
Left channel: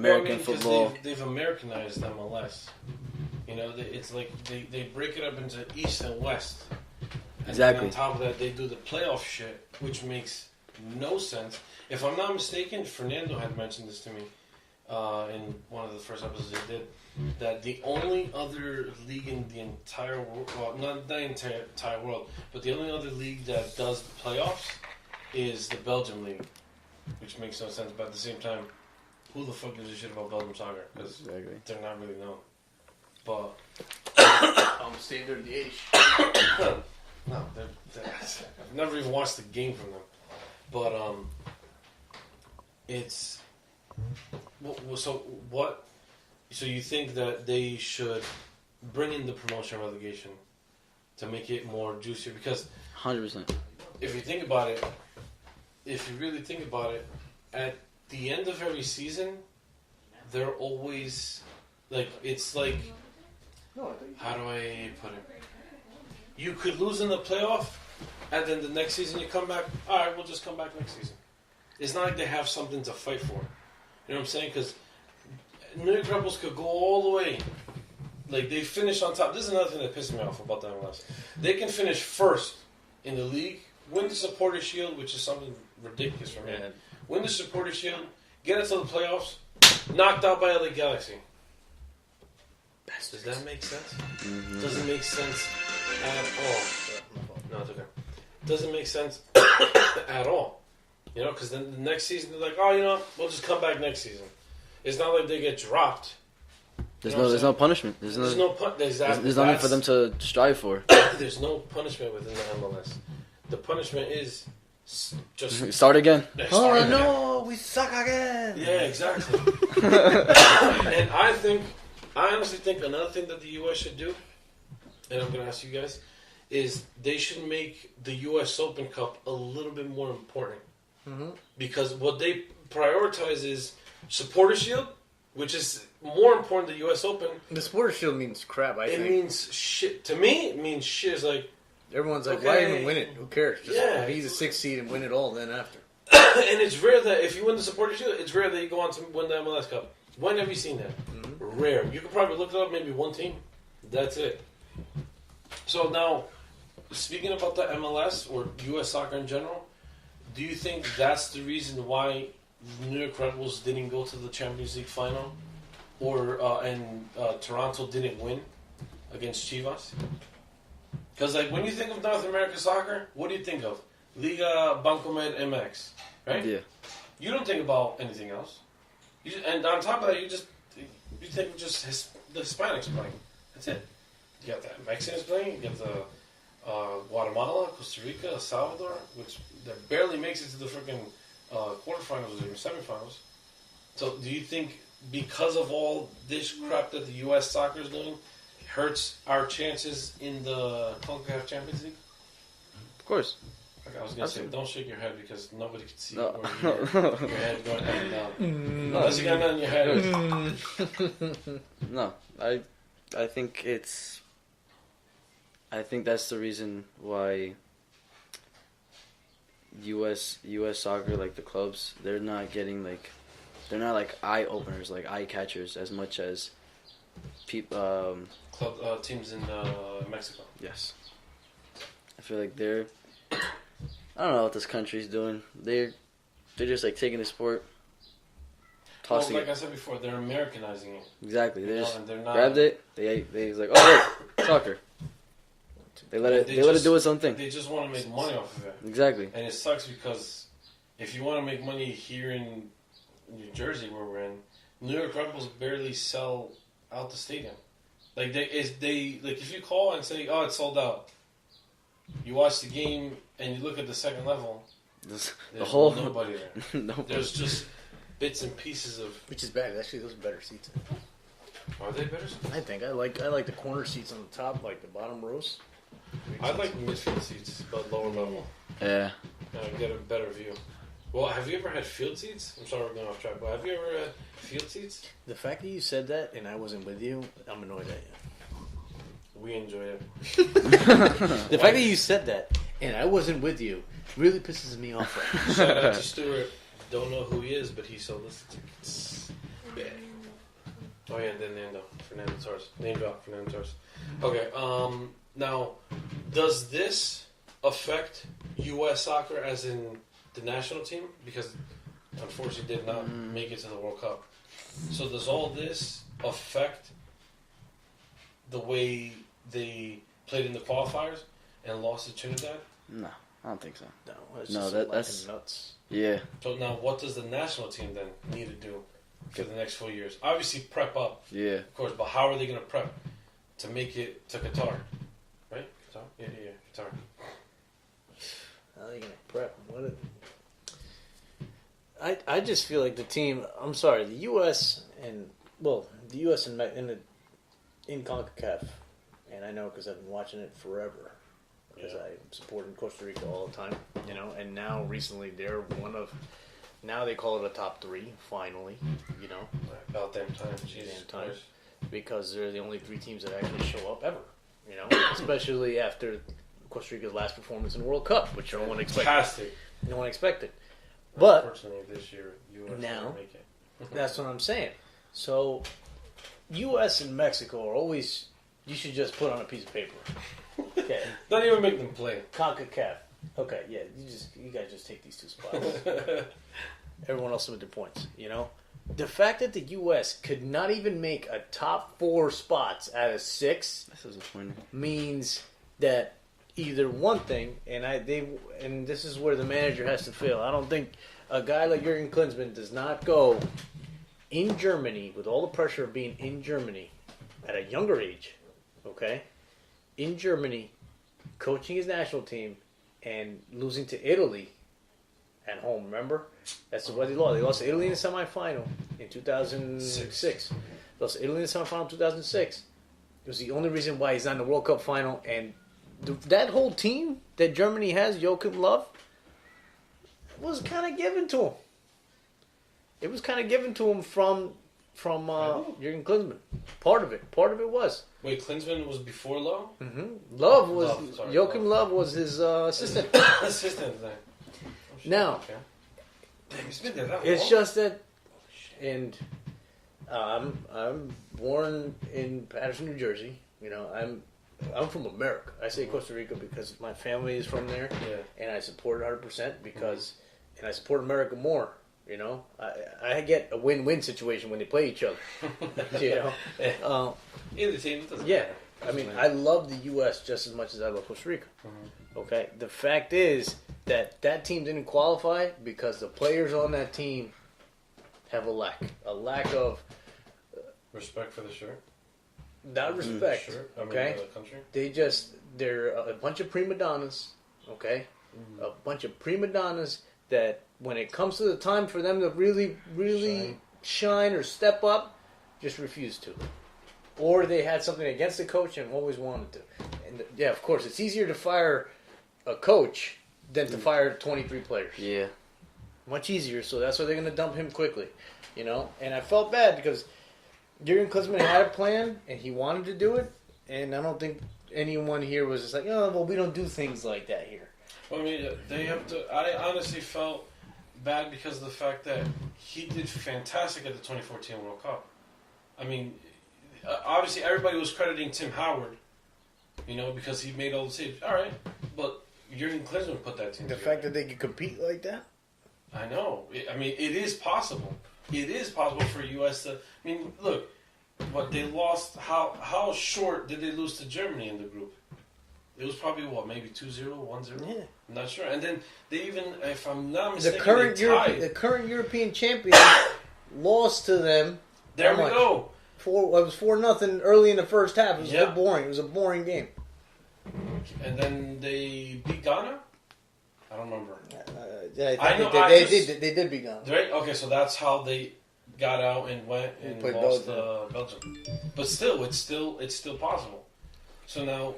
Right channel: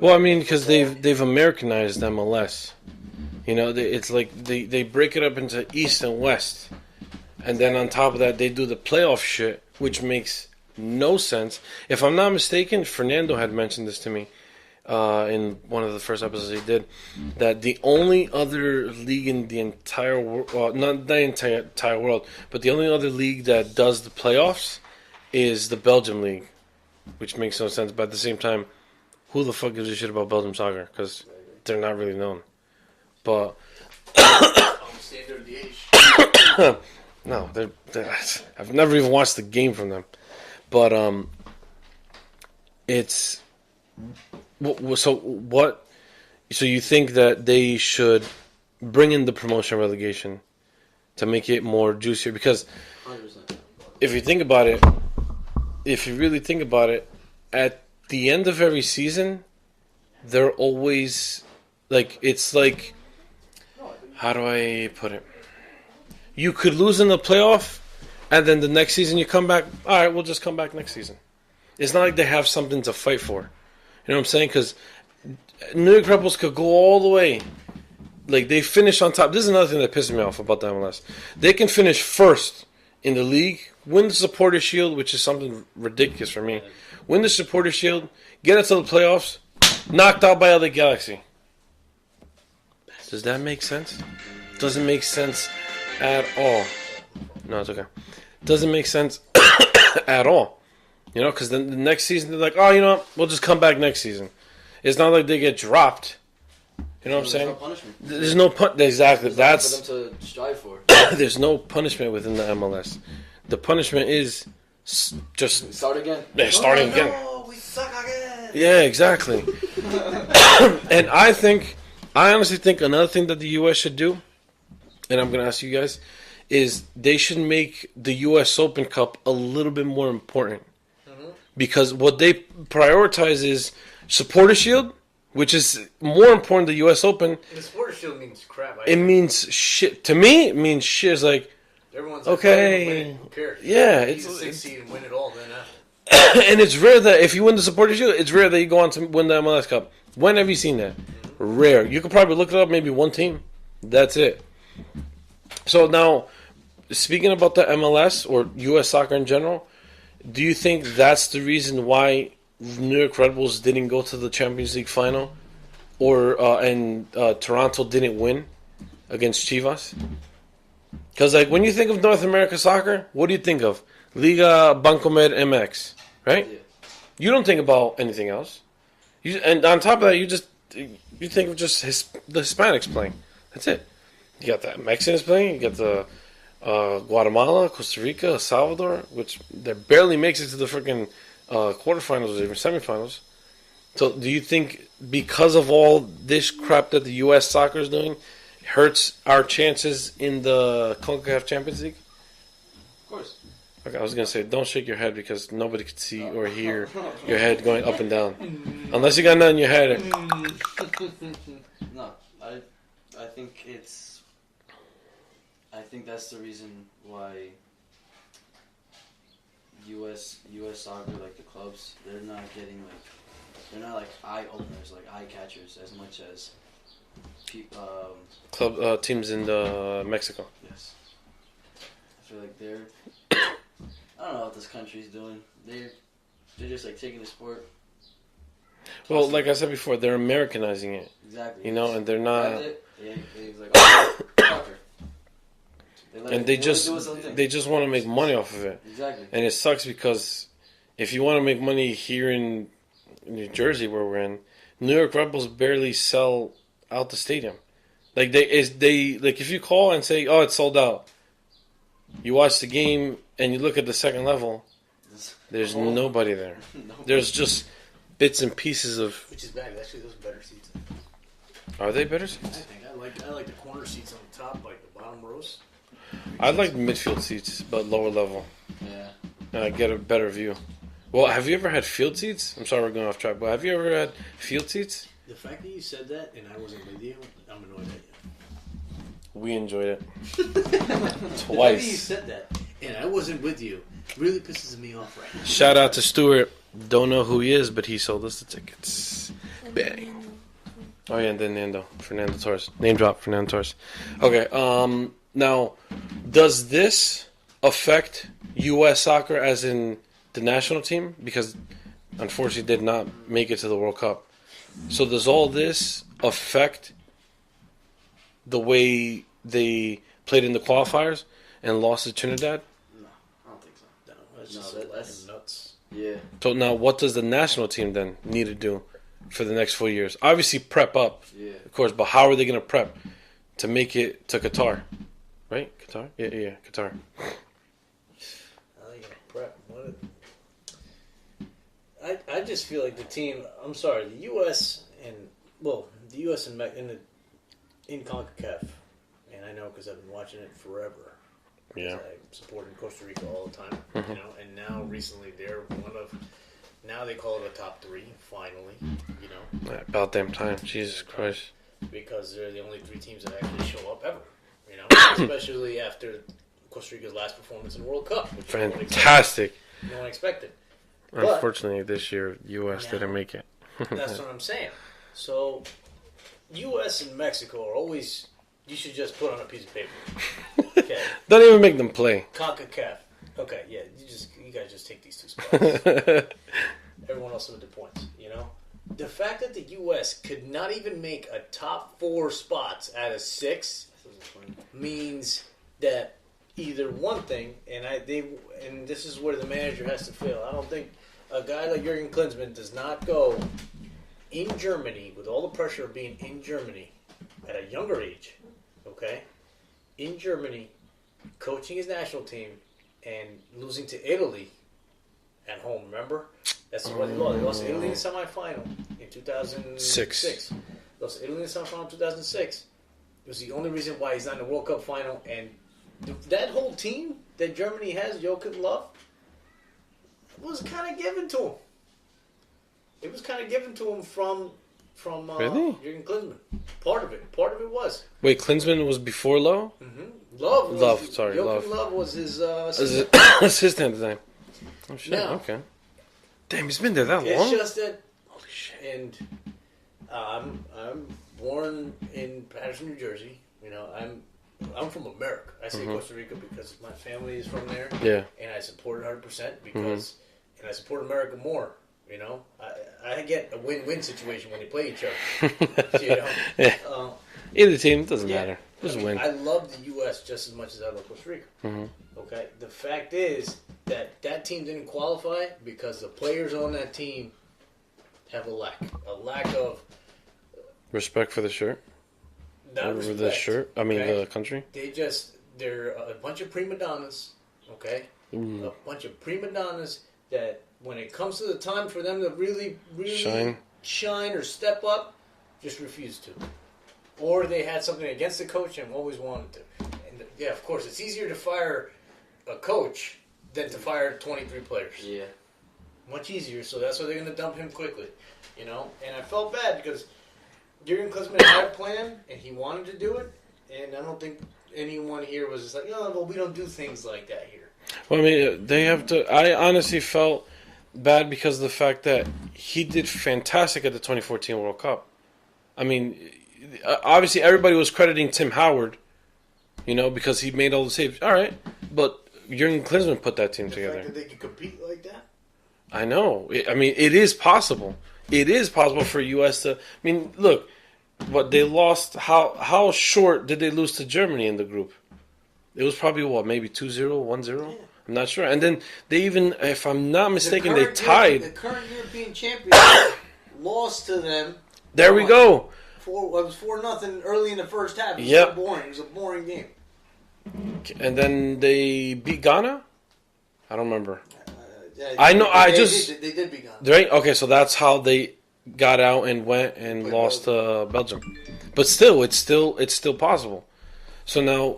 Well, I mean, because football. they've Americanized MLS. You know, it's like they break it up into East and West, and then on top of that, they do the playoff shit, which makes no sense. If I'm not mistaken, Fernando had mentioned this to me in one of the first episodes he did, that the only other league in the entire world, well, not the entire world, but the only other league that does the playoffs is the Belgium league, which makes no sense. But at the same time, who the fuck gives a shit about Belgium soccer? Because they're not really known. But Standard the no, I've never even watched the game from them. But it's so what? So you think that they should bring in the promotion relegation to make it more juicier? Because 100%. if you think about it, if you really think about it, at the end of every season, they're always like, it's like, how do I put it? You could lose in the playoff, and then the next season you come back. All right, we'll just come back next season. It's not like they have something to fight for. You know what I'm saying? Because New York Red Bulls could go all the way. Like, they finish on top. This is another thing that pisses me off about the MLS. They can finish first in the league, win the Supporters' Shield, which is something ridiculous for me. Win the Supporters' Shield, get it to the playoffs, knocked out by LA Galaxy. Does that make sense? Mm-hmm. Doesn't make sense at all. No, it's okay. Doesn't make sense at all. You know, because then the next season they're like, oh, you know what? We'll just come back next season. It's not like they get dropped. You know what I'm saying? There's no punishment. There's no exactly. There's nothing for them to strive for. There's no punishment within the MLS. The punishment is just start again. Yeah, start again. No, we suck again. Yeah, exactly. And I honestly think another thing that the U.S. should do, and I'm going to ask you guys, is they should make the U.S. Open Cup a little bit more important. Mm-hmm. Because what they prioritize is Supporters' Shield, which is more important than the U.S. Open. The Supporters' Shield means crap. It means shit. To me, it means shit. It's like, everyone's like, okay, win it. Who cares? Yeah. He's a 6 seed and win it all then after. And it's rare that if you win the Supporters' Shield, it's rare that you go on to win the MLS Cup. When have you seen that? Mm-hmm. Rare. You could probably look it up, maybe one team. That's it. So now, speaking about the MLS or U.S. soccer in general, do you think that's the reason why New York Red Bulls didn't go to the Champions League final, or and Toronto didn't win against Chivas? Because like when you think of North America soccer, what do you think of? Liga Bancomer MX, right? Yeah. You don't think about anything else. And on top of that, you think of just the Hispanics playing. That's it. You got the Mexicans playing. You got the Guatemala, Costa Rica, El Salvador, which that barely makes it to the freaking quarterfinals or even semifinals. So do you think because of all this crap that the U.S. soccer is doing, hurts our chances in the CONCACAF Champions League? Of course. Okay, I was going to say, don't shake your head because nobody can see or hear your head going up and down. Unless you got nothing in your head. No, I think that's the reason why U.S. soccer, like the clubs, they're not like eye openers, like eye catchers as much as club teams in Mexico. Yes, I feel like they're. I don't know what this country's doing. They're just like taking the sport. Well, like I said before, they're Americanizing it. Exactly. You know, and they're not. Grabbed it. They was like, oh, soccer. They let it do its own thing. They just want to make money off of it. Exactly. And it sucks because if you want to make money here in New Jersey, where we're in, New York Red Bulls barely sell out the stadium. Like they if you call and say, oh, it's sold out. You watch the game and you look at the second level. There's nobody there. Nobody. There's just bits and pieces of. Which is bad. Actually, those are better seats. Are they better seats? I think I like the corner seats on the top, like the bottom rows. I like midfield seats, but lower level. Yeah. And I get a better view. Well, have you ever had field seats? I'm sorry we're going off track, but have you ever had field seats? The fact that you said that and I wasn't with you, I'm annoyed at you. We enjoyed it. The fact that you said that, and I wasn't with you, really pisses me off. Right? Shout out to Stuart. Don't know who he is, but he sold us the tickets. Bang. Oh yeah, and then Fernando Torres. Name drop, Fernando Torres. Okay. Now, does this affect U.S. soccer as in the national team? Because unfortunately, did not make it to the World Cup. So does all this affect the way they played in the qualifiers and lost to Trinidad? No, I don't think so. No, That's nuts. Yeah. So now, what does the national team then need to do for the next 4 years? Obviously, prep up, of course. But how are they going to prep to make it to Qatar? Right, Qatar. Yeah, Qatar. How are they going to prep? I just feel like the team. I'm sorry, the U.S. and in CONCACAF, and I know because I've been watching it forever. Yeah, I'm supporting Costa Rica all the time, and now recently they're now they call it a top three, finally, About damn time, Jesus Christ. Because they're the only three teams that actually show up ever, especially after Costa Rica's last performance in the World Cup, which fantastic. No one expected. But unfortunately, this year, U.S. didn't make it. That's what I'm saying. So, U.S. and Mexico are always. You should just put on a piece of paper. Okay. Don't even make them play. CONCACAF. Okay, yeah. You guys just take these two spots. Everyone else with their points. The fact that the U.S. could not even make a top 4 spots out of 6 means that either one thing, and this is where the manager has to fail. I don't think a guy like Jurgen Klinsmann does not go in Germany with all the pressure of being in Germany at a younger age. Okay, in Germany, coaching his national team and losing to Italy at home. Remember, that's what they lost. They lost to Italy in the semifinal in 2006. Lost to Italy in the semifinal in 2006. It was the only reason why he's not in the World Cup final. And that whole team that Germany has, Joachim Löw, was kind of given to him. It was kind of given to him from really? Jurgen Klinsmann. Part of it was. Wait, Klinsmann was before Löw? Mm-hmm. Joachim Löw was his assistant. Assistant design. Oh shit! Now, okay. Damn, he's been there that long. It's just that. Holy shit! And I'm born in Patterson, New Jersey. I'm from America. I say Costa Rica because my family is from there. Yeah. And I support it 100% because, and I support America more. I get a win-win situation when they play each other. Either team, it doesn't matter. I love the U.S. just as much as I love Costa Rica. Okay, the fact is that team didn't qualify because the players on that team have a lack of respect for the shirt. Not respect. The shirt. I mean, the country. They're a bunch of prima donnas. Okay, a bunch of prima donnas that when it comes to the time for them to really shine or step up, just refuse to. Or they had something against the coach and always wanted to. And yeah, of course, it's easier to fire a coach than to fire 23 players. Yeah. Much easier, so that's why they're going to dump him quickly. And I felt bad because Jurgen Klinsmann had a plan and he wanted to do it, and I don't think anyone here was just like, oh, well, we don't do things like that here. Well, I mean, they have to. I honestly felt bad because of the fact that he did fantastic at the 2014 World Cup. I mean, obviously everybody was crediting Tim Howard, because he made all the saves. All right, but Jurgen Klinsmann put that team together. The fact that they could compete like that? I know. I mean, it is possible. It is possible for U.S. to. I mean, look, what they lost. How short did they lose to Germany in the group? It was probably, maybe 2-0, 1-0? Yeah. I'm not sure. And then they even, if I'm not mistaken, they tied. The current European champions lost to them. There we go. It was 4-0 early in the first half. It was so boring. It was a boring game. And then they beat Ghana? I don't remember. I know. They did beat Ghana. Right? Okay, so that's how they got out and went and lost to Belgium. But still, it's still possible. So now,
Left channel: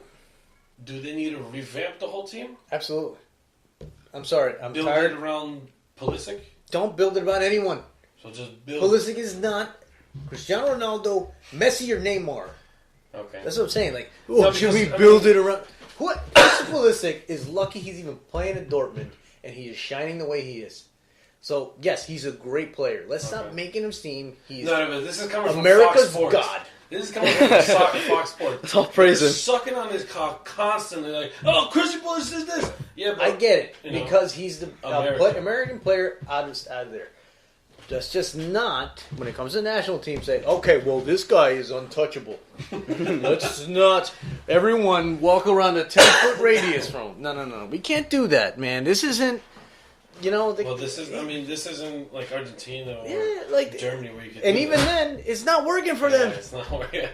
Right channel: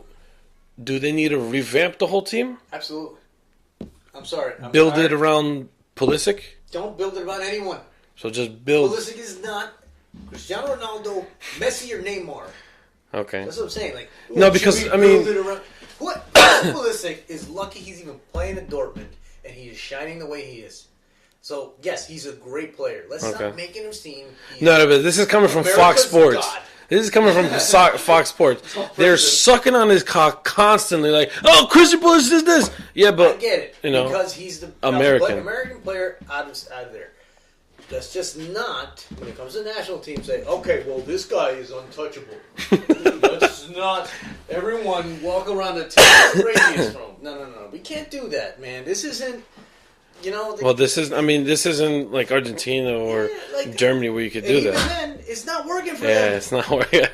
do they need to revamp the whole team? Absolutely. I'm sorry. Build it around Pulisic? Don't build it around anyone. So just build. Pulisic is not Cristiano Ronaldo, Messi, or Neymar. Okay. That's what I'm saying. Like, ooh, No, because, should we I build mean- it around? What Pulisic is lucky he's even playing in Dortmund and he is shining the way he is. So yes, he's a great player. Let's stop making him seem. No, but this is coming from America's Fox Sports. God. This is coming from Fox Sports. They're sucking on his cock constantly, like, "Oh, Christian Pulisic is this." Yeah, but I get it because he's the American player out of there. That's just not when it comes to the national team. Say, okay, well, this guy is untouchable. Let's not everyone walk around the 10-foot radius from. No. We can't do that, man. This isn't. This isn't like Argentina or Germany where you could do that. And even then, it's not working for them. Yeah, it's not working.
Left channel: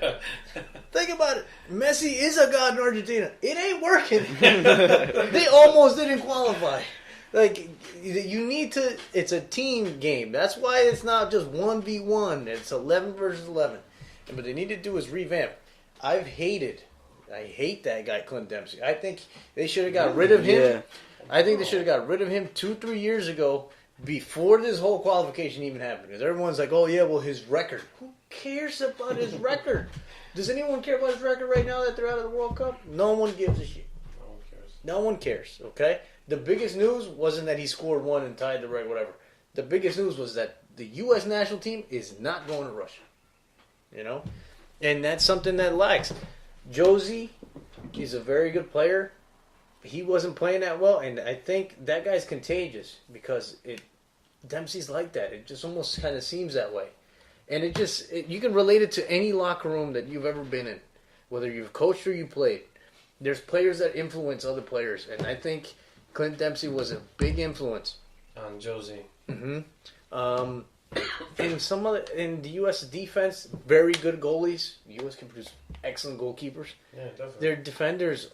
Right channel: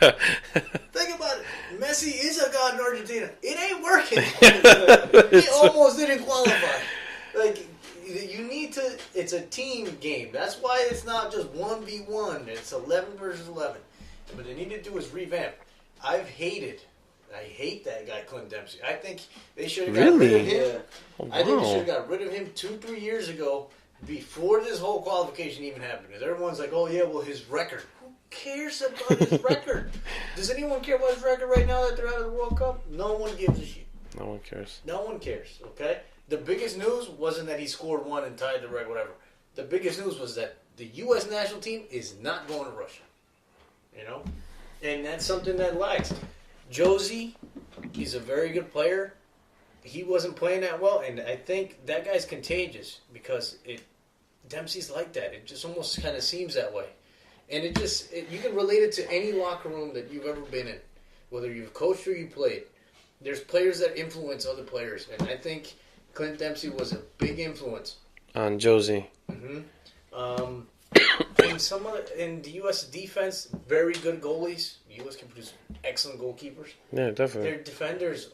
Think about it. Messi is a god in Argentina. It ain't working. They almost didn't qualify. Like, you need to... It's a team game. That's why it's not just 1v1. It's 11 versus 11. And what they need to do is revamp. I hate that guy, Clint Dempsey. I think they should have got rid of him. Yeah. I think they should have got rid of him 2-3 years ago before this whole qualification even happened. Because everyone's like, oh, yeah, well, his record. Who cares about his record? Does anyone care about his record right now that they're out of the World Cup? No one gives a shit. No one cares. No one cares, okay? The biggest news wasn't that he scored one and tied the record, whatever. The biggest news was that the U.S. national team is not going to Russia. And that's something that lacks. Josie, he's a very good player. He wasn't playing that well, and I think that guy's contagious because Dempsey's like that. It just almost kind of seems that way. And you can relate it to any locker room that you've ever been in, whether you've coached or you played. There's players that influence other players, and I think Clint Dempsey was a big influence on Josie. Mm-hmm. In the U.S. defense, very good goalies. The U.S. can produce excellent goalkeepers. Yeah, definitely. Their defenders,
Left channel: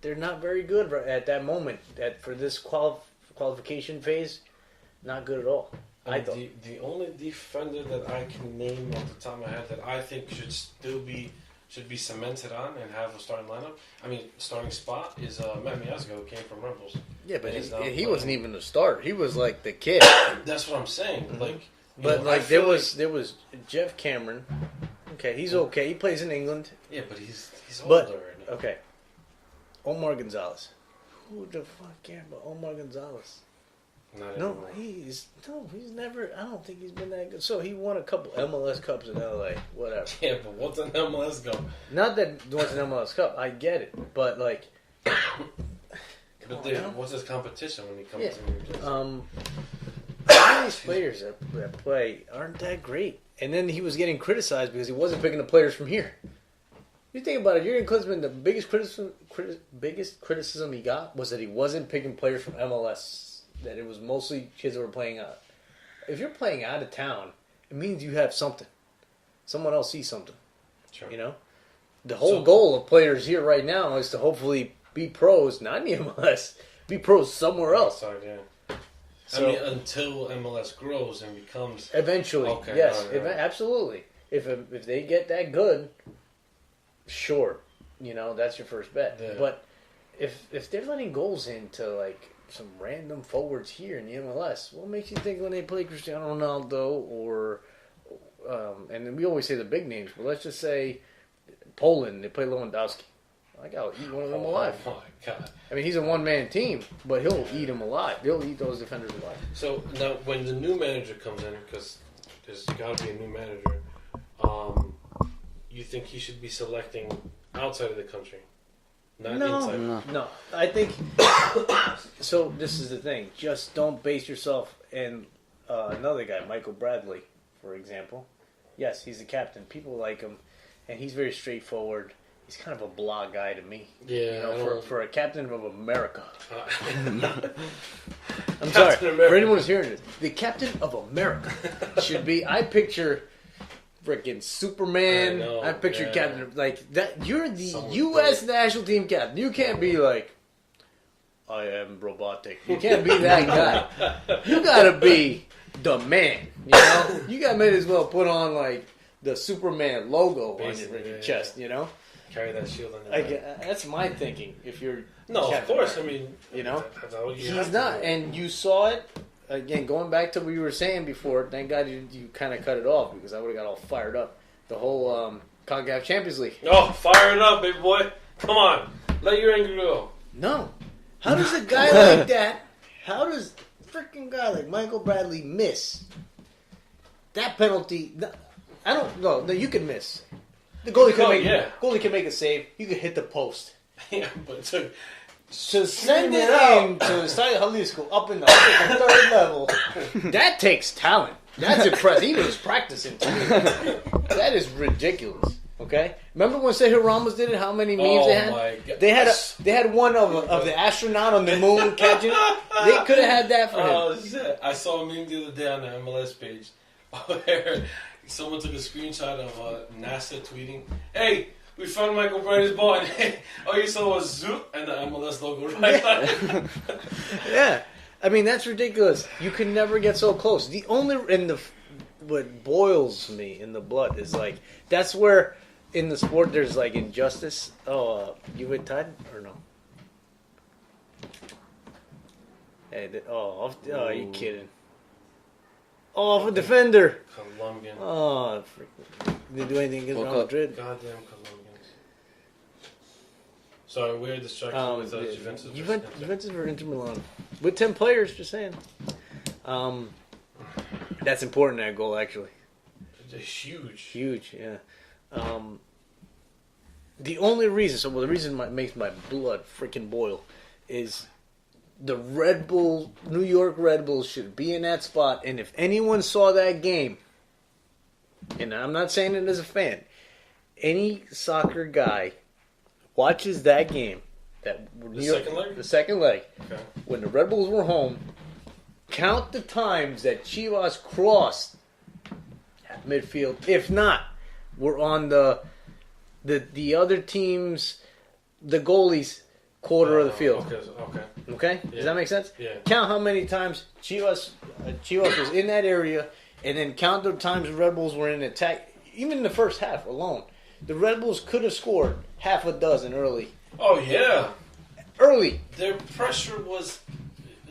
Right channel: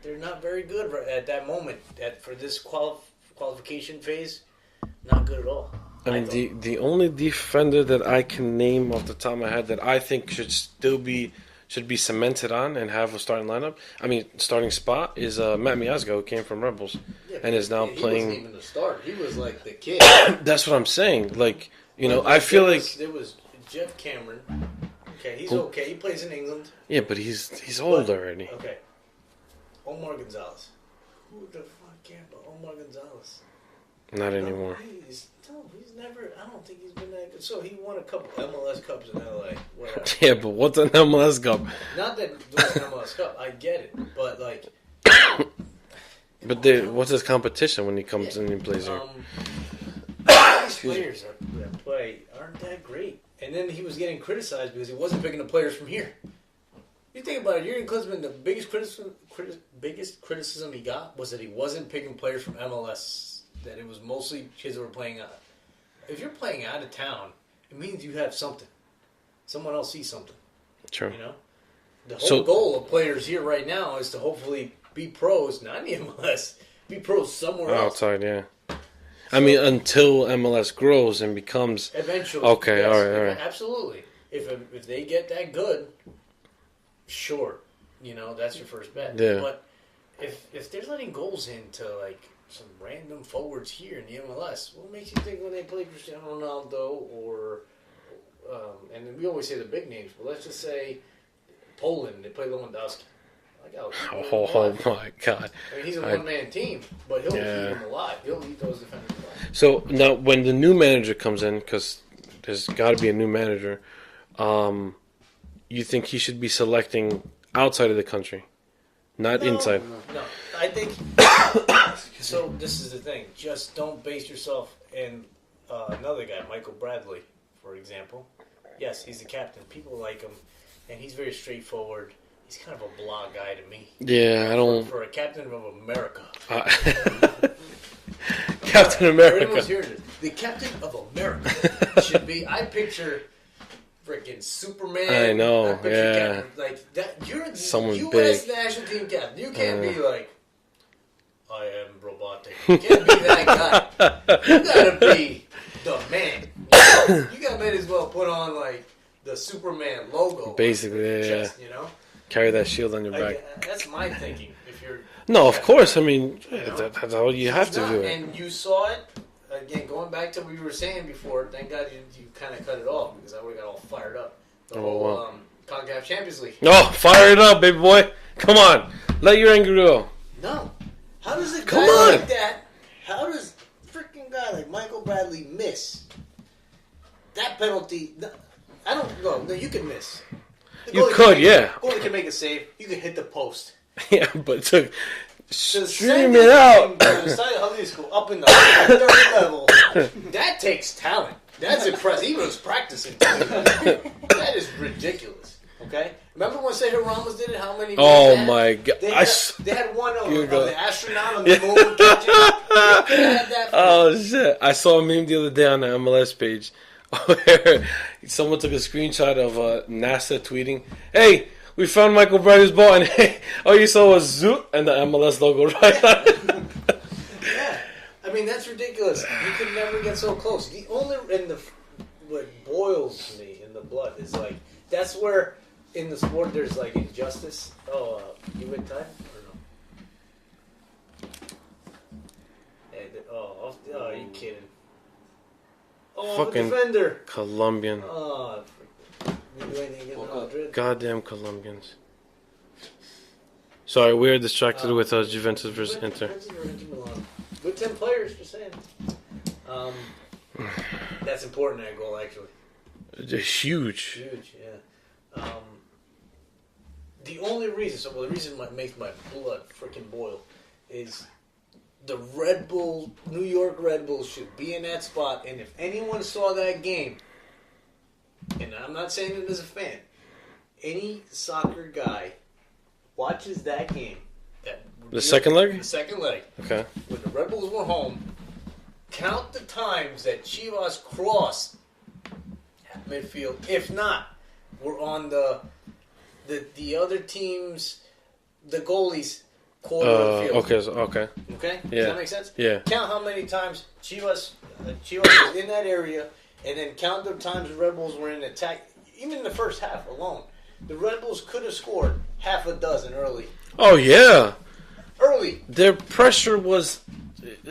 they're not very good at that moment. For this qualification phase, not good at all. I mean, the only defender that I can name off the top of my head that I think should be cemented on and have a starting lineup. I mean, starting spot is Matt Miazga, who came from Rebels, and is now playing. He wasn't even the starter. He was like the kid. That's what I'm saying. Like, I feel like there was Jeff Cameron. Okay, he's okay. He plays in England. Yeah, but he's old already. Okay. Omar Gonzalez. Who the fuck cares about Omar Gonzalez? Not anymore. He's never. I don't think he's been that good. So he won a couple MLS Cups in LA. Whatever. Yeah, but what's an MLS Cup? Not that it was an MLS Cup. I get it, but like. What's his competition when he comes in and plays here? These players that play aren't that great, and then he was getting criticized because he wasn't picking the players from here. You think about it, Jurgen Klinsmann, the biggest criticism he got was that he wasn't picking players from MLS. That it was mostly kids that were playing out. If you're playing out of town, it means you have something. Someone else sees something. True. The whole goal of players here right now is to hopefully be pros, not in the MLS, be pros somewhere else. Outside, yeah. I mean, until MLS grows and becomes eventually. Okay, yes, all right. Absolutely. If they get that good, sure, that's your first bet. Yeah. But if they're letting goals into like some random forwards here in the MLS, what makes you think when they play Cristiano Ronaldo or and then we always say the big names, but let's just say Poland, they play Lewandowski. Oh my God! I mean, he's a one-man team, but he'll eat them alive. He'll eat those defenders alive. So now, when the new manager comes in, because there's got to be a new manager, you think he should be selecting outside of the country, not inside? No, I think. So this is the thing. Just don't base yourself in another guy, Michael Bradley, for example. Yes, he's the captain. People like him, and he's very straightforward. He's kind of a blah guy to me. Yeah, I don't. For a captain of America. Captain America. For anyone's hearing this, the captain of America should be. I picture freaking Superman. I know. I picture Captain like that. You're the Someone U.S. big. national team captain. You can't be like, I am robotic. You can't be that guy. You gotta be the man. You might as well put on like the Superman logo, basically, on your chest. Carry that shield on your back. That's my thinking. If you're of course. I mean, that's how you have to do it. And you saw it again. Going back to what you were saying before. Thank God you kind of cut it off because I would have got all fired up. The whole CONCACAF Champions League. Oh, fire it up, baby boy. Come on. Let your anger go. No. How does a guy like that, how does a freaking guy like Michael Bradley miss that penalty? I don't know. No, you can miss. The You could, yeah. Goalie can make a save. You can hit the post. Yeah, but it took... To Stream send it it out. out. To start High School up in the third level. That takes talent. That's impressive. He was practicing. That is ridiculous. Okay? Remember when Sergio Ramos did it? How many games Oh, they had? my God. They had one of the astronaut on the moon catching it. They could have had that for him. Oh, shit. I saw a meme the other day on the MLS page where someone took a screenshot of NASA tweeting, "Hey, we found Michael Bradley's ball," and hey, all you saw was zoot and the MLS logo right there. Yeah. I mean, that's ridiculous. You can never get so close. The only what boils me in the blood is like that's where in the sport there's like injustice. Oh, you went time or no? Hey, are you kidding? Oh, the Fucking defender. Colombian. Oh, didn't do anything against Real Madrid. Goddamn Colombians. Sorry, we are distracted with Juventus versus Inter. Juventus versus Inter Milan. With 10 players, just saying. That's important, that goal, actually. Huge. Huge, yeah. The only reason, the reason that makes my blood freaking boil is the Red Bull, New York Red Bulls should be in that spot, and if anyone saw that game, and I'm not saying it as a fan, any soccer guy watches that game, The second leg? The second leg. Okay. When the Red Bulls were home, count the times that Chivas crossed at midfield. If not, we're on the other team's, the goalie's quarter of the field. Okay. Okay? Yeah. Does that make sense? Yeah. Count how many times Chivas was in that area, and then count the times the Red Bulls were in attack. Even in the first half alone, the Red Bulls could have scored half a dozen early. Oh, yeah. Early. Their pressure was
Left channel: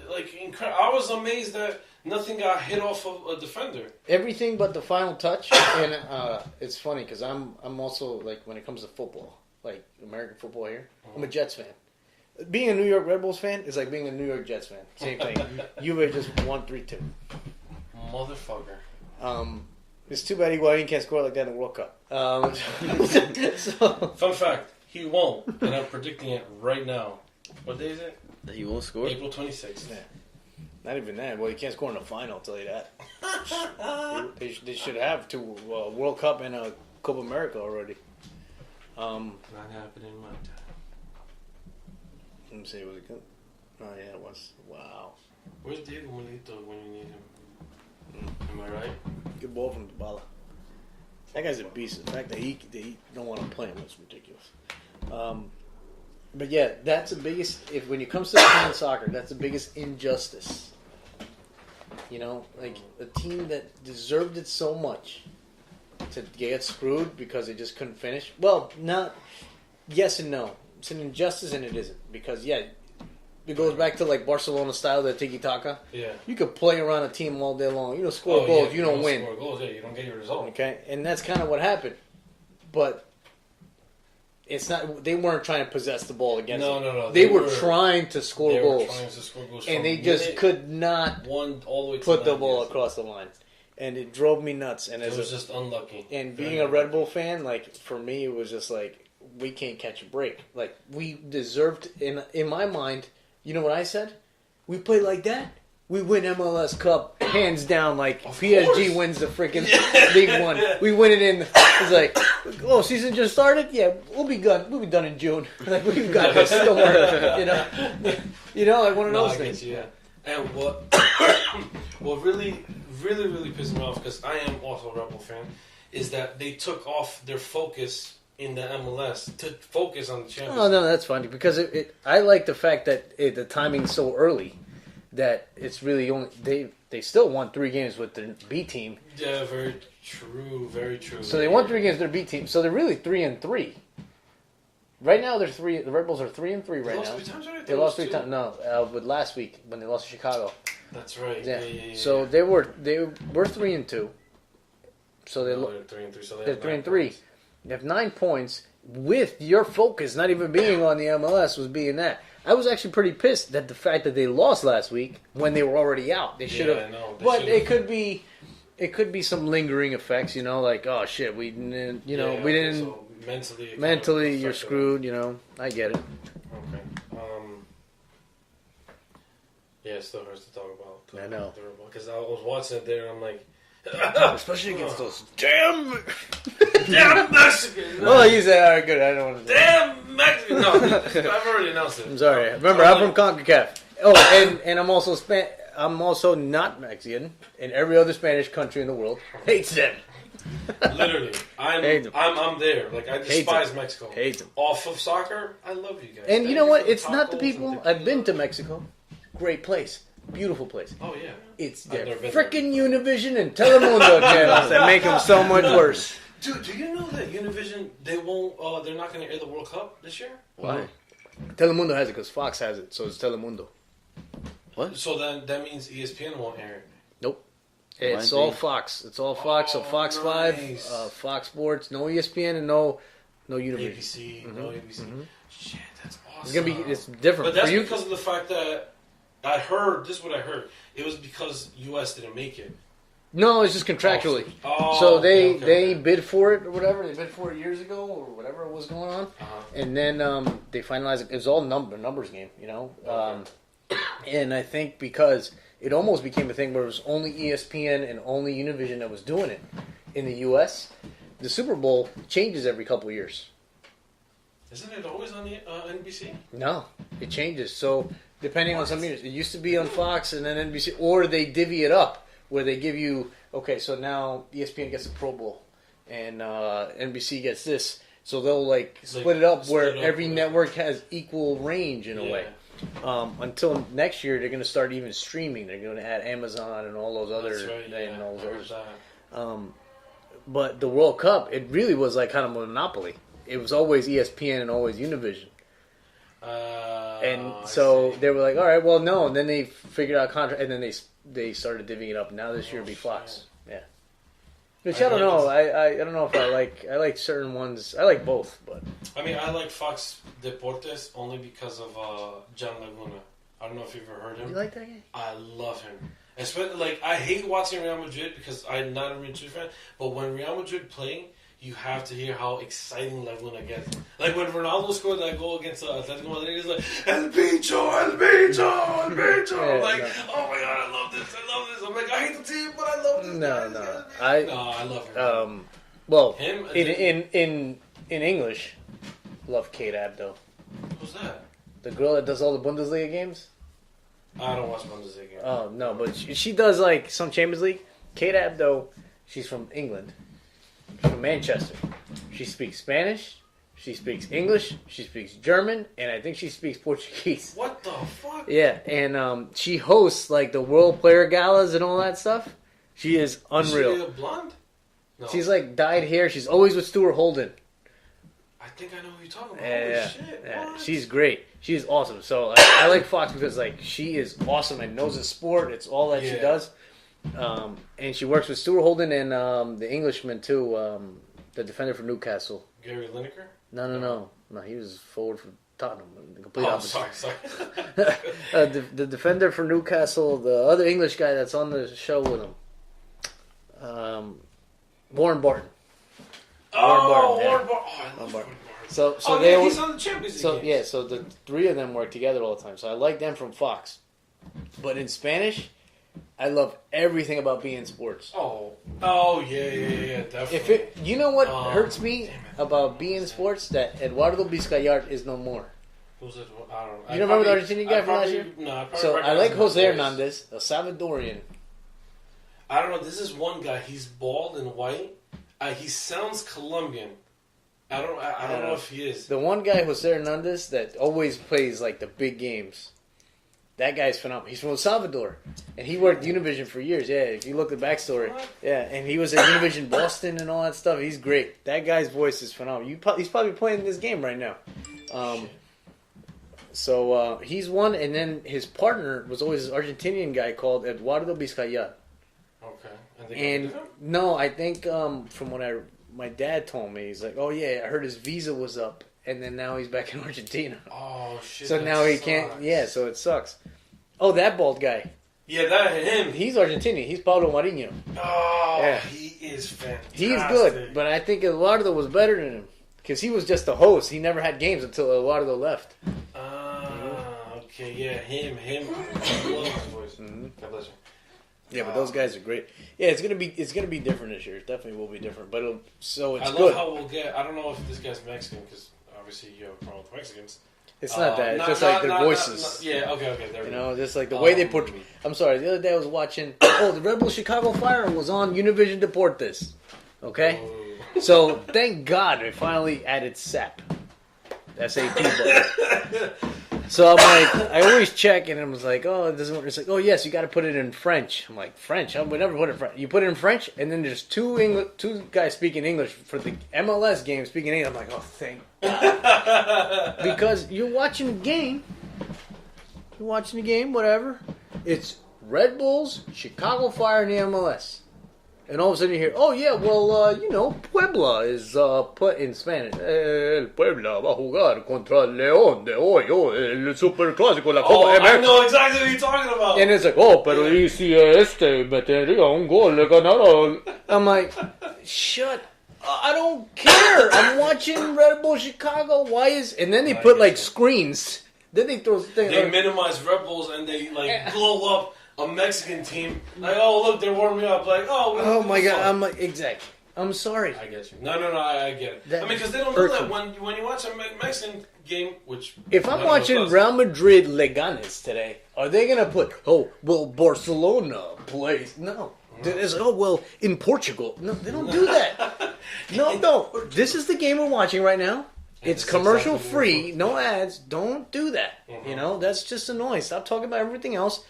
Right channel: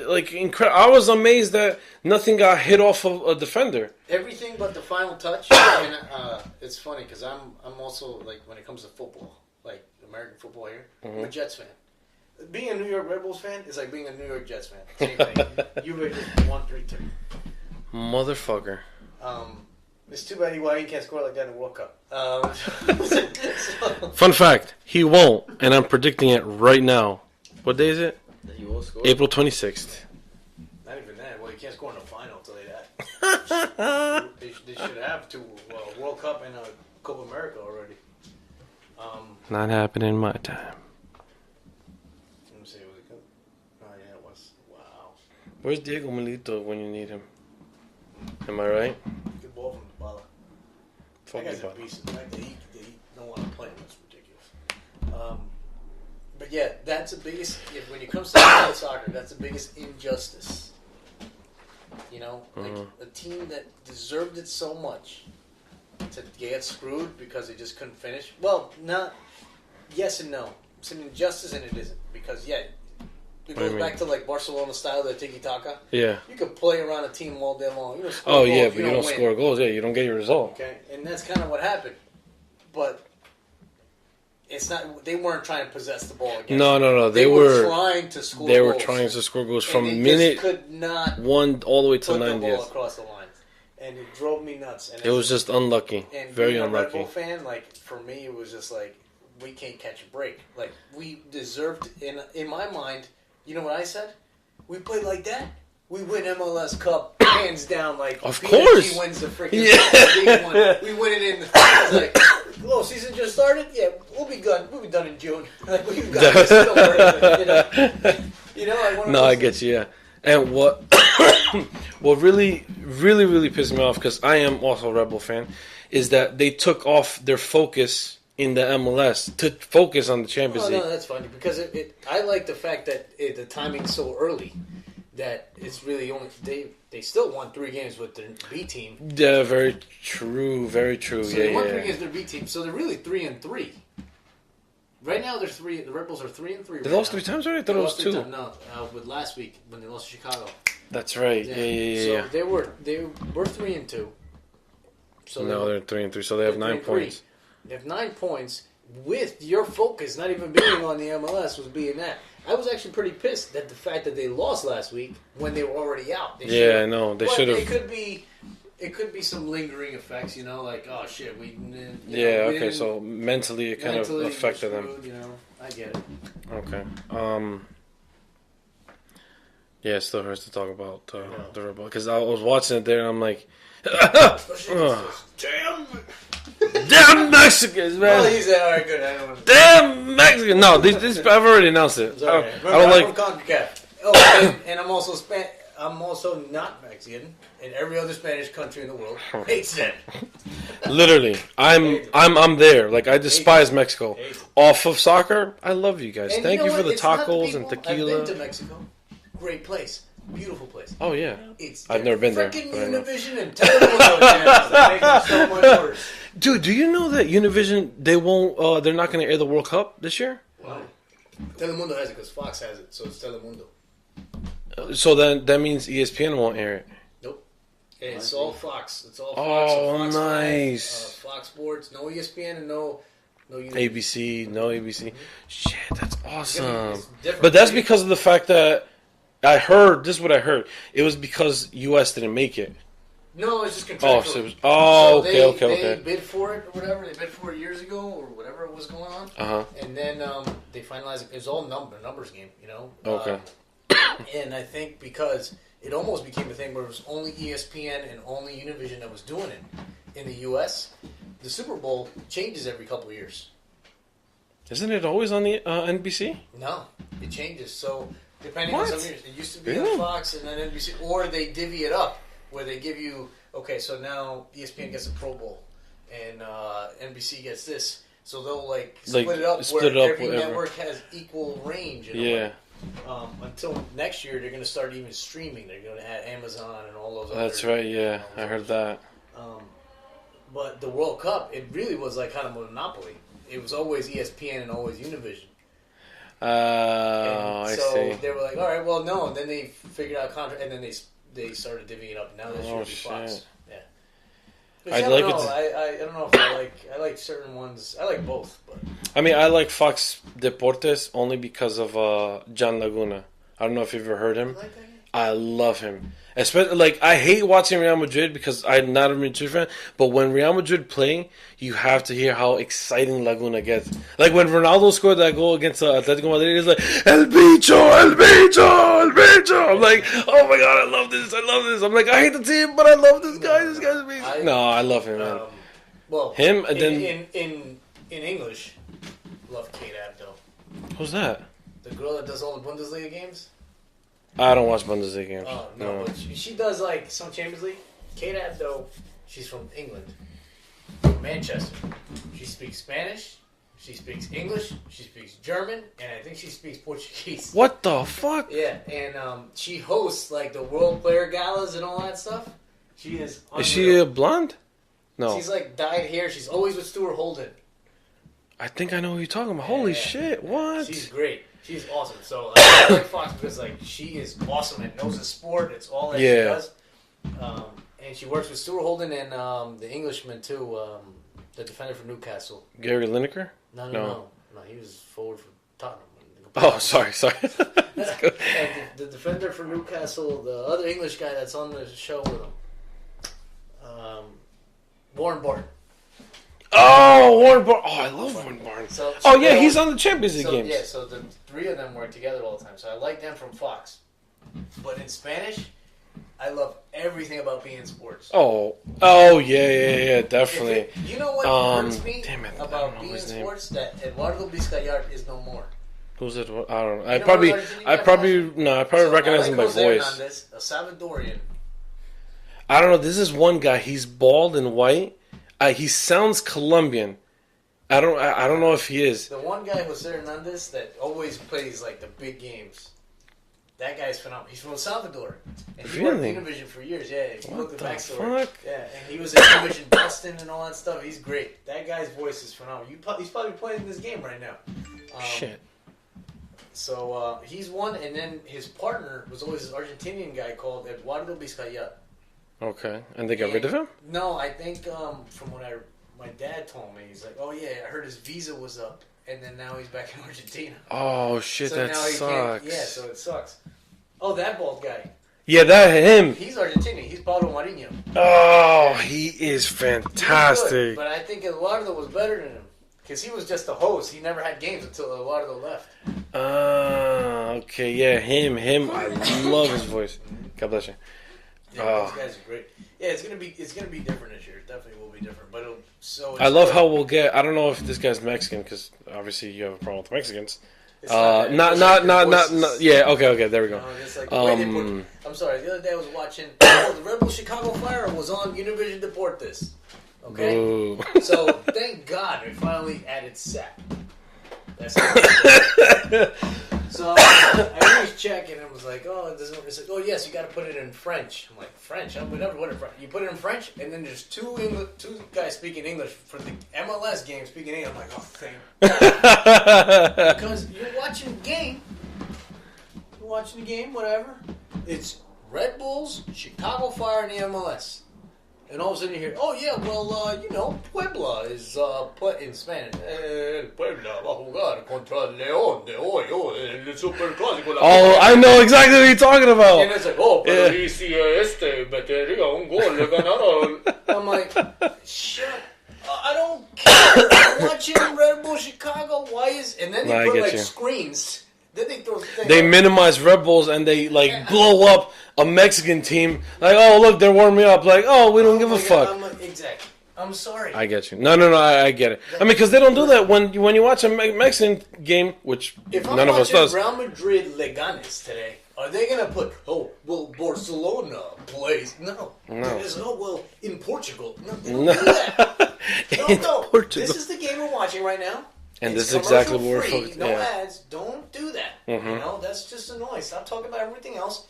like incredible. I was amazed that nothing got hit off of a defender. Everything but the final touch. And it's funny because I'm also, like, when it comes to football, like American football here, I'm a Jets fan. Being a New York Red Bulls fan is like being a New York Jets fan. Same thing. Juve just won 3-2. Motherfucker. It's too bad Higuain can't score like that in the World Cup. Fun fact, he won't, and I'm predicting it right now. What day is it? That he won't score? April 26th. Yeah. Not even that. Well, he can't score in the final, I'll tell you that. They should have two World Cup and a Copa America already. Not happening in my time. Let me see. Was it good? Oh, yeah, it was. Wow. Where's Diego Milito when you need him? Am I right? Good ball from Dybala. That guy's a beast. The fact that he don't want to play him is ridiculous. But yeah, that's the biggest. When it comes to soccer, that's the biggest injustice. You know, like a team that deserved it so much to get screwed because they just couldn't finish. Well, not yes and no. It's an injustice and it isn't because it goes back to like Barcelona style, that tiki taka. Yeah. You could play around a team all day long. You don't score goals. But You don't win. score goals. Yeah, you don't get your result. Okay, and that's kind of what happened. But it's not. They weren't trying to possess the ball against. No. They were trying to score. They goals. were trying to score goals And from they minute just could not 1 all the way to put 90. the ball across the line, and it drove me nuts. And It was just unlucky. and Very being a unlucky. Red Bull fan, like for me, it was just like we can't catch a break. Like we deserved. In my mind, you know what I said? We play like that, we win MLS Cup hands down. Like Of PSG course. wins the freaking League One. We win it in. It's like, oh, season just started. Yeah, we'll be good. We'll be done in June. Like we've got this. Don't worry. You know. Like one of No, those I things. get you. Yeah. And what really pissed me off, because I am also a Red Bull fan, is that they took off their focus in the MLS to focus on the Champions Oh League. no, that's funny because I like the fact that the timing's so early that it's really only they still won 3 games with their B team. Yeah, very true. Very true. So they won 3 games with their B team. So they're really 3-3. Right now they're 3. The Red Bulls are 3-3. They right lost now. 3 times already. They They lost lost 3 2. times. No, with last week when they lost to Chicago. That's right. Yeah. So they were 3-2. So no, they're 3-3. So they have 9 3-3. points. You have 9 points with your focus not even being on the MLS was being that. I was actually pretty pissed that the fact that they lost last week when they were already out. They Yeah, I know. They should have. It could be some lingering effects, like, oh shit, we didn't, we okay, didn't. so mentally, it Mentally, kind of you're affected screwed. them. I get it. Okay. Yeah, it still hurts to talk about the Rebel because I was watching it there and I'm like, Especially against those damn Mexicans, man. Oh, you said, all right, good. I don't want to. Damn Mexicans. No, I've already announced it. I'm sorry. Remember, I'm from CONCACAF. Oh, and I'm also I'm also not Mexican, and every other Spanish country in the world hates them. Literally, I'm there. Like I despise Mexico. Hate them. Off of soccer, I love you guys. And Thank you know you what? for the It's not the tacos people. and tequila. I've been to Mexico. Great place. Beautiful place. Oh yeah. It's I've never been there. Freaking Univision and Telemundo channels that make it so much worse. Dude, do you know that Univision they're not going to air the World Cup this year? Why? Telemundo has it because Fox has it, so it's Telemundo. So then that means ESPN won't air it. Nope. It's all Fox. It's all Fox. Oh, Fox nice. Live, Fox Sports. No ESPN and no Univision. ABC, no ABC. Shit, that's It's awesome. it's different. But that's because of the fact that I heard, this is what I heard. It was because US didn't make it. No, it's just contractually. So they bid for it or whatever. They bid for it years ago or whatever was going on. Uh-huh. And then they finalized it. It was all numbers game, Okay. And I think because it almost became a thing where it was only ESPN and only Univision that was doing it in the U.S., the Super Bowl changes every couple of years. Isn't it always on the NBC? No, it changes. So depending on What? some years, it used to be on Fox and then NBC, or they divvy it up where they give you, okay, so now ESPN gets a Pro Bowl and NBC gets this. So they'll split it up where every network has equal range in a way. Until next year, they're going to start even streaming. They're going to add Amazon and all those other. That's right. Yeah, I heard that. But the World Cup, it really was like kind of a monopoly. It was always ESPN and always Univision. And so they were like, all right, well, no. And then they figured out contract, and then they started divvying it up. Now this year will be Fox. Yeah. Which I don't know. I don't know if I like certain ones. I like both, but I mean, I like Fox Deportes only because of John Laguna. I don't know if you've ever heard him. you like that guy? I love him. Especially, I hate watching Real Madrid because I'm not a Real Madrid fan. But when Real Madrid play, you have to hear how exciting Laguna gets. Like when Ronaldo scored that goal against Atletico Madrid, he's like, El Bicho, El Bicho, El Bicho. I'm like, oh my god, I love this. I'm like, I hate the team, but I love this guy. This guy's amazing. I love him. Well, him and in English, love Kate Abdo. Who's that? The girl that does all the Bundesliga games? I don't watch Bundesliga games. Oh, no, but she does some Champions League. Kate Abdo, she's from England, from Manchester. She speaks Spanish, she speaks English, she speaks German, and I think she speaks Portuguese. What the fuck? Yeah, and she hosts the World Player Galas and all that stuff. She is unreal. Is she a blonde? No. She's dyed hair. She's always with Stuart Holden. I think I know who you're talking about. Holy shit, Yeah. what? She's great. She's awesome. So I like Fox because she is awesome and knows the sport. It's all that she does. And she works with Stuart Holden and the Englishman too, the defender for Newcastle. Gary Lineker? No. He was forward for Tottenham. Oh, sorry. The defender for Newcastle, the other English guy that's on the show with him, Warren Barton. Oh, Warren Barton. Oh, I love Warren Barton. So he's on the Champions League games. Yeah, so the three of them work together all the time. So I like them from Fox. But in Spanish, I love everything about beIN Sports. Oh, yeah, definitely. You know what hurts me damn it, about beIN Sports? That Eduardo Vizcayart is no more. Who's it? I don't know. I probably recognize him by Jose voice. Hernandez, a Salvadorian. I don't know. This is one guy. He's bald and white. He sounds Colombian. I don't know if he is. The one guy, Jose Hernandez, that always plays the big games. That guy's phenomenal. He's from El Salvador, and he worked Univision for years. Yeah, if you look at the backstory, fuck? yeah, and he was in Univision Boston and all that stuff. He's great. That guy's voice is phenomenal. He's probably playing this game right now. Shit. So he's one, and then his partner was always this Argentinian guy called Eduardo Vizcayart. Okay, and they got rid of him? No, I think from my dad told me, he's like, oh yeah, I heard his visa was up, and then now he's back in Argentina. Oh shit! So that now he sucks. can't. Yeah, so it sucks. Oh, that bald guy. Yeah, that him. He's Argentinian. He's Paulo Marinho. Oh, Yeah. he is He's fantastic. good, but I think Eduardo was better than him because he was just the host. He never had games until Eduardo left. Okay, yeah, him. I love his voice. God bless you. Yeah, but those guys are great. Yeah, it's gonna be different this year. It definitely will be different. But it's I love good. how we'll get. I don't know if this guy's Mexican because obviously you have a problem with Mexicans. It's not that. Not. Yeah. Okay. There we go. No, just like the way they put. I'm sorry. The other day I was watching. Oh, the Red Bull Chicago Fire was on Univision Deportes. Okay, Ooh. so thank God they finally added SAP. That's the So I'm like, I always check, and it was like, oh, it doesn't work. It's like, oh yes, you got to put it in French. I'm like, French? I would never put it in French. You put it in French, and then there's two guys speaking English for the MLS game speaking English. I'm like, oh, thank God. Because you're watching the game, whatever. It's Red Bulls, Chicago Fire, and the MLS. And all of a sudden you hear, oh yeah, well, Puebla is put in Spanish. El Puebla va a jugar contra el León de hoy, el Superclásico. Oh, I know exactly what you're talking about. And it's like, oh, pero y si metería un gol, le ganaron. I'm like, shut I don't care. I'm watching Red Bull Chicago. Why is... And then they put, like, screens. Then they throw... They minimize Red Bulls and they, like, blow up a Mexican team. Like, oh, look, they're warming up. Like, oh, we don't give a fuck. I'm like, exactly. I'm sorry. I get you. No, I get it. I mean, because they don't do that when you watch a Mexican game, which if none I'm of us watching does. Real Madrid Leganes today, are they going to put, oh, well, Barcelona plays? No. It's, oh, well, in Portugal. No, they don't do that. No. Portugal. This is the game we're watching right now. And it's this is commercial exactly what free, we're no yeah. ads. Don't do that. Mm-hmm. You know, that's just annoying. Stop talking about everything else.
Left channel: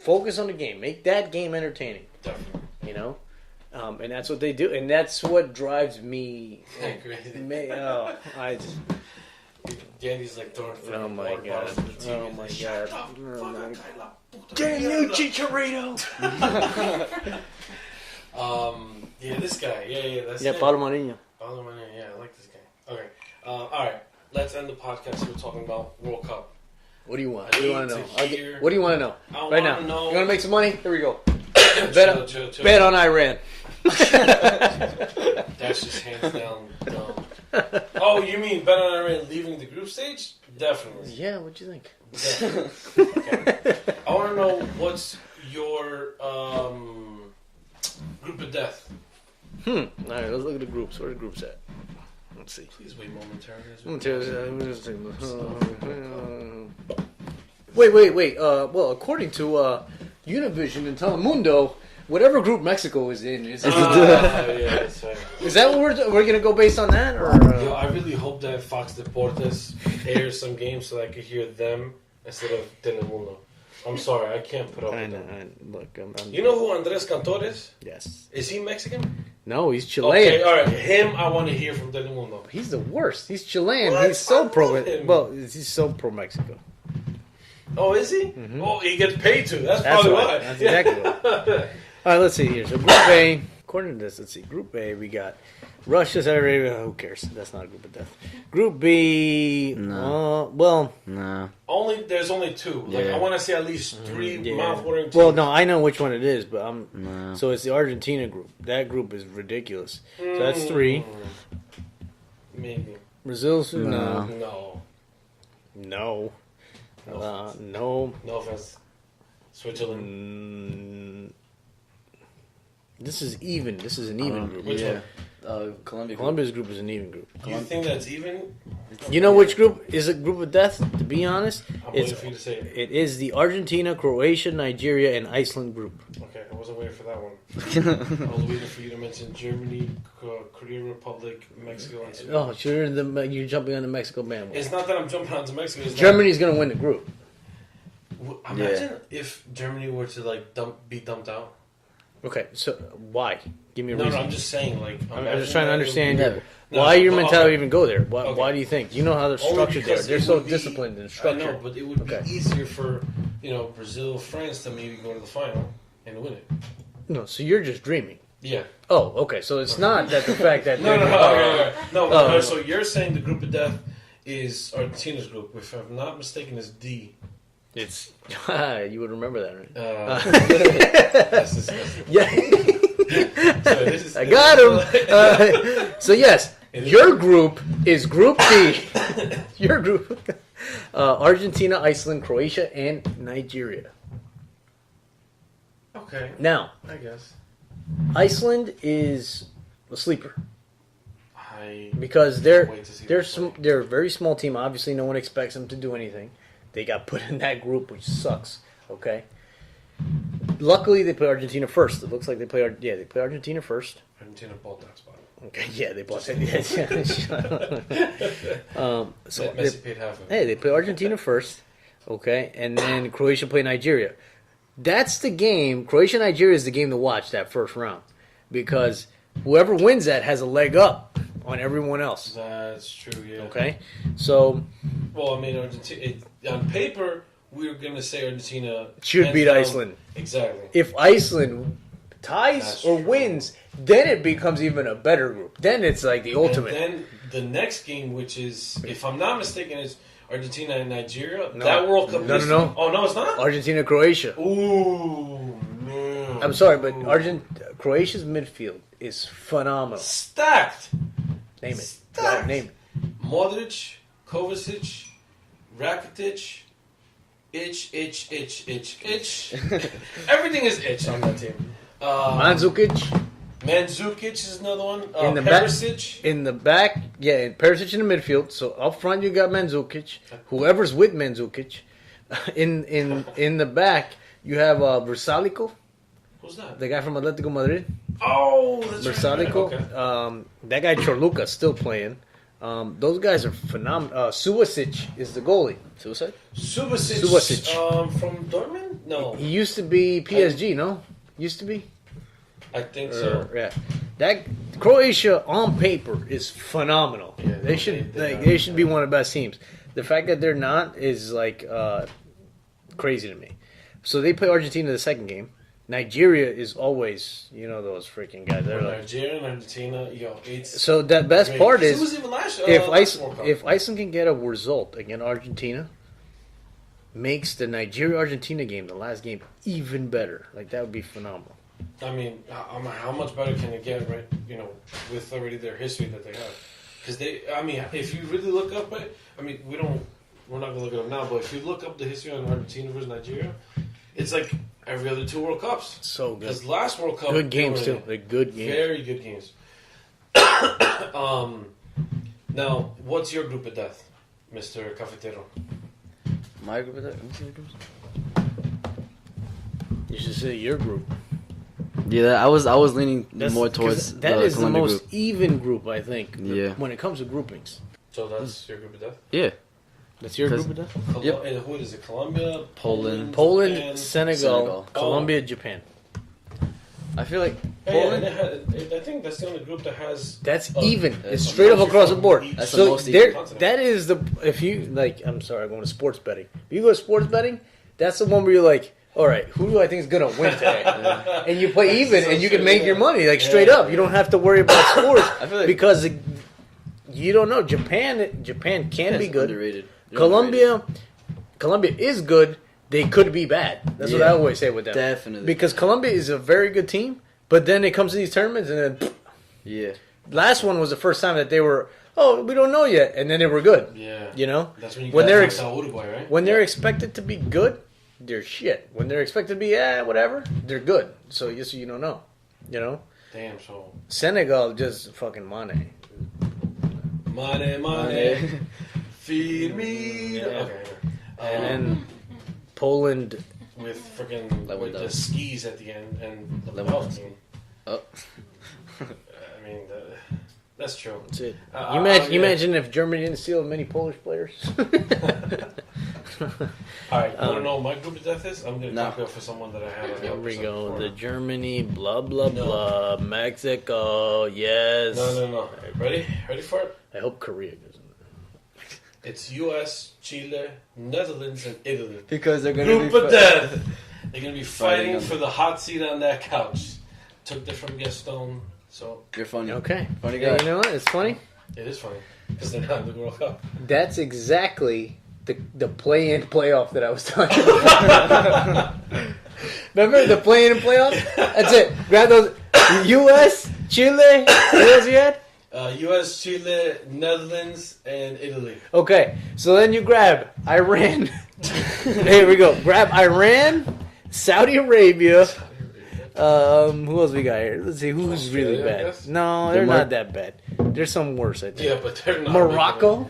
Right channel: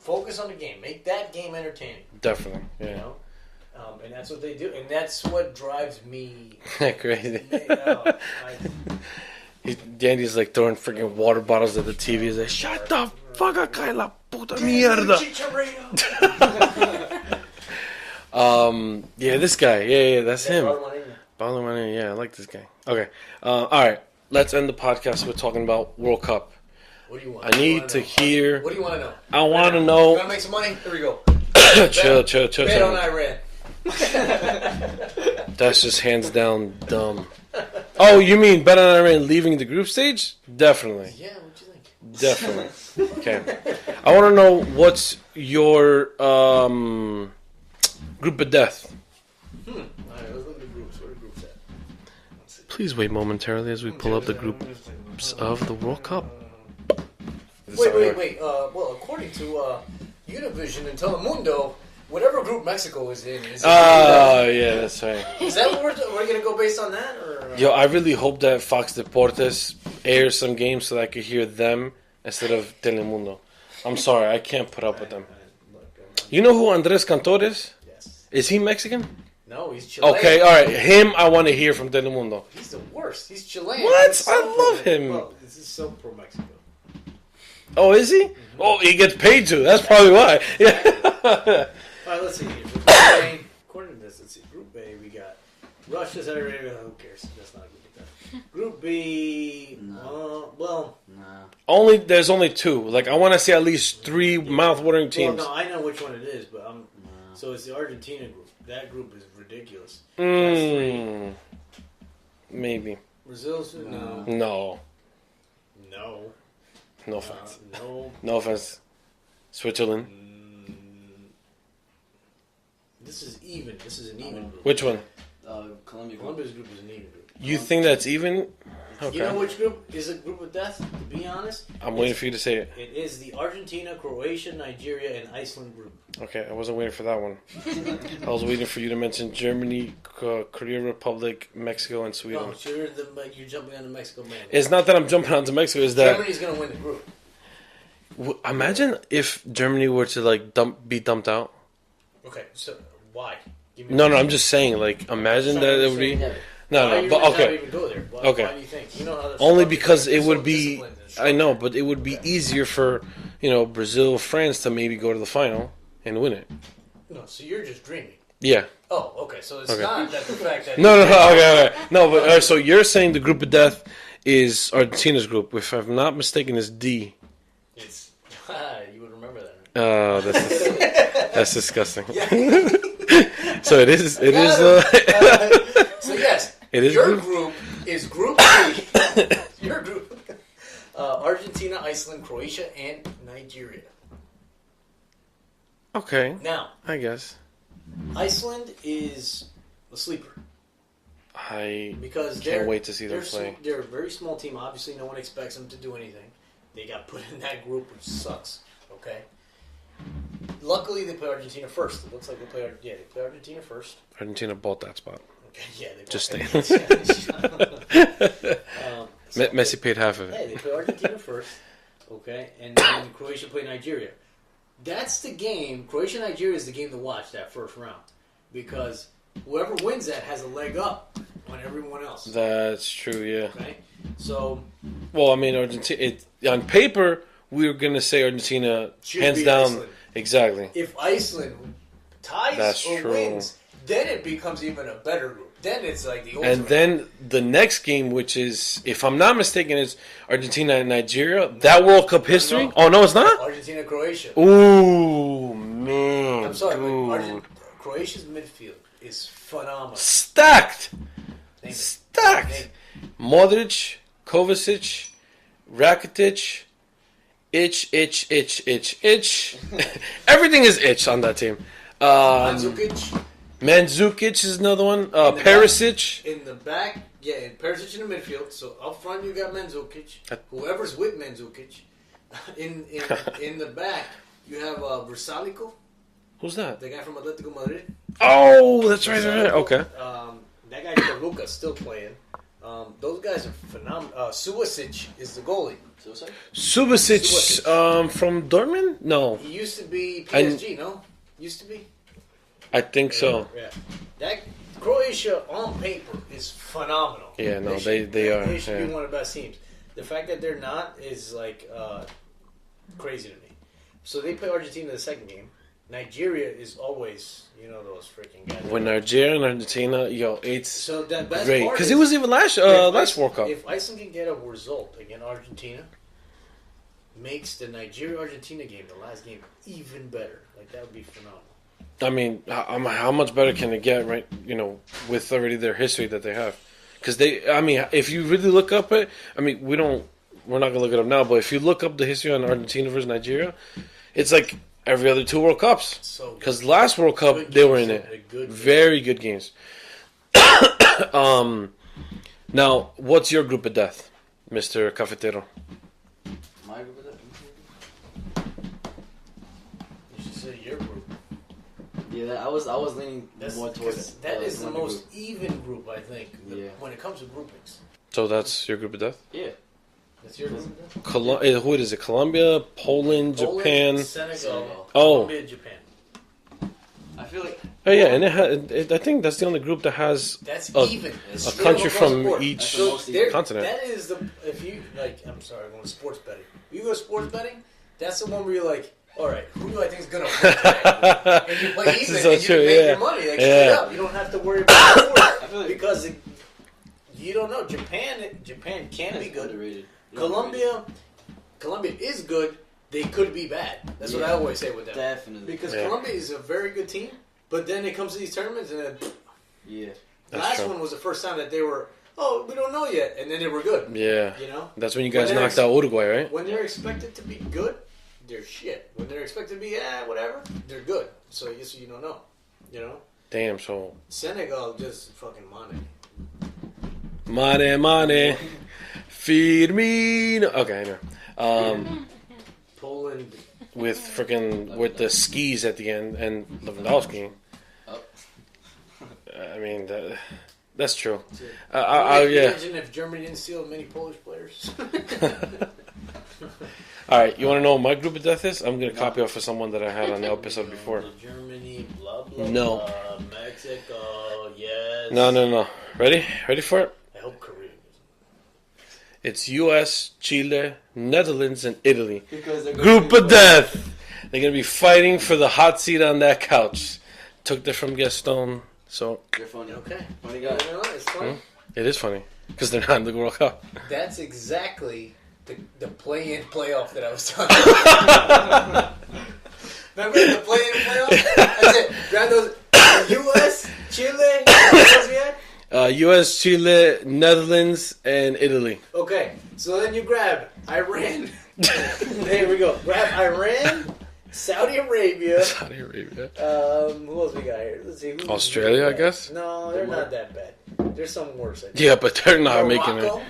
Focus on the game. Make that game entertaining. Definitely. Yeah. You know? And that's what they do. And that's what drives me crazy. I Dandy's like throwing freaking water bottles at the TV. He's like, shut the fuck up, cae la puta mierda. Yeah, this guy. Yeah, that's him. Paulo Marinho, yeah, I like this guy. Okay. All right. Let's end the podcast with talking about World Cup. What do you want? I need to hear. What do you want to know? I want to know. You want to make some money? Here we go. chill. Bet on Iran. That's just hands down dumb. Oh, you mean bet on Iran leaving the group stage? Definitely. Yeah, what'd you think? Definitely. Okay. I want to know what's your group of death. All right, let's look at the groups. Where are the groups at? Let's see. Please wait momentarily as we pull up the groups of the World Cup. Wait. Well, according to Univision and Telemundo, whatever group Mexico is in is. Yeah, that's right. Is that what we're gonna go based on that? Or? Yo, I really hope that Fox Deportes airs some games so that I could hear them instead of Telemundo. I'm sorry, I can't put up with them. Look, You know who Andres Cantor is? Yes. Is he Mexican? No, he's Chilean. Okay, all right. Him, I want to hear from Telemundo. He's the worst. He's Chilean. What? He's so I pro love him. Well, he's so pro Mexico. Oh, is he? Mm-hmm. Oh, he gets paid to. That's probably why. That's exactly why. All right, let's see here. So Group A, according to this, let's see. Group A, we got Russia, Saudi Arabia. Who cares? That's not a group of death. Group B, No. No. There's only two. Like, I want to see at least three mouth-watering teams. Well, no, I know which one it is, but No. So it's the Argentina group. That group is ridiculous. So that's three. Maybe. Brazil's no. No. No. No offense. No. No offense. Switzerland. This is even. This is an even group. Which one? Colombia. Colombia's group is an even group. You think that's even? You know which group is a group of death? To be honest, I'm waiting for you to say it. It is the Argentina, Croatia, Nigeria, and Iceland group. Okay, I wasn't waiting for that one. I was waiting for you to mention Germany, Korea Republic, Mexico, and Sweden. Oh, you're jumping on the Mexico bandwagon. It's not that I'm jumping onto Mexico. It's that Germany's going to win the group. Imagine if Germany were to like be dumped out. Okay, so why? Give me a No, reason. I'm just saying. Like, imagine trying to that it would be. understand No, why your but- mentality okay. even go there? Why, Okay. why do you think? You know how they're Only structured because there. it They're would so be. disciplined and I structured. know, but it would be Okay. easier for Brazil, France to maybe go to the final and win it. No, so you're just dreaming. Yeah. Oh, okay. So it's not that the fact that No. Okay. No, but so you're saying the group of death is Argentina's group. If I'm not mistaken, it's D. It's you would remember that, right? That's disgusting. Yeah. So it is. I got him. So yes, your group is Group D. Your group: Argentina, Iceland, Croatia, and Nigeria. Okay. Now, I guess. Iceland is a sleeper I because can't wait to see them play. they're a very small team. Obviously, no one expects them to do anything. They got put in that group, which sucks. Okay. Luckily, they play Argentina first. It looks like they play Argentina first. Argentina bought that spot. Okay, yeah, they Just play. Messi paid half of it. Hey, they play Argentina first, okay, and then Croatia play Nigeria. That's the game. Croatia-Nigeria is the game to watch that first round because whoever wins that has a leg up on everyone else. That's true. Yeah. Okay, so Well, I mean, Argentina. On paper, we were gonna say Argentina Should hands beat down- Iceland. Exactly. if Iceland ties That's or true. wins, then it becomes even a better group. Then it's like the ultimate. And then the next game, which is, if I'm not mistaken, is Argentina and Nigeria. That World Cup history. no. Oh no, it's not. Argentina-Croatia. Ooh man. I'm sorry, but Ooh. Croatia's midfield is phenomenal. Stacked. Name it. Stacked. Name it. Modric, Kovacic, Rakitic, itch. Everything is itch on that team. Mandzukic Mandzukic is another one. In the Perisic. in the back, yeah, and Perisic in the midfield. So up front you got Mandzukic. Whoever's with Mandzukic, in the back you have Versalico, Who's that? the guy from Atletico Madrid. Oh, that's right. Versalico. Okay. That guy Chorluca still playing. Those guys are phenomenal. Suasic is the goalie. Suicide? Subasic. From Dortmund? No. He used to be PSG, no? Used to be? I think so. Yeah. That Croatia on paper is phenomenal. Yeah, no, they should be yeah. one of the best teams. The fact that they're not is like crazy to me. So they play Argentina the second game. Nigeria is always, those freaking guys. When Nigeria and Argentina, it's So the best great. part 'Cause is it was even last World Cup. if Iceland can get a result against Argentina, makes the Nigeria-Argentina game, the last game, even better. Like that would be phenomenal. I mean, how much better can it get, right? With already their history that they have. Because if you really look up it, we're not gonna look it up now, but if you look up the history on Argentina versus Nigeria, it's like every other two World Cups. So good. Because last World Cup Good they were games, in too. it. They're good games. Very good games. Now, what's your group of death, Mr. Cafetero? My group is that? You should say your group. Yeah, I was leaning more 'cause towards that is the Colombia most group. even group, I think. Yeah. When it comes to groupings, So that's your group of death? Yeah. that's your Because- group of death. Who is it? Colombia, Poland, Japan. Senegal, Oh. Colombia, Japan. I feel like Oh yeah, and I think that's the only group that has. That's a- even. It's a straight up country across the from board. each That's the So most there- continent. that is the if you like. I'm sorry, I'm going to sports betting. If you go to sports betting, that's the one where you're like, all right, who do I think is going to win today? And you play even, so and you true, can make yeah. your money like straight Yeah. up. You don't have to worry about sports I feel like because you don't know. Japan can be good. Underrated. They're Colombia is good. They could be bad. That's what I Yeah. always say with them. Definitely. Because Yeah. Colombia is a very good team, but then it comes to these tournaments, and then Yeah. last one was the first time that they were, we don't know yet, and then they were good. Yeah, You know, that's when you When guys they're knocked out Uruguay, right? when they're expected to be good, they're shit. When they're expected to be whatever, they're good. So you don't know. You know, Damn, so Senegal just fucking money. Mane, Firmino. Okay, I know. And Poland. With freaking with the Lewandowski. skis at the end and Lewandowski. Oh. I mean, that's true. That's it. Yeah. Imagine if Germany didn't steal many Polish players. All right, you want to know what my group of death is? I'm gonna No. copy off of someone that I had on the Here we episode go. before. The Germany, blah blah No. blah. Mexico, yes. No. Ready for it? I hope Korea doesn't. It's U.S., Chile, Netherlands, and Italy. Because they're gonna Group of death. They're gonna be fighting for the hot seat on that couch. took that from Gaston. So You're funny. Okay. Funny Yeah, guy. you know what? It's funny. it is funny because they're not in the World Cup. That's exactly the play-in playoff that I was talking about. Remember the play-in and playoff? That's it. Grab those. U.S., Chile. What else you had? U.S., Chile, Netherlands, and Italy. Okay, so then you grab Iran. Here we go. Grab Iran, Saudi Arabia. Saudi Arabia. Who else we got here? Let's see. Who's Australia, really I bad? guess? No, they're Denmark? not that bad. There's some worse, I think. Yeah, but they're not making Morocco. it.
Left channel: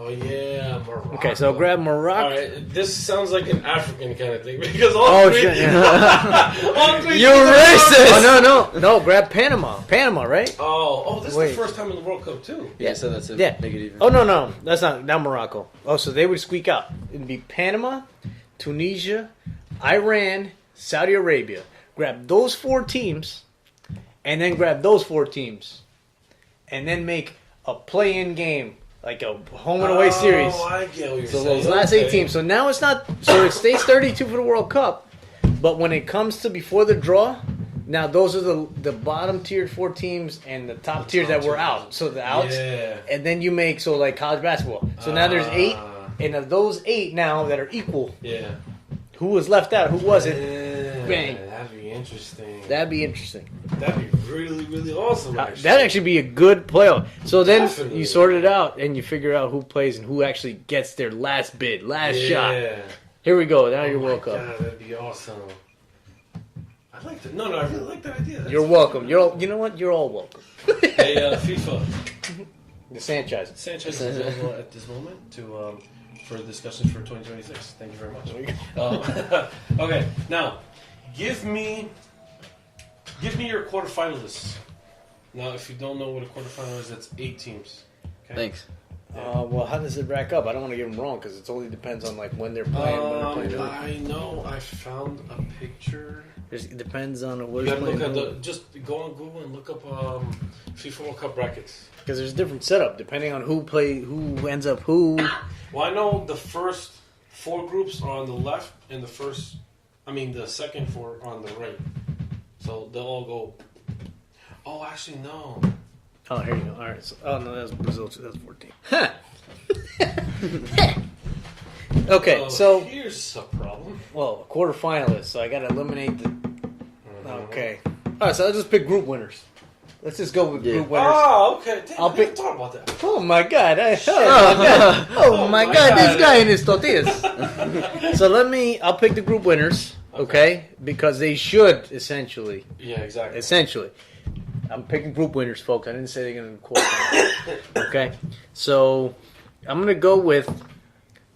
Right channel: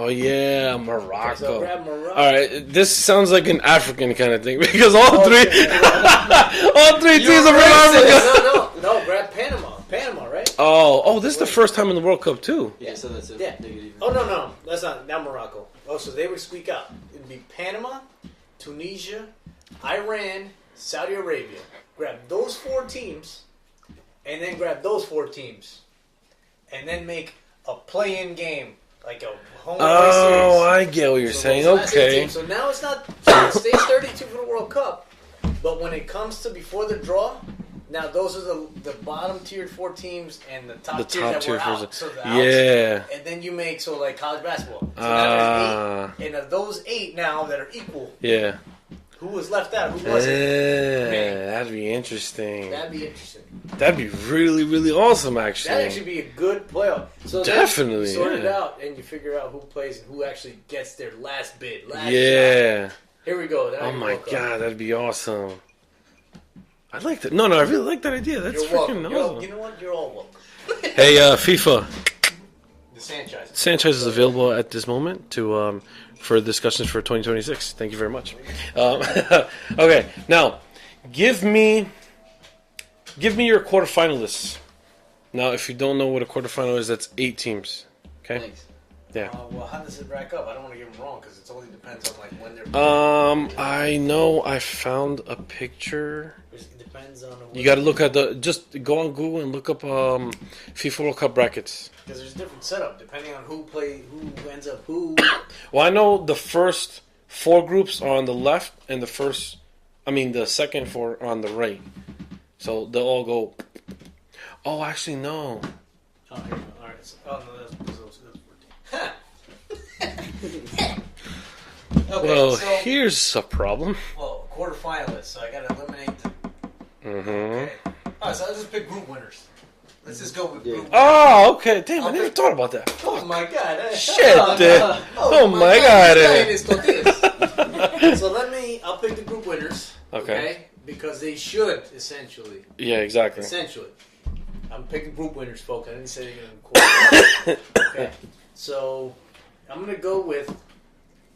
Oh yeah, Morocco. Okay, so grab Morocco. All right, this sounds like an African kind of thing because all three, shit. all three You're teams are racist. racist. No. Grab Panama. Panama, right? Oh, this is Wait. the first time in the World Cup too. Yeah, so that's it. Yeah. Make it even. Oh no, that's not Morocco. Oh, so they would squeak out. It'd be Panama, Tunisia, Iran, Saudi Arabia. Grab those 4 teams, and then grab those 4 teams, and then make a play-in game, like a home and away series. Oh, I get what you're So saying. those last 8 Okay. teams. So now it's not. So it stays 32 for the World Cup, but when it comes to before the draw, now those are the bottom tiered 4 teams and the top tier that were out. So the outs. Yeah. And then you make like college basketball. So now there's 8, and of those 8 now that are equal, Yeah. who was left out, who wasn't? Yeah, that'd be interesting. That'd be interesting. That'd be really, really awesome, actually. That'd actually be a good playoff. So then Definitely, you sort it yeah. out and you figure out who plays and who actually gets their last bid, last shot. Yeah. Here we go. Now Oh you're my welcome. god, that'd be awesome. I like that. No, I really like that idea. That's You're freaking welcome. awesome. You know what? You're all welcome. Hey, FIFA. The Sanchez. Sanchez is available at this moment to for discussions for 2026. Thank you very much. Okay, now give me your quarterfinalists. Now, if you don't know what a quarterfinal is, that's 8 teams. Okay. Thanks. Yeah. Well, how does it rack up? I don't want to get them wrong because it only depends on like when they're playing. I know I found a picture. It depends on You got to look at just go on Google and look up FIFA World Cup brackets. because there's a different setup depending on who ends up who. Well, I know the first 4 groups are on the left, and the second 4 are on the right. So they'll all go. Oh, actually, no. Oh, here you go. All right. So, no, that's Brazil. That's 14. Okay, Well, so here's a problem. quarterfinalists. So I got to eliminate the. Mm-hmm. Okay. All right. So let's just pick group winners. Let's just go with group winners. Oh, okay. Damn, I'll I never pick- thought about that. Oh my God! Oh my my God! God. This guy and his tortillas. So I'll pick the group winners. Okay. Okay, because they should essentially. Yeah, exactly. I'm picking group winners, folks. I didn't say they're going to quarterfinals. Okay, so I'm gonna go with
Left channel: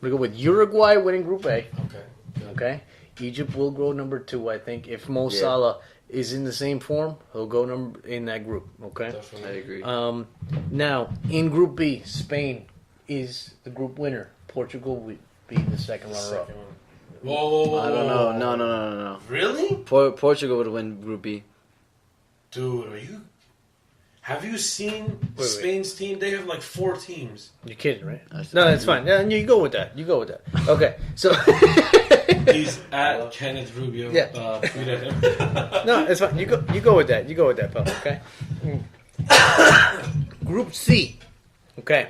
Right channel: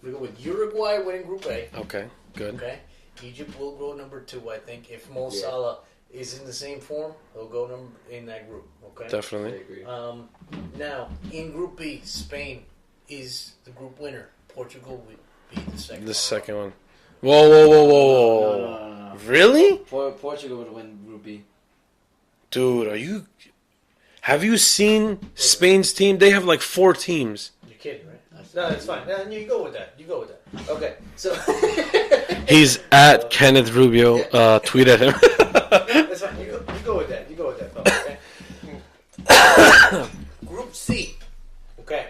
Uruguay winning Group A. Okay, good. Okay, Egypt will go number 2. I think if Mo Yeah. Salah is in the same form, he'll go in that group. Okay, I Definitely. agree. now in Group B, Spain is the group winner. Portugal will be the second. The runner-up. second one. Whoa. No. Really? Portugal would win Group B. Dude, have you seen Spain's team? They have like 4 teams. You're kidding, right? No, that's fine. Yeah, you go with that. Okay, so He's at Kenneth Rubio. Yeah. Tweet at him. no, it's fine. You go with that. You go with that, fella. Okay. Group C. Okay.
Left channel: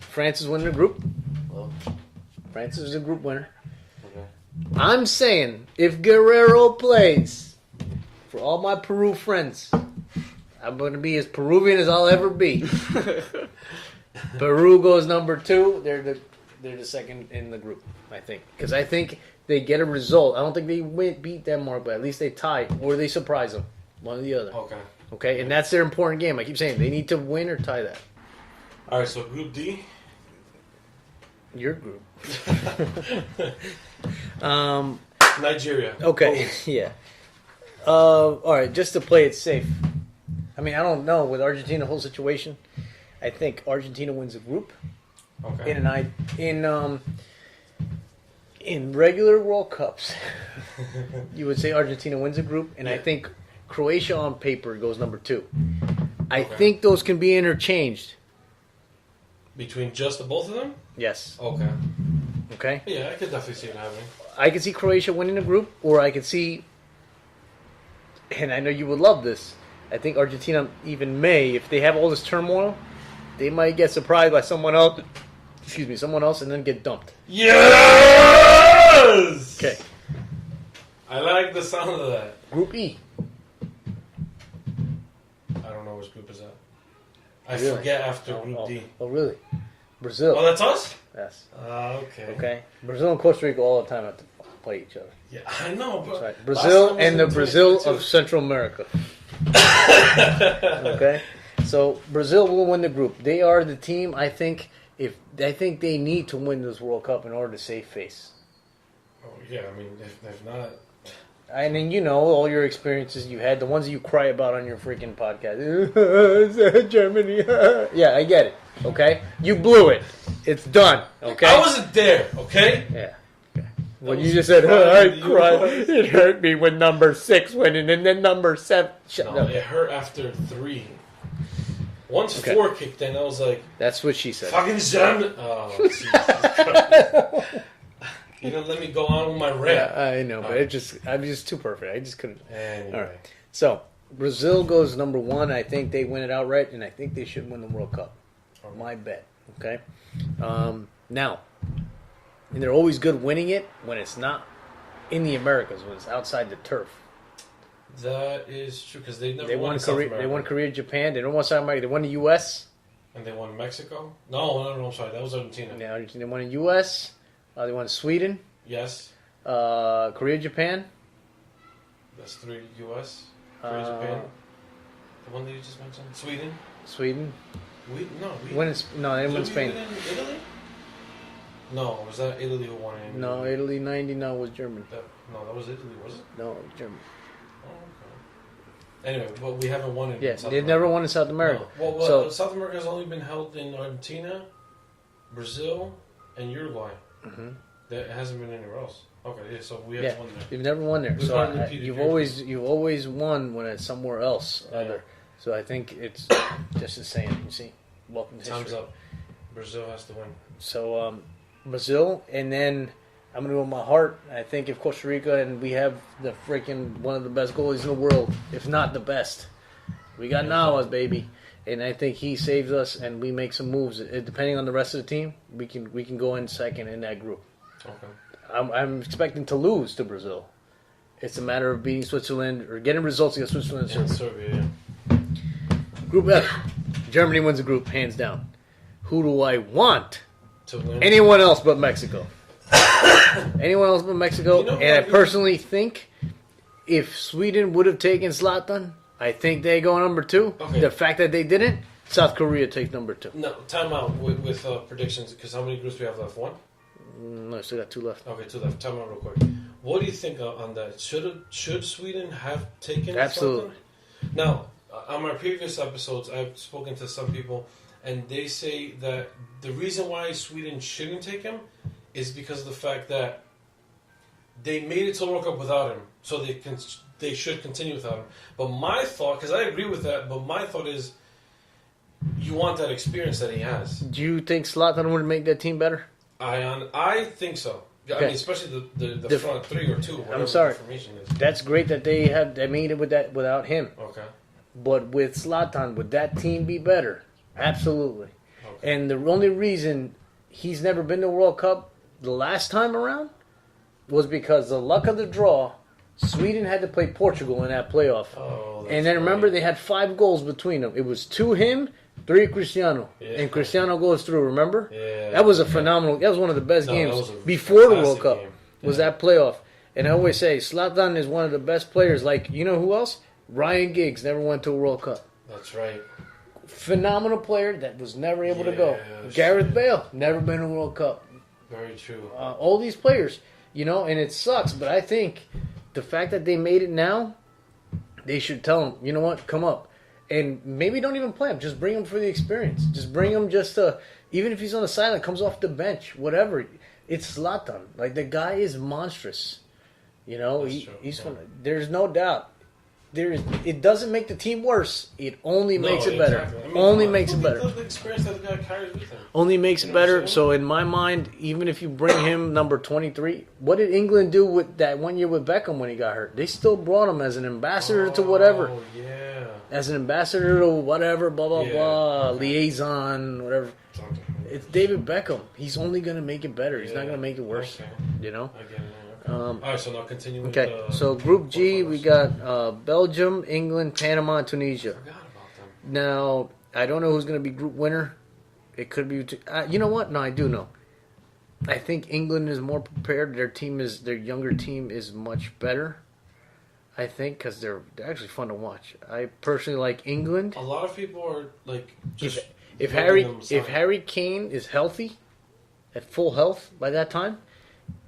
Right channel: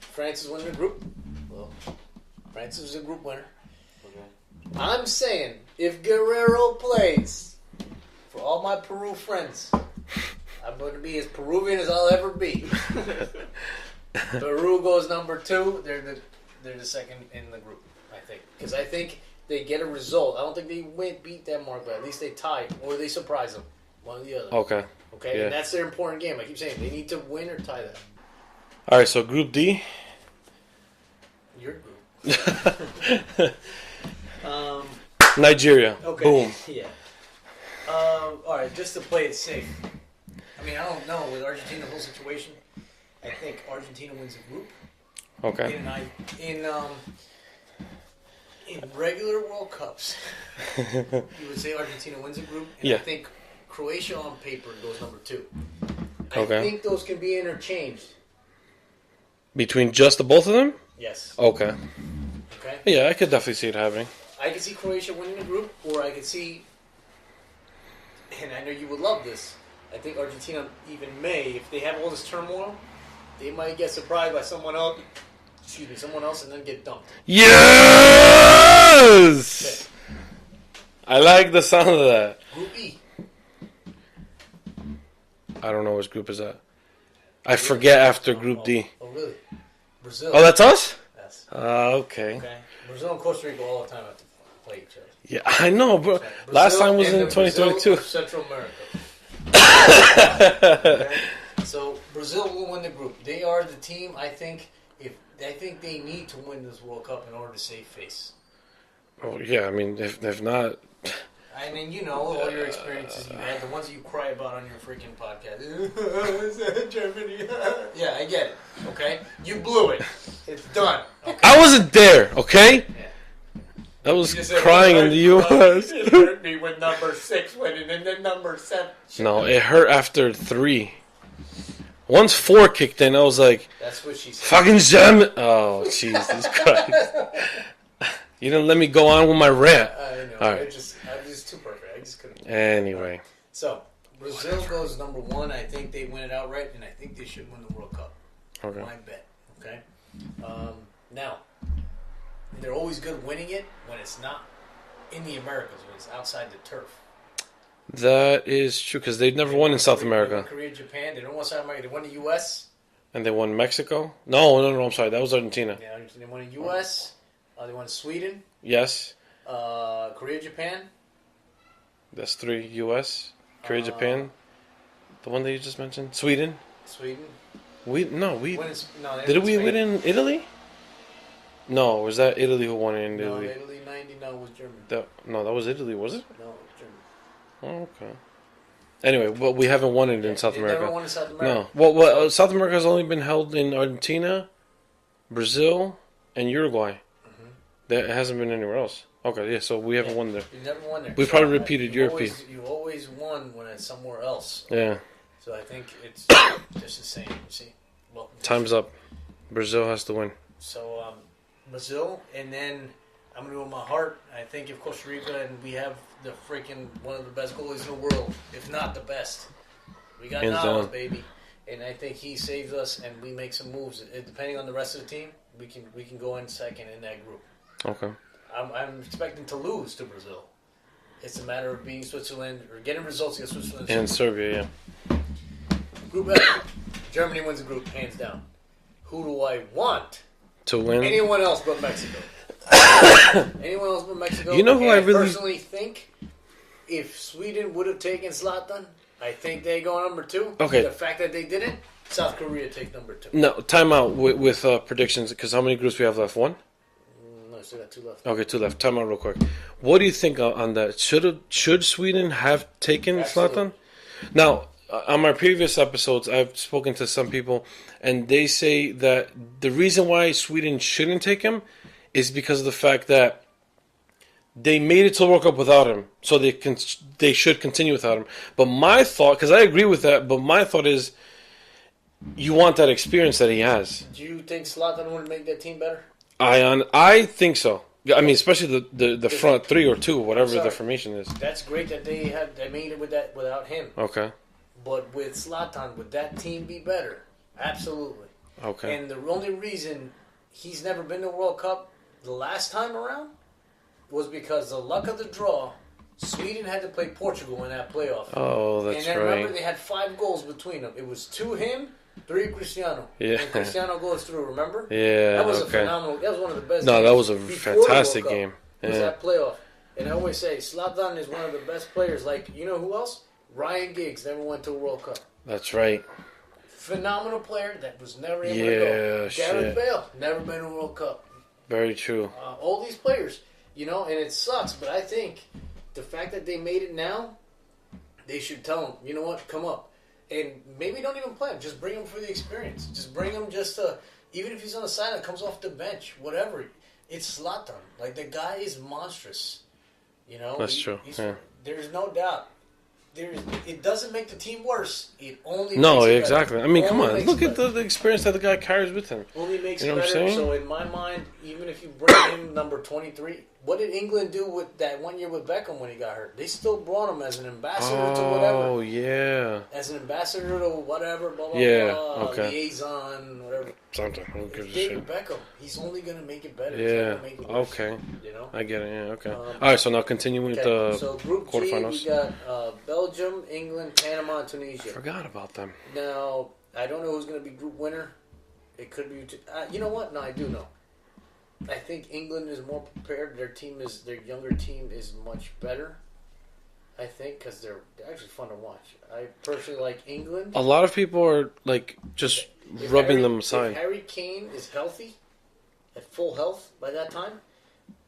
France is winning the group. France is the group winner. I'm saying if Guerrero plays, for all my Peru friends, I'm going to be as Peruvian as I'll ever be. Peru goes number 2. They're the second in the group, I think, because I think they get a result. I don't think they beat Denmark, but at least they tie or they surprise them, one or the other. Okay. Okay, Yeah. and that's their important game. I keep saying they need to win or tie that. All right, so Group D. Your group. Nigeria. Okay. Boom. Yeah. All right, just to play it safe. I mean, I don't know with Argentina the whole situation. I think Argentina wins the group. Okay. In regular World Cups, you would say Argentina wins a group, and I Yeah. think Croatia on paper goes number 2. I Okay. think those can be interchanged. Between just the both of them? Yes. Okay. Okay. Yeah, I could definitely see it happening. I could see Croatia winning the group, or I could see and I know you would love this, I think Argentina even may, if they have all this turmoil, they might get surprised by someone else, and then get dumped. Yes! Okay. I like the sound of that. Group E. I don't know which group is that. I forget after Group D. Oh, really? Brazil. Oh, that's us? Yes. Okay. Okay. Brazil and Costa Rica all the time have to play each other. Yeah, I know, bro. Right. Last Brazil time was and in the Brazil 2022. of Central America. Okay. So Brazil will win the group. They are the team. I think they need to win this World Cup in order to save face. Oh, yeah, I mean, if not... I mean, you know, all your experiences you had, the ones you cry about on your freaking podcast. Germany. Yeah, I get it. Okay? You blew it. It's done. Okay? I wasn't there, okay? Yeah. I was you just said, crying in the U.S. It hurt me when number 6 went in, and then number 7. No, it hurt after 3. Once 4 kicked in, I was like, That's what she said. fucking German. Oh, Jesus Christ. You didn't let me go on with my rant. I know. Right. I'm just too perfect. I just couldn't. Anyway. Right. So, Brazil goes number 1. I think they win it outright, and I think they should win the World Cup. Okay. My bet. Okay? Now, and they're always good winning it when it's not in the Americas, when it's outside the turf. That is true, because they've never won in South America. They won Korea, Japan. They don't won South America. They won the U.S. And they won Mexico? No, I'm sorry. That was Argentina. Yeah, they won the U.S. They won Sweden. Yes. Korea, Japan. That's 3 U.S. Korea, Japan. The one that you just mentioned. Sweden. Sweden. We Did we did win in Italy? No, was that Italy who won it in No, Italy? Italy 90. No, it was Germany. That was Italy, was it? No, it was Germany. Oh, okay. Anyway, but we haven't won it in South they've America. never won in South America. No. Well, So- South America has only been held in Argentina, Brazil, and Uruguay. Mm-hmm. It hasn't been anywhere else. Okay, yeah, so we haven't won there. You've never won there. We probably repeated your You've always won when it's somewhere else. Yeah. So I think it's just the same. You see, welcome. to Time's history. up. Brazil has to win. So Brazil, and then I'm gonna go with my heart. I think if Costa Rica and we have the freaking one of the best goalies in the world, if not the best, we got Hands Navas, down. baby, and I think he saves us, and we make some moves. Depending on the rest of the team, we can go in second in that group. Okay. I'm expecting to lose to Brazil. It's a matter of beating Switzerland or getting results against Switzerland. And Serbia, yeah. Group F, Germany wins the group hands down. Who do I want? To win. Anyone else but Mexico. Anyone else but Mexico. You know who and I I really- personally think if Sweden would have taken Zlatan, I think they go number 2. Okay. The fact that they didn't, South Korea takes number 2. No, time out with predictions, because how many groups we have left? 1? No, I still got 2 left. Okay, 2 left. Time out real quick. What do you think on that? Should Sweden have taken Absolutely. Zlatan? Now, on my previous episodes, I've spoken to some people, and they say that the reason why Sweden shouldn't take him is because of the fact that they made it to the World Cup without him, so they should continue without him. But my thought, because I agree with that, but my thought is, you want that experience that he has. Do you think Zlatan would make that team better? I think so. I Okay. mean, especially the front 3 or 2, whatever sorry. the formation is. That's great that they made it without him. Okay. But with Zlatan, would that team be better? Absolutely. Okay. And the only reason he's never been to World Cup the last time around was because the luck of the draw, Sweden had to play Portugal in that playoff. Oh, that's and then right. remember, they had 5 goals between them. It was 2 him, 3 Cristiano. Yeah. And Cristiano goes through, remember? Yeah. That was a okay. phenomenal, that was one of the best No, games that was a before the World fantastic Cup. game. Was Yeah. that playoff. And I always say, Zlatan is one of the best players. Like, you know who else? Ryan Giggs never went to a World Cup. That's right. Phenomenal player that was never able to Yeah, go. Gareth shit. Bale, never been to a World Cup. Very true. All these players, you know, and it sucks, but I think the fact that they made it now, they should tell him, you know what, come up. And maybe don't even play him. Just bring him for the experience. Just bring him just to, even if he's on the sideline, comes off the bench, whatever. It's Zlatan. Like, the guy is monstrous. You know, That's true. Yeah. There's no doubt. It doesn't make the team worse. It only No, makes it exactly. better. I mean, only come on. makes Look it at better. the experience that the guy carries with him. Only makes You it know what I'm better. saying? So in my mind, even if you bring him number 23, what did England do with that 1 year with Beckham when he got hurt? They still brought him as an ambassador to whatever. Oh, yeah. As an ambassador to whatever, blah, blah, Yeah, blah, okay. liaison, whatever. Something. It's David Beckham. He's only going to make it better. He's not going to make it worse. Okay. You know? I get it, yeah, okay. All right, so now continue with Okay, so Group G, we got Belgium, England, Panama, and I Tunisia. forgot about them. Now, I don't know who's going to be group winner. It could be... you know what? No, I do know. I think England is more prepared. Their younger team is much better. I think because they're actually fun to watch. I personally like England. A lot of people are, like, just If rubbing them aside. If Harry Kane is healthy, at full health by that time,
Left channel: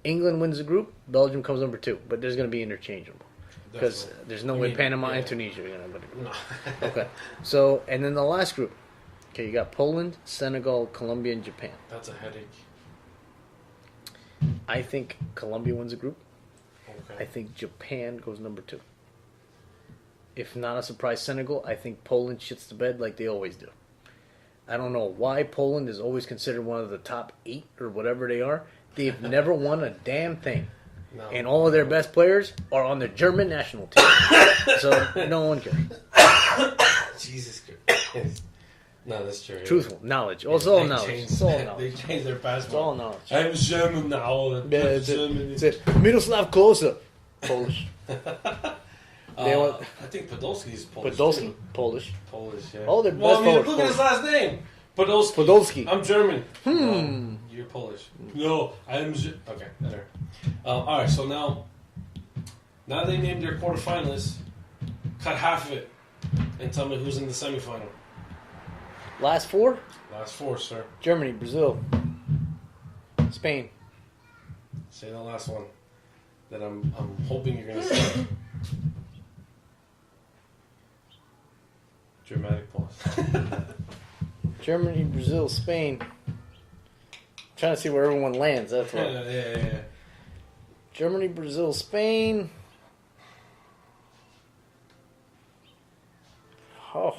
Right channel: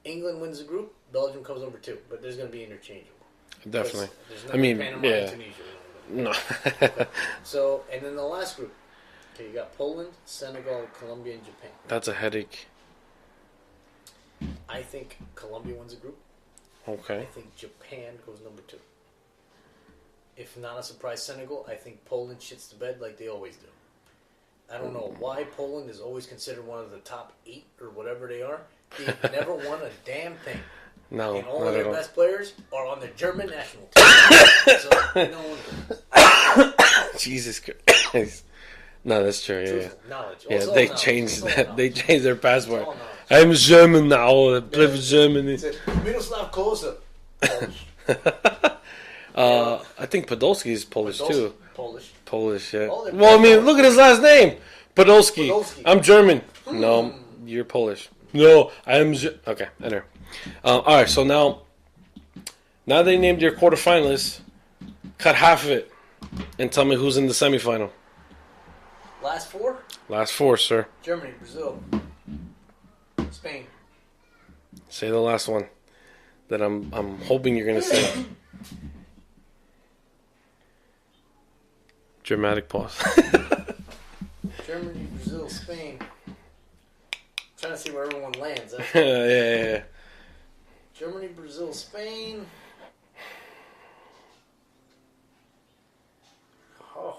England wins the group. Belgium comes number 2, but there's going to be interchangeable. Definitely. There's no way Panama yeah. and Tunisia are going to win. No. Okay. So, and then the last group. Okay, you got Poland, Senegal, Colombia, and Japan. That's a headache. I think Colombia wins the group. I Okay. think Japan goes number 2. If not a surprise, Senegal, I think Poland shits the bed like they always do. I don't know why Poland is always considered one of the top 8 or whatever they are. They've never won a damn thing. No. And all of not their at best players are on the German national team. So no one cares. Jesus Christ. No, that's true. Yeah. Truthful knowledge. Yeah, Also they knowledge. changed It's all that. They knowledge. changed their It's all passport. knowledge. I'm German now. I play for It's Germany. Miroslav Klose. Polish. I think Podolski is Polish Podolski, too. Polish. Polish, yeah. Oh, they're Well, I mean, both look at his last name. Podolski. Podolski. I'm German. No, you're Polish. No, I'm. Okay, anyway. All right, so now they named your quarterfinalists. Cut half of it, and tell me who's in the semifinal. Last 4? Last 4, sir. Germany, Brazil, Spain. Say the last one. That I'm hoping you're gonna say. Dramatic pause. Germany, Brazil, Spain. Trying to see where everyone lands. That's all. yeah. Germany, Brazil, Spain. Oh,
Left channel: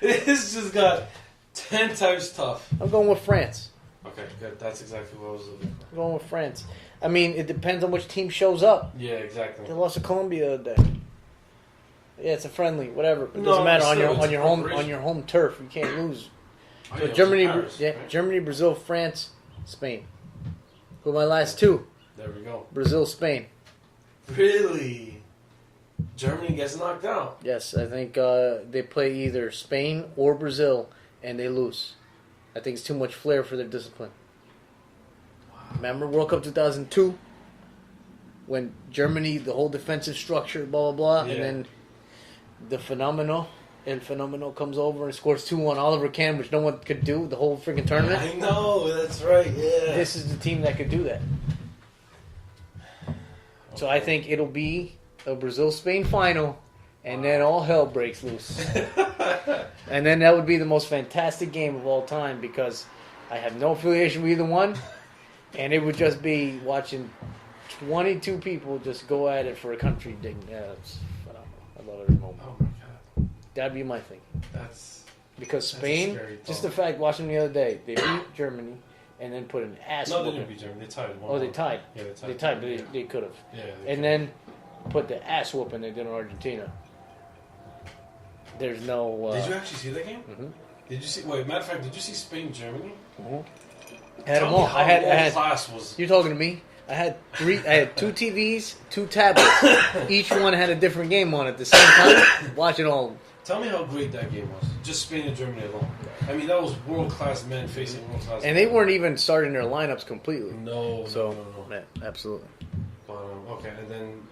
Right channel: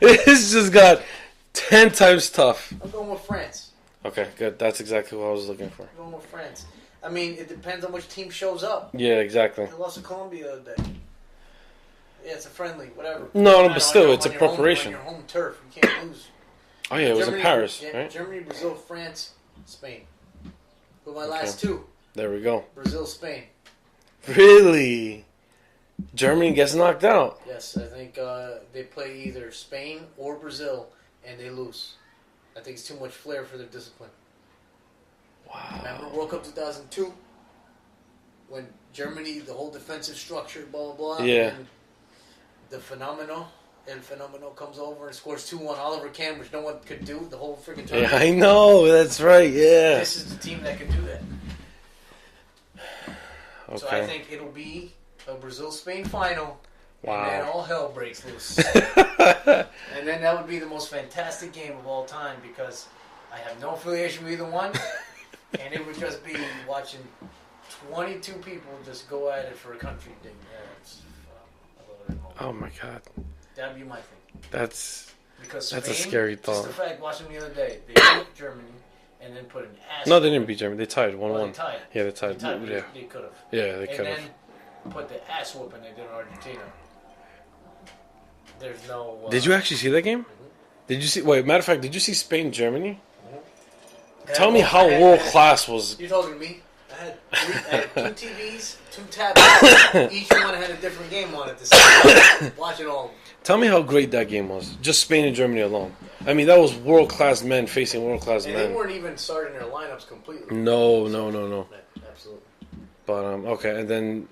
This just got 10 times tough. I'm going with France. Okay, good. That's exactly what I was looking for. I'm going with France. I mean, it depends on which team shows up. Yeah, exactly. They lost to Colombia the other day. Yeah, it's a friendly, whatever. No, Doesn't but matter. still, it's on a your home, preparation. on your home turf. You can't lose. Oh, yeah, it was Germany, in Paris, yeah, right? Germany, Brazil, France, Spain. Who are my last 2? There we go. Brazil, Spain. Really? Germany gets knocked out. Yes, I think they play either Spain or Brazil, and they lose. I think it's too much flair for their discipline. Wow. Remember World Cup 2002? When Germany, the whole defensive structure, blah, blah, blah. Yeah. And then the Phenomenal comes over and scores 2 on Oliver Kahn, which no one could do the whole freaking Yeah, tournament. I know. That's right. Yeah. This is the team that can do that. So I Okay. think it'll be a Brazil-Spain final, and then all hell breaks loose. And then that would be the most fantastic game of all time because I have no affiliation with either one, and it would just be watching 22 people just go at it for a country thing. Yeah, it's phenomenal. I love it remote. Oh my God. That'd be my thing. That's Because That's Spain, a scary just the thought. fact, watching them the other day, they beat Germany and then put an ass. no. They didn't beat Germany. They tied 1-1. Oh, they tied. Yeah, they tied. They tied, but Yeah. they could have. Yeah, they And could've. then put the ass whooping they did in Argentina. There's no. Did you actually see that game? Mhm. Did you see? Wait, matter of fact, did you see Spain Germany? I had Tell them me all- how I had- world class was. You're talking to me? I had 2 TVs, 2 tablets. Each one had a different game on it at the same time. Watching all of them. Tell me how great that game was. Just Spain and Germany alone. I mean, that was world class men facing world class men. And they weren't even starting their lineups completely. No. Yeah, absolutely. But okay, and then,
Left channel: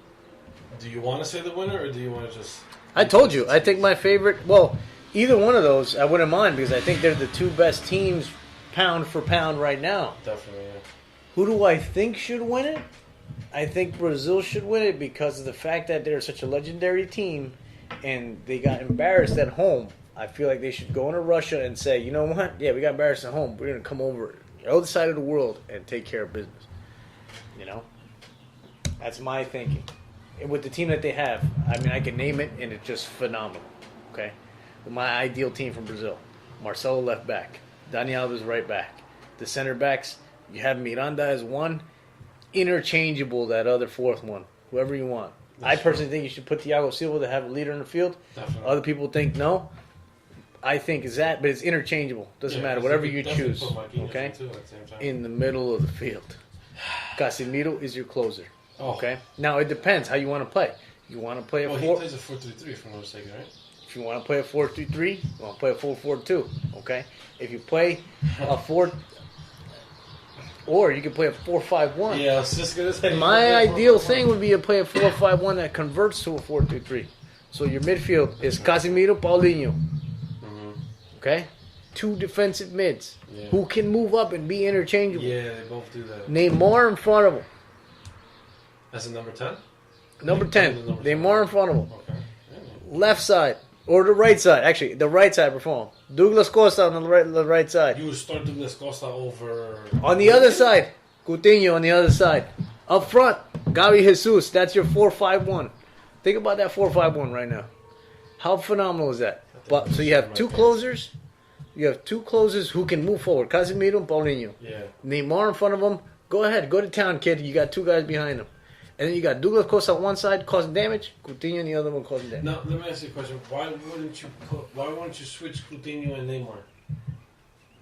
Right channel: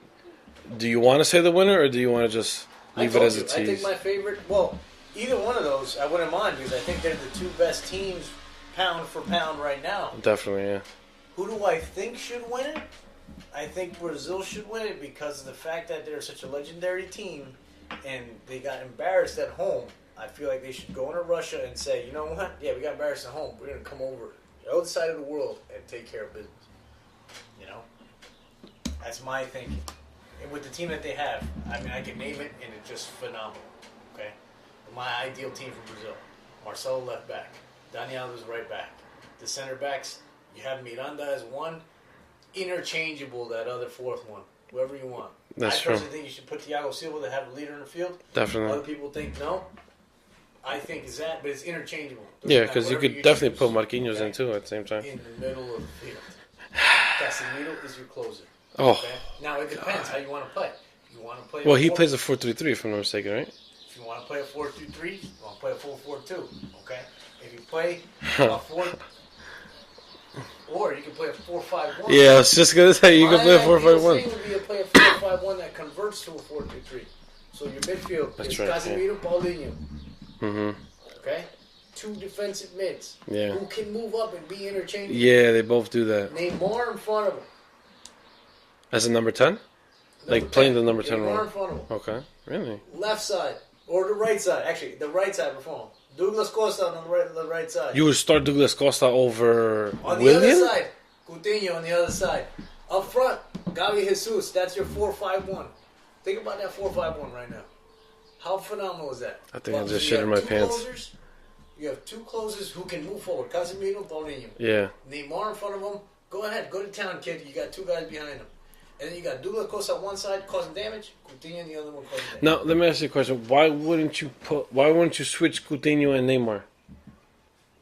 do you want to say the winner or do you want to just? I leave it told as you. a I think tease? my favorite. Well, either one of those, I wouldn't mind because I think they're the 2 best teams, pound for pound, right now. Definitely, yeah. Who do I think should win it? I think Brazil should win it because of the fact that they're such a legendary team, and they got embarrassed at home. I feel like they should go into Russia and say, you know what? Yeah, we got embarrassed at home. We're gonna come over the other side of the world and take care of business. You know, that's my thinking. And with the team that they have, I mean, I can name it, and it's just phenomenal. Okay, my ideal team from Brazil: Marcelo left back, Dani Alves right back. The center backs, you have Miranda as 1, interchangeable that other fourth one, whoever you want. That's I personally true. think you should put Thiago Silva to have a leader in the field. Definitely. Other people think no. I think is that, but it's interchangeable. Doesn't Yeah, matter. because you Whatever could definitely choose, put Marquinhos okay? in too at the same time. In the middle of the field. Casemiro is your closer. Oh, Okay. Now it depends how you want to play. You want to play. well, he plays a 4-3-3 if I'm not mistaken, right? If you want to play a 4-3-3, you want to play a 4-4-2. Okay. If you play a 4, or you can play a 4-5-1. Yeah, I was just gonna say you My can play a ideal 4-5-1. thing would be to play a 4-5-1 that converts to a 4-3-3. So your midfield is right, Casemiro, Paulinho. Mm-hmm. Okay. 2 defensive mids Yeah. who can move up and be interchangeable. Yeah, they both do that. Neymar in front of him. As a number 10? Number Like playing 10. the number 10 Neymar role. in front of him. Okay, really? Left side. Or the right side. Actually, the right side perform. Douglas Costa on the right side. You would start Douglas Costa over On the Willian? other side, Coutinho on the other side. Up front, Gavi Jesus. That's your 4-5-1. Think about that 4-5-1 right now. How phenomenal is that? I think I just So you shit have my 2 pants. closers. You have 2 closers who can move forward. Casemiro and Paulinho. Yeah. Neymar in front of them. Go ahead. Go to town, kid. You got 2 guys behind them. And then you got Douglas Costa on one side causing damage. Coutinho on the other one causing damage. Now let me ask you a question. Why wouldn't you switch Coutinho and Neymar?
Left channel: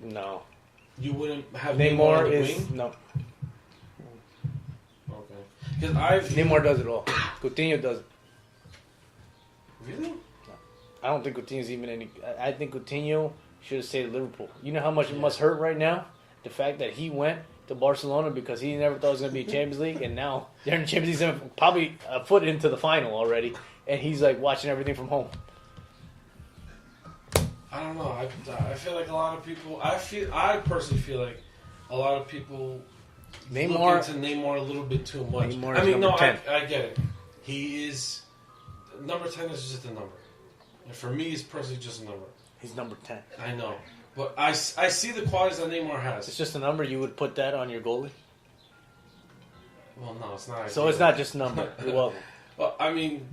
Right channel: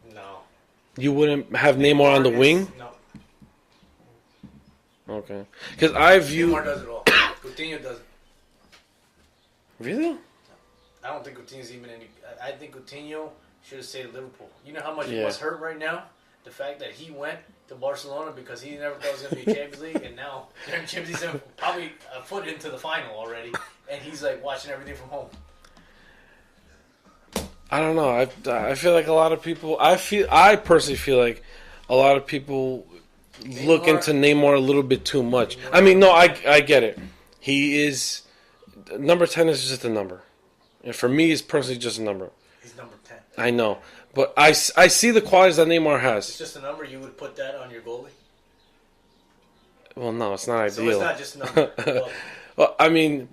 No. You wouldn't have Neymar on the wing? No. Okay. Because I view Neymar does it all. Coutinho does it. Really? I don't think Coutinho's even any. I think Coutinho should have stayed at Liverpool. You know how much it Yeah. must hurt right now? The fact that he went to Barcelona because he never thought it was going to be Champions League, and now they're in Champions League, probably a foot into the final already, and he's like watching everything from home. I don't know. I feel like a lot of people. I personally feel like a lot of people look Neymar- into Neymar a little bit too much. Neymar I mean, no, number 10. I get it. He is number 10 is just a number, and for me, it's personally just a number. He's number 10. I know, but I see the qualities that Neymar It's has. just a number. You would put that on your goalie. Well, no, it's not ideal. So it's not just a number. Well, Well, I mean,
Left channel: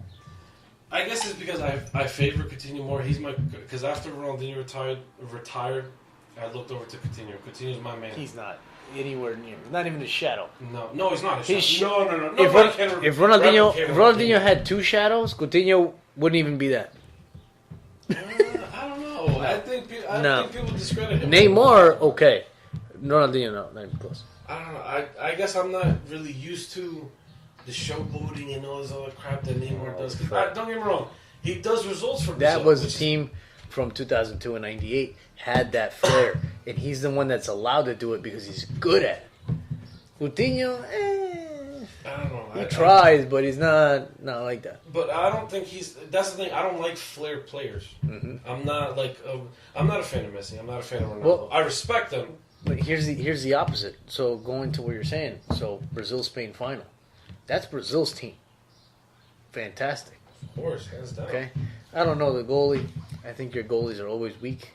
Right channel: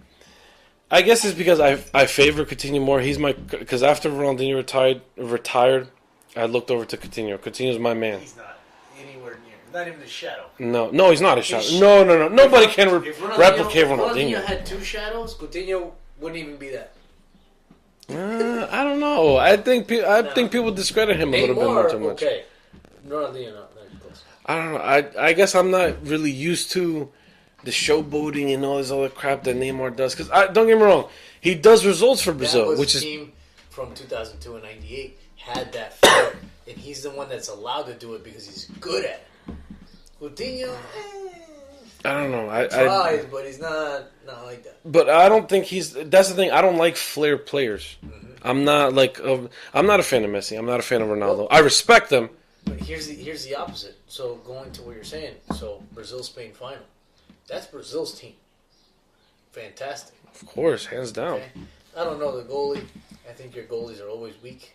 I guess it's because I favor Coutinho more. He's my because after Ronaldinho retired, I looked over to Coutinho. Coutinho's my man. he's not anywhere near. Not even a shadow. No, he's not a shadow. He's- No. Nobody If can If replicate Ronaldinho had 2 shadows, Coutinho wouldn't even be that. I don't know. I think No. people discredit him. a little bit Neymar, too much. okay. Ronaldinho, no, not even close. I don't know. I guess I'm not really used to the showboating and all this other crap that Neymar does. Because don't get me wrong, he does results for That Brazil, was which the is team from 2002 and 98 had that flair, and he's the one that's allowed to do it because he's good at it. Coutinho, I don't know. he tries, but he's not like that. But I don't think he's. That's the thing. I don't like flair players. Mm-hmm. I'm not like. I'm not a fan of Messi. I'm not a fan of Ronaldo. Well- I respect them. But here's the opposite. So going to what you're saying, so Brazil-Spain final, that's Brazil's team. Fantastic. Of course, hands down. Okay, I don't know the goalie. I think your goalies are always weak.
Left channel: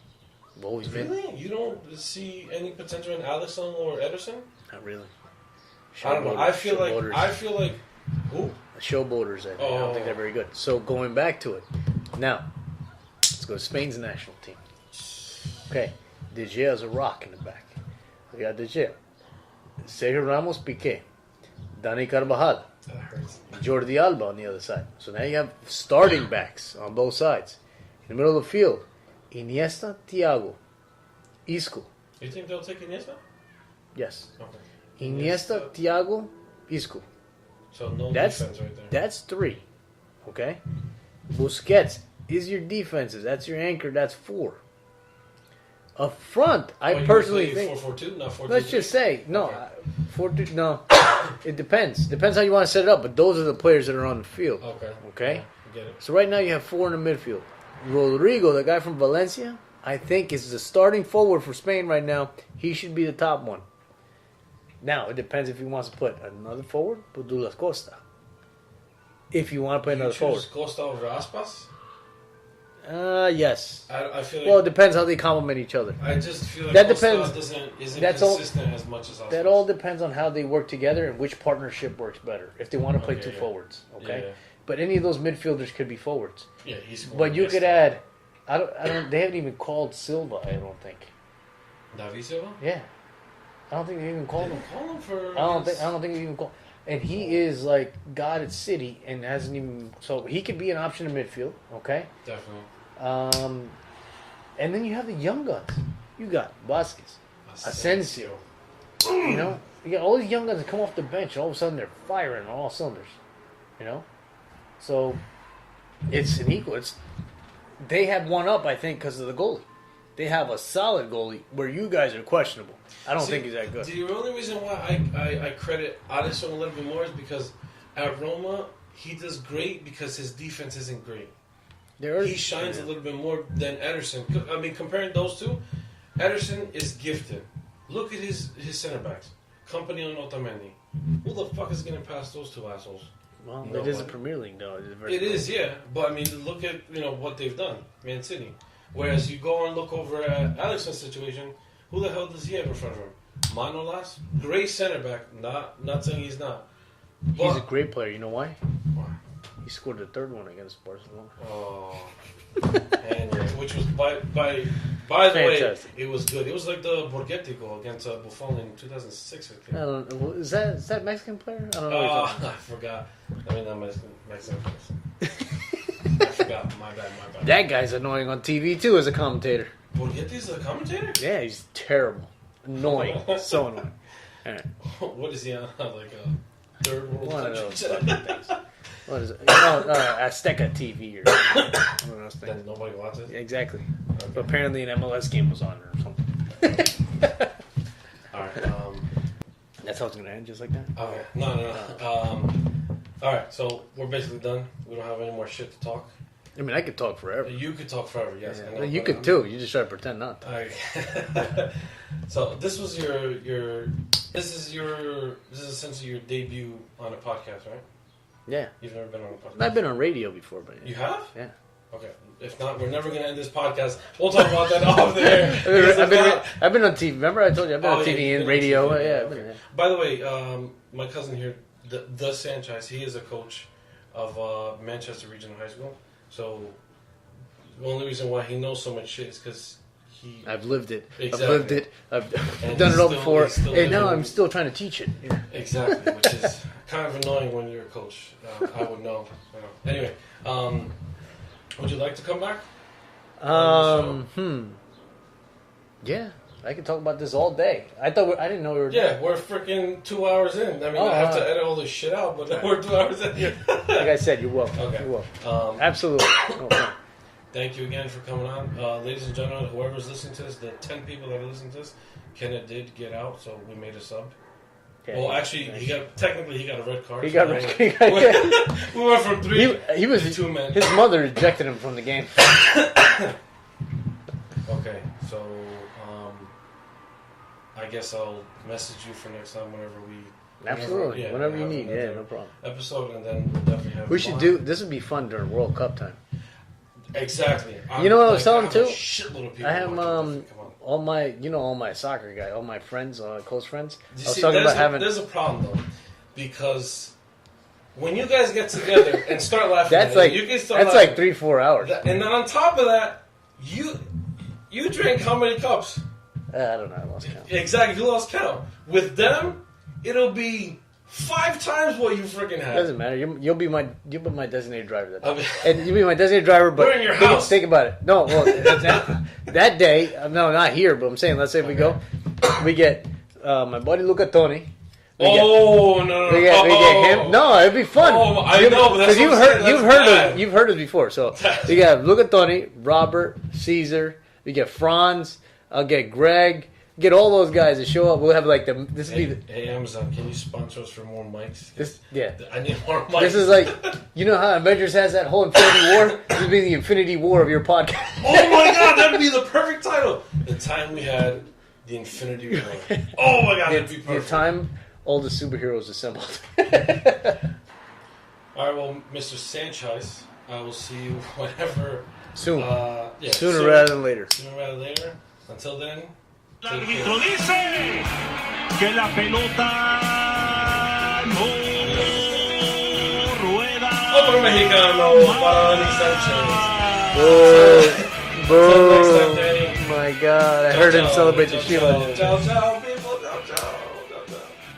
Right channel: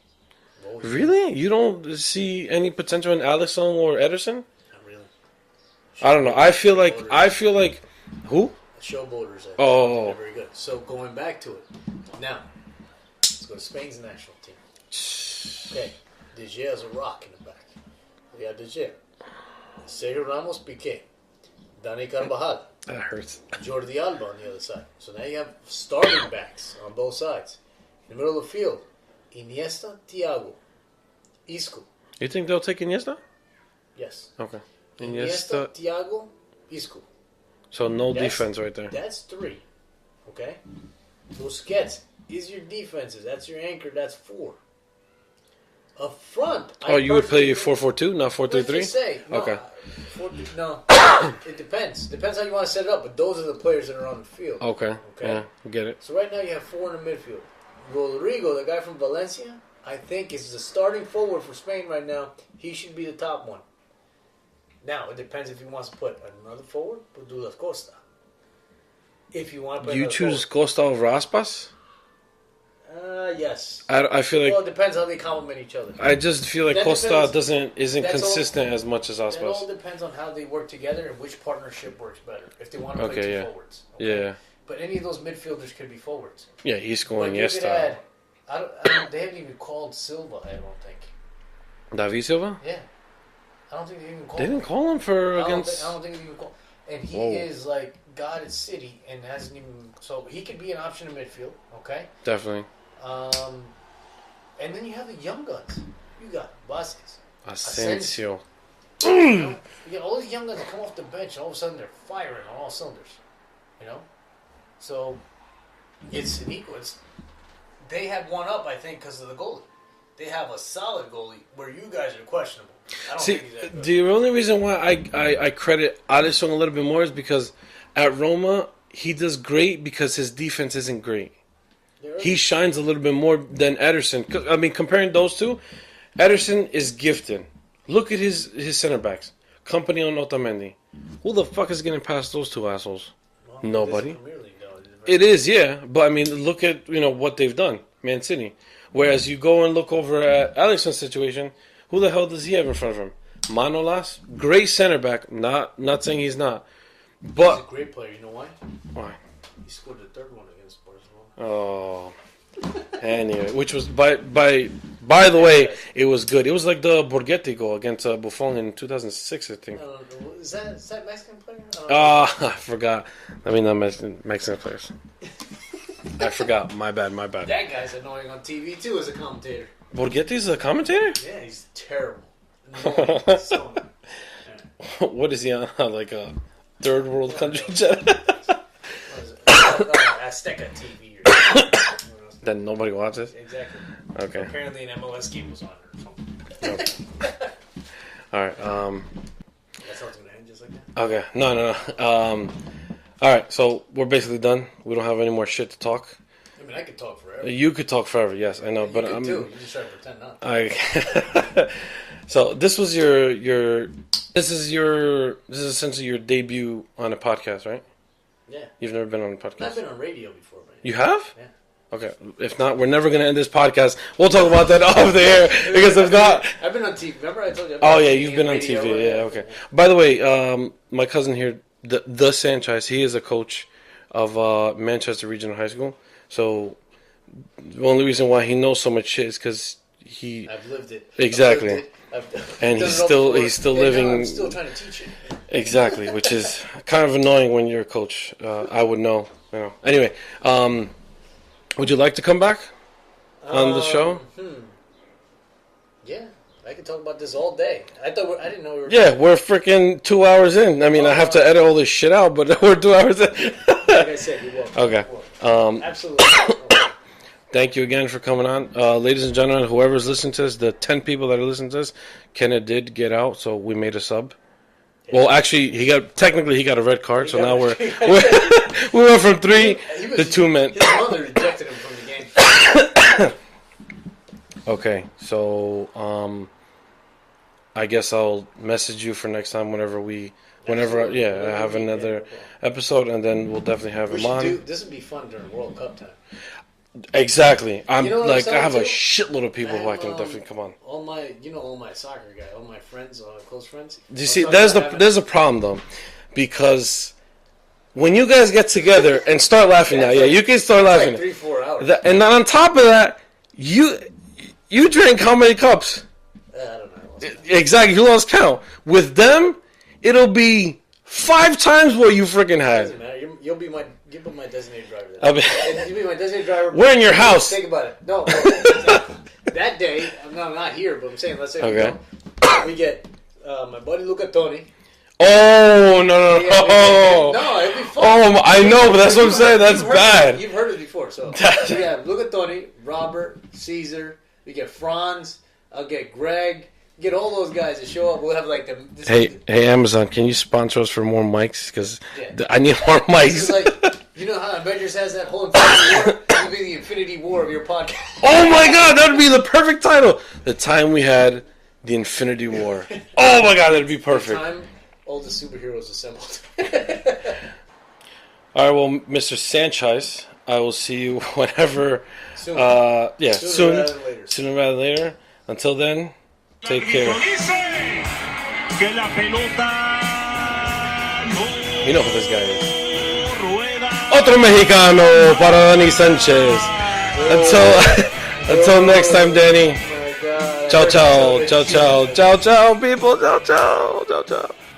Always been. Really? You don't see any potential in Alisson or Ederson? Not really. I don't know. I feel like who? Showboaters. I Oh. don't think they're very good. So going back to it, now let's go to Spain's national team. Okay, De Gea is a rock in the back. We got De Gea, Sergio Ramos, Piqué, Dani Carvajal, That hurts. Jordi Alba on the other side. So now you have starting backs on both sides. In the middle of the field, Iniesta, Thiago, Isco. You think they'll take Iniesta? Yes. Okay. Iniesta, Thiago, Isco. So no That's- defense right there. That's 3. Okay? Busquets is your defensive. That's your anchor. That's 4. Up front, I You would personally play think- 4-4-2, not Let's 4-3-3? just say no. Okay. 4-2 no. It depends. Depends how you want to set it up. But those are the players that are on the field. Okay. Okay. Yeah, get it. So right now you have 4 in the midfield. Rodrigo, the guy from Valencia, I think is the starting forward for Spain right now. He should be the top one. Now it depends if he wants to put another forward. Put Douglas Costa. If you want to play You another choose Costa over Aspas? forward. Yes. I feel like Well, it depends how they complement each other. I just feel like That Costa depends. isn't That's all- consistent as much as Aspas. That all depends on how they work together and which partnership works better. If they want to play Okay, 2 yeah. forwards. Okay? Yeah. But any of those midfielders could be forwards. Yeah, he's But going you could Iniesta. add. They haven't even called Silva. I don't think. David Silva? Yeah. I don't think they even call They him. didn't call him for I against. don't think they even call. And he is like God at City and hasn't even. So he could be an option in midfield. Okay. Definitely. And then you have the young guns. You got Vasquez, Asensio. you know, you got all these young guns that come off the bench. All of a sudden, they're firing on all cylinders. You know, so it's an equal. They have one up, I think, because of the goalie. They have a solid goalie where you guys are questionable. I don't think he's that good. The only reason why I credit Alisson a little bit more is because at Roma he does great because his defense isn't great. He shines a little bit more than Ederson. I mean, comparing those two, Ederson is gifted. Look at his center backs. Company on Otamendi. Who the fuck is getting past those two assholes? Well, Nobody. It is Premier League, though. It is, yeah. But I mean, look at what they've done, Man City. Whereas you go and look over at Alisson's situation, who the hell does he have in front of him? Manolas, great center back. Not saying he's not, but he's a great player. You know why? Why? He scored the third one against Barcelona. Oh, anyway, which was by the way, it was good. It was like the Borghetti goal against Buffon in 2006, I think. Is that Mexican player? I don't know. I forgot. I mean, not Mexican players. I forgot. My bad. That guy's annoying on TV too as a commentator. Borghetti's a commentator? Yeah, he's terrible. Annoying. So annoying. What is he on? Like a third world country? What is it? Azteca TV or something. That nobody watches? Exactly. Okay. So apparently an MLS game was on or something. All right. That's how it's going to end, just like that? Okay. No. All right. So we're basically done. We don't have any more shit to talk. I mean, I could talk forever. You could talk forever. Yes, I know. You but could too. You just try to pretend not to. So this was your this is essentially your debut on a podcast, right? Yeah. You've never been on a podcast. I've been on radio before, but You have? Yeah. Okay. If not, we're never gonna end this podcast. We'll talk about that off the air because if not, I've been on TV. Remember I told you? I've been on TV you've been radio. on TV. Yeah. Okay. By the way, my cousin here, the Sanchez, he is a coach of Manchester Regional High School. So the only reason why he knows so much shit is because I've lived it. Exactly. I've and done he's it all still before, he's still and living. now I'm still trying to teach it. Yeah. Exactly, which is kind of annoying when you're a coach. I would know. Anyway, would you like to come back on the show? Yeah, I could talk about this all day. I didn't know we were. Yeah, we're freaking 2 hours in. I mean, I have to edit all this shit out, but we're 2 hours in. Like I said, you're welcome. Okay. You're welcome. Absolutely. Okay. Thank you again for coming on. Ladies and gentlemen, whoever's listening to this, the 10 people that are listening to this, Kenneth did get out, so we made a sub. Yeah. Well, actually, he got a red card, so now we went from 3 to 2 men. His mother ejected him from the game. Okay, so I guess I'll message you for next time whenever I have another episode, and then we'll definitely have him on. This would be fun during World Cup time. Exactly. You know what like I have too? a shitload of people who I can definitely come on. All my soccer guys, all my friends, close friends. You see, there's a problem though, because when you guys get together and start laughing you can start laughing. Like 3-4 hours. And then on top of that, you drink how many cups? I don't know. I lost count. Exactly, you lost count. With them, it'll be 5 times what you freaking had. It doesn't matter. You'll be my designated driver. And you'll be my designated driver. We're in your house. Think about it. No, that day. No, not here. But I'm saying, let's say we get my buddy Luca Toni. Oh no! No, it'd be fun. Oh, I know, but that's what I'm saying. That's bad. You've heard it before. So you got Luca Toni, Robert, Caesar. We get Franz. I'll get Greg. Get all those guys to show up. We'll have like Hey, Amazon, can you sponsor us for more mics? Because I need more mics. This is like, you know how Avengers has that whole Infinity War? This would be the Infinity War of your podcast. Oh my God, that would be the perfect title. The time we had the Infinity War. Oh my God, that'd be perfect. The time all the superheroes assembled. All right, well, Mr. Sanchez, I will see you whenever. Soon. Sooner rather than later. Sooner rather than later. Until then. Take care. Que la pelota no you know who this guy is. Otro Mexicano para Dani Sanchez. Until next time, Danny. God. Ciao, ciao, ciao, ciao, ciao, ciao, people. Ciao, ciao, ciao, ciao.